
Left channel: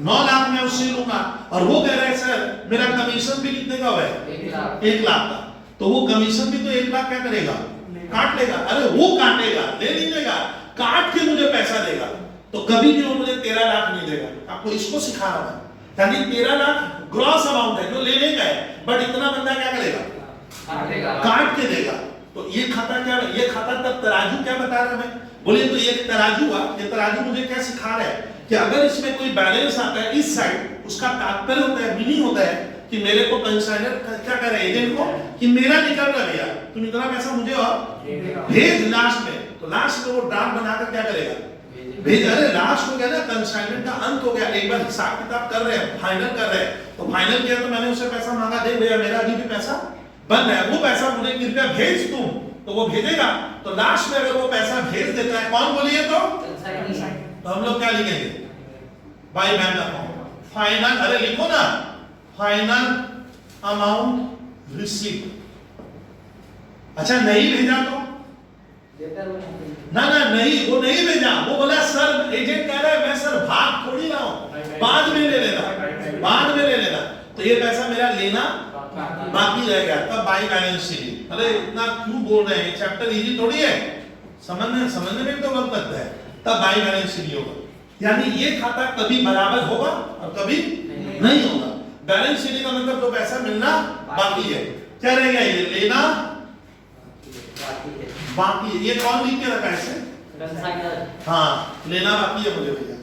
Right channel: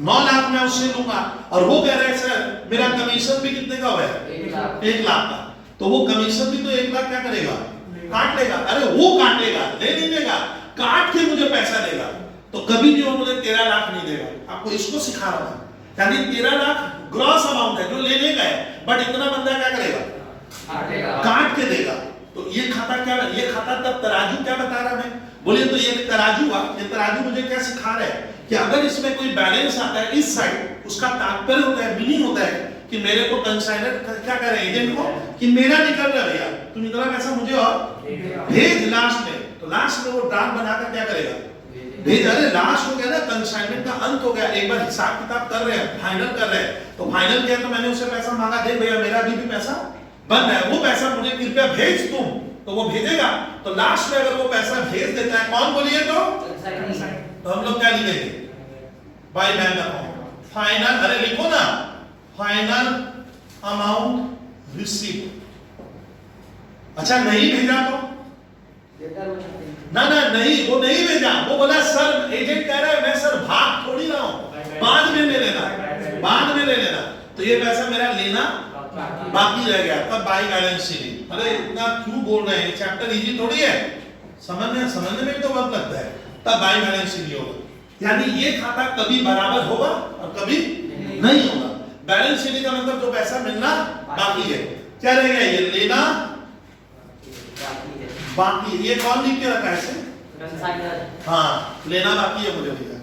9 लाख मैं उससे लूंगा, और वो कह रहा है सर मेरा कमीशन भी कितने का हुआ है 1 लाख का, तो वो कमीशन भी तो 1 लाख क्या करेगा, काट लेगा, अरे वो काटेगा, ले नहीं देगा, काट के मुझे पैसा देगा, तो कभी भी वो मुझे 13 लाख नहीं देगा। आपको इसको सिखा रहा हूं, यानी 13 लाख ग्रॉस अमाउंट है जो लेने का है, बट इतना बंदा क्या करेगा, काट के देगा। तो ये खाता क्या, ये खाता तब तराजू क्या बता रहा है मैं, बोलिए तो ये तराजू हुआ, ये तराजू मुझे क्या सिखा रहा है कि अगर इसमें कोई बैलेंस आता है इस साइड, उसका तात्पर्य होता है, मीनिंग होता है कि मेरे को कंसाइनर क्या कह रहा है एजेंट को कि मेरा निकल रहा भैया, तुम इतना पैसा मुझे और भेज लास्ट में, तो लास्ट में वो ड्राफ्ट बनाकर क्या करेगा, भेज। अरे लास्ट हो गया ना, कंसाइनमेंट का अंत हो गया, एक बार हिसाब किताब कर रहे हैं, फाइनल कर रहे हैं, तो फाइनल किया तो मैंने उसे पैसा मांगा, दे भैया मेरा अभी भी पैसा बंद है, वो पैसा मुझे कृपया भेज तुम, तो वो भेजेगा, तो लास्ट में अगर वो पैसा भेज देता है, कौन बोलिए तो हम लोग क्या लिखेंगे, बाय बैंक अकाउंट फाइनल, अरे लिखो ना फाइनल अमाउंट रिसीव्ड। अच्छा नहीं भेजा तो ना नहीं, वो नहीं भेजा, वो बोला सर, एजेंट कह रहा है मैं सर भाग थोड़ी रहा हूं, बाद में ले लेना, तो ये पैसा मेरा लेना बाकी रह गया, तब बाई बैलेंस शीट। अरे इतना क्यों बोल रहे हैं, चैप्टर इजी थोड़ी है, समझने में भी तो वक्त लगता है, तब बाई बैलेंस शीट होगा, यानी ये खाता कभी बराबर होगा और कभी नहीं होगा। बैलेंस शीट का मतलब जो पैसा मिलना बाकी है, क्या रह गया, ये लेना बाकी है, ये कौन लिख के रखा है इसे, हाँ लेना बाकी है मुझे भैया,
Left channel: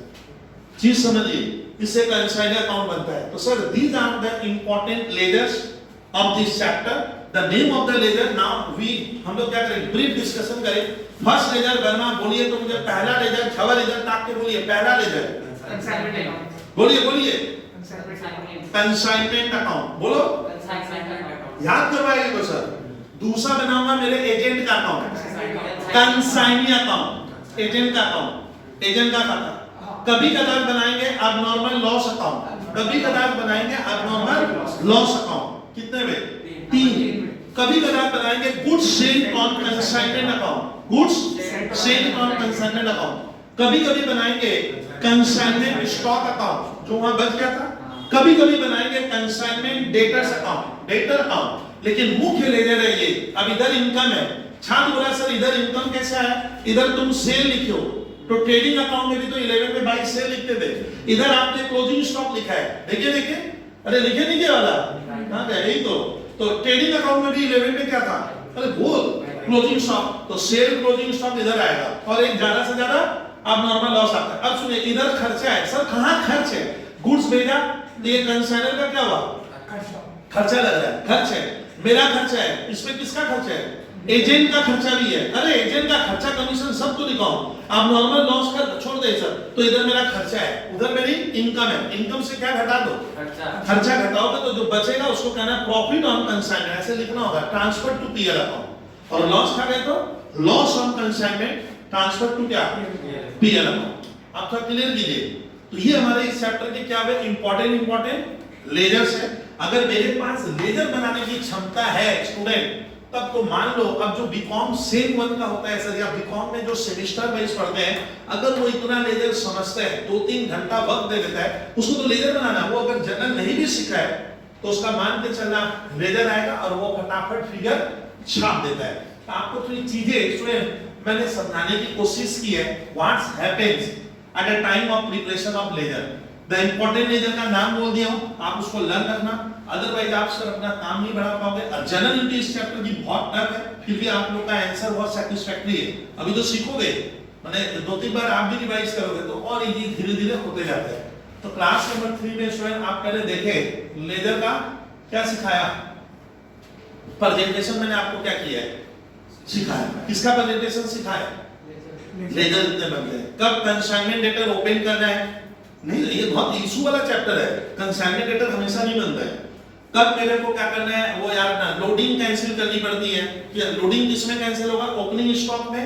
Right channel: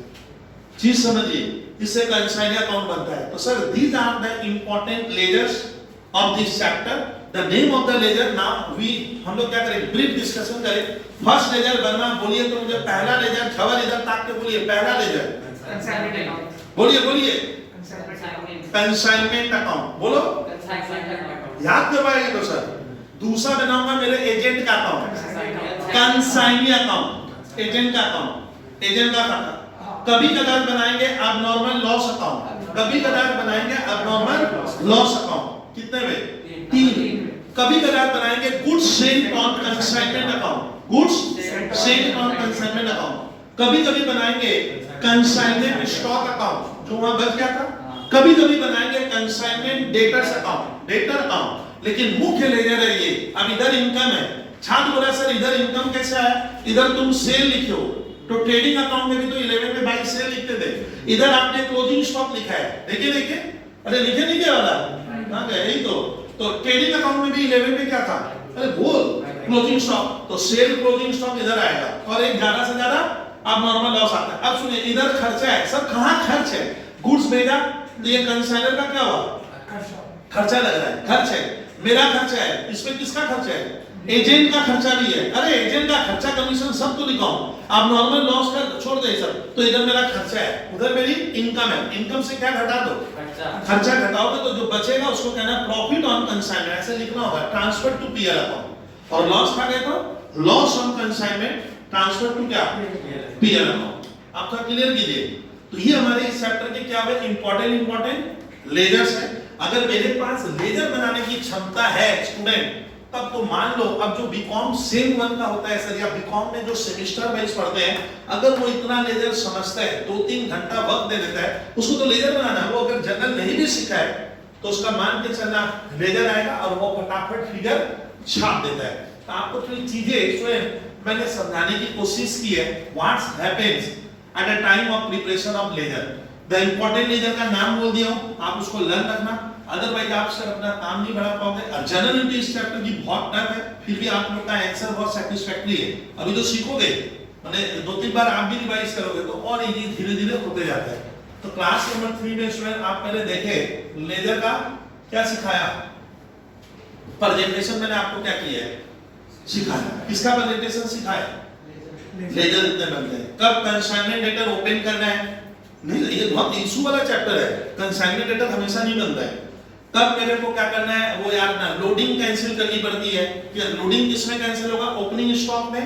चीज समझिए, इससे कंसाइनर अकाउंट बनता है। तो sir these are the important ledgers of this chapter, the name of the ledger, now we हम लोग क्या करेंगे, ब्रीफ डिस्कशन करें। फर्स्ट लेजर बनवा, बोलिए तो मुझे पहला लेजर, खबर इधर ताक के बोलिए, पहला लेजर बोलिए कंसाइनमेंट अकाउंट, बोलो याद करवाएंगे तो सर। दूसरा बनाऊंगा मेरे एजेंट का अकाउंट, कंसाइनी अकाउंट, एजेंट का अकाउंट, एजेंट का खाता। कभी कदार बनाएंगे अब नॉर्मल लॉस अकाउंट, कभी कदार बनाएंगे अब नॉर्मल लॉस अकाउंट, कितने में 3। कभी कदार बनाएंगे goods sailed on consignment account, goods sailed on consignment account. कभी कभी बनाएंगे कंसाइनमेंट स्टॉक अकाउंट जो वहां बच गया था, कभी कभी बनाएंगे consignment debtors account, debtor account. लेकिन मुख्य लेजर है ये। अब इधर इनकम है, छात्र बोला सर इधर इनकम कैसे आया, इधर तुम सेल लिखे हो, तो ट्रेडिंग अकाउंट में भी तो 11 में बाई सेल लिखते थे, इधर आपने क्लोजिंग स्टॉक लिखा है, देखिए देखिए, अरे लिखे नहीं क्या वाला, हाँ यही तो ट्रेडिंग अकाउंट में भी 11 में क्या था, अरे बोल क्लोजिंग स्टॉक, तो सेल क्लोजिंग स्टॉक इधर आएगा और एक ज्यादा से ज्यादा अब नॉर्मल लॉस आता है। अब सुनिए इधर खर्चा है, सर कहाँ खर्च है, गुड्स भेजा तो ये कंसाइनर का क्या हुआ, खर्चा लग रहा है, खर्च है, मेरा खर्चा है, इसमें किसका खर्चा है, एजेंट का खर्चा भी है, अरे एजेंट का खर्चा कमीशन सब तो लिखाऊं, आप नॉर्मल लॉस का छोड़ दे सर, तो इधर मेरा खर्चा है, उधर मेरी इनकम है, इनकम से क्या घटा दो, खर्चा घटाओगे तो जो बचेगा उसको कहना प्रॉफिट ऑन कंसाइनमेंट, ऐसे लिखना होगा, ट्रांसफर टू पीएल अकाउंट, और लॉस खा गए तो loss on consignment transfer to क्या, पीएल अकाउंट। आपका क्लियर कीजिए। तो ये हमारे इस चैप्टर के क्या है, इंपॉर्टेंट लेजर्स है। अगर मेरे पास लेजर बनाने की क्षमता है स्टूडेंट, तब तो मान लो अब जो बीकॉम सेम 1 का होता है सर, या बीकॉम में जो सेमेस्टर वाइज पढ़ते हैं, अगर वो इतना लेजर समझता है, 2-3 घंटा वक्त दे देता है, उसको तो लेजर बनाना, वो अगर जनरल नहीं भी सीखा है तो उसका मान के चलना लेजर आएगा और वो फटाफट फिगर छाप देता है। तो आपको थोड़ी चीजें स्टूडेंट मैंने समझाने की कोशिश की है, what's happens at a time of preparation of ledger. The important ledger का नाम बोल दिया हूं, आप उसको लर्न रखना, अदरवाइज आप सर अपना काम नहीं बढ़ा पाओगे। अब जनरल इंग्लिश इस चैप्टर की बहुत टफ है, फिर भी आप लोग का आंसर बहुत सैटिस्फैक्टरी है। अभी तो सीखोगे, माने 2-3 बार आप भी रिवाइज करोगे तो और इजी धीरे-धीरे होते जाता है। तो क्लास नंबर 3 में स्टूडेंट आप पहले देखे लेजर का क्या सिखाया, प्रेजेंटेशन मैंने आपको क्या किया है, सिखाया, किसका प्रेजेंटेशन सिखाया, लेजर इतने बनते हैं। कब कंसाइनमेंट लेटर ओपन करना है, नहीं ये बहुत इशू वाला चैप्टर है, कंसाइनमेंट लेटर हमेशा नहीं बनता है। तब मेरे को क्या करना है वो यार ना, लोडिंग कैंसिल करनी पड़ती है, कि लोडिंग किसमें कैंसिल होगा, ओपनिंग स्टॉक में,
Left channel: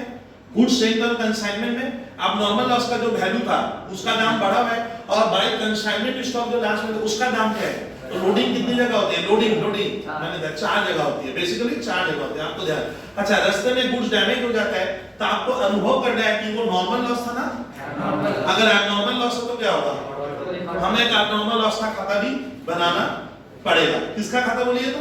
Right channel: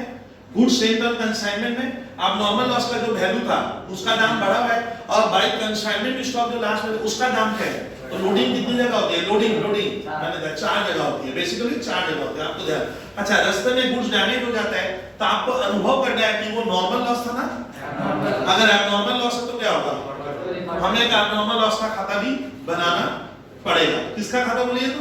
गुड्स सेंट्रल कंसाइनमेंट में। अब नॉर्मल लॉस का जो वैल्यू था उसका दाम बढ़ा हुआ है, और बाय कंसाइनमेंट स्टॉक जो लास्ट में उसका दाम क्या है। तो लोडिंग कितनी जगह होती है, लोडिंग मैंने 4 जगह होती है, बेसिकली 4 जगह होती है, आपको ध्यान। अच्छा रास्ते में गुड्स डैमेज हो जाता है तो आपको अनुभव करना है कि वो नॉर्मल लॉस था ना, अगर एबनॉर्मल लॉस है तो क्या होगा, हमें एक एबनॉर्मल लॉस का खाता भी बनाना पड़ेगा। किसका खाता बोलिए तो,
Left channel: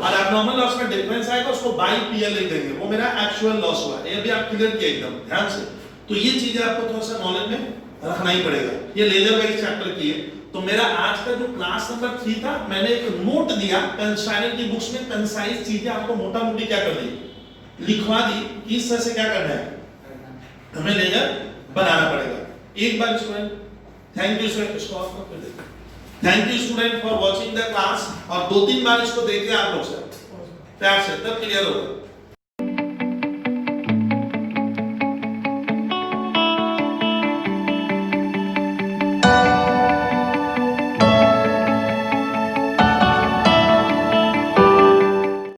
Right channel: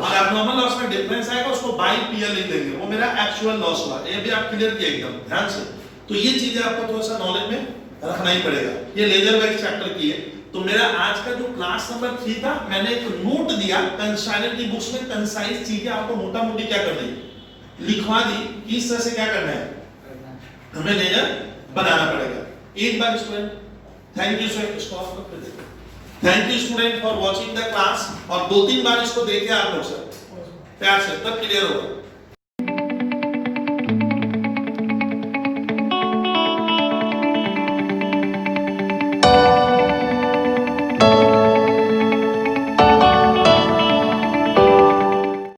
और एबनॉर्मल लॉस में डिफरेंस आएगा, उसको बाय पीएल लिख देंगे, वो मेरा एक्चुअल लॉस हुआ। ये भी आप क्लियर किए एकदम ध्यान से। तो ये चीजें आपको थोड़ा सा नॉलेज में रखना ही पड़ेगा। ये लेजर वाइज चैप्टर की है। तो मेरा आज का जो क्लास नंबर 3 था, मैंने एक नोट दिया कंसाइनर की बुक्स में, कंसाइज चीजें आपको मोटा मोटी क्या कर दी, लिखवा दी, किस तरह से क्या करना है, हमें लेजर बनाना पड़ेगा। एक बार स्टूडेंट थैंक यू सर, इसको ऑफ कर दीजिए। Thank you student for watching the class, और 2-3 बार इसको देखिए आप लोग सर प्यार से, तब क्लियर होगा।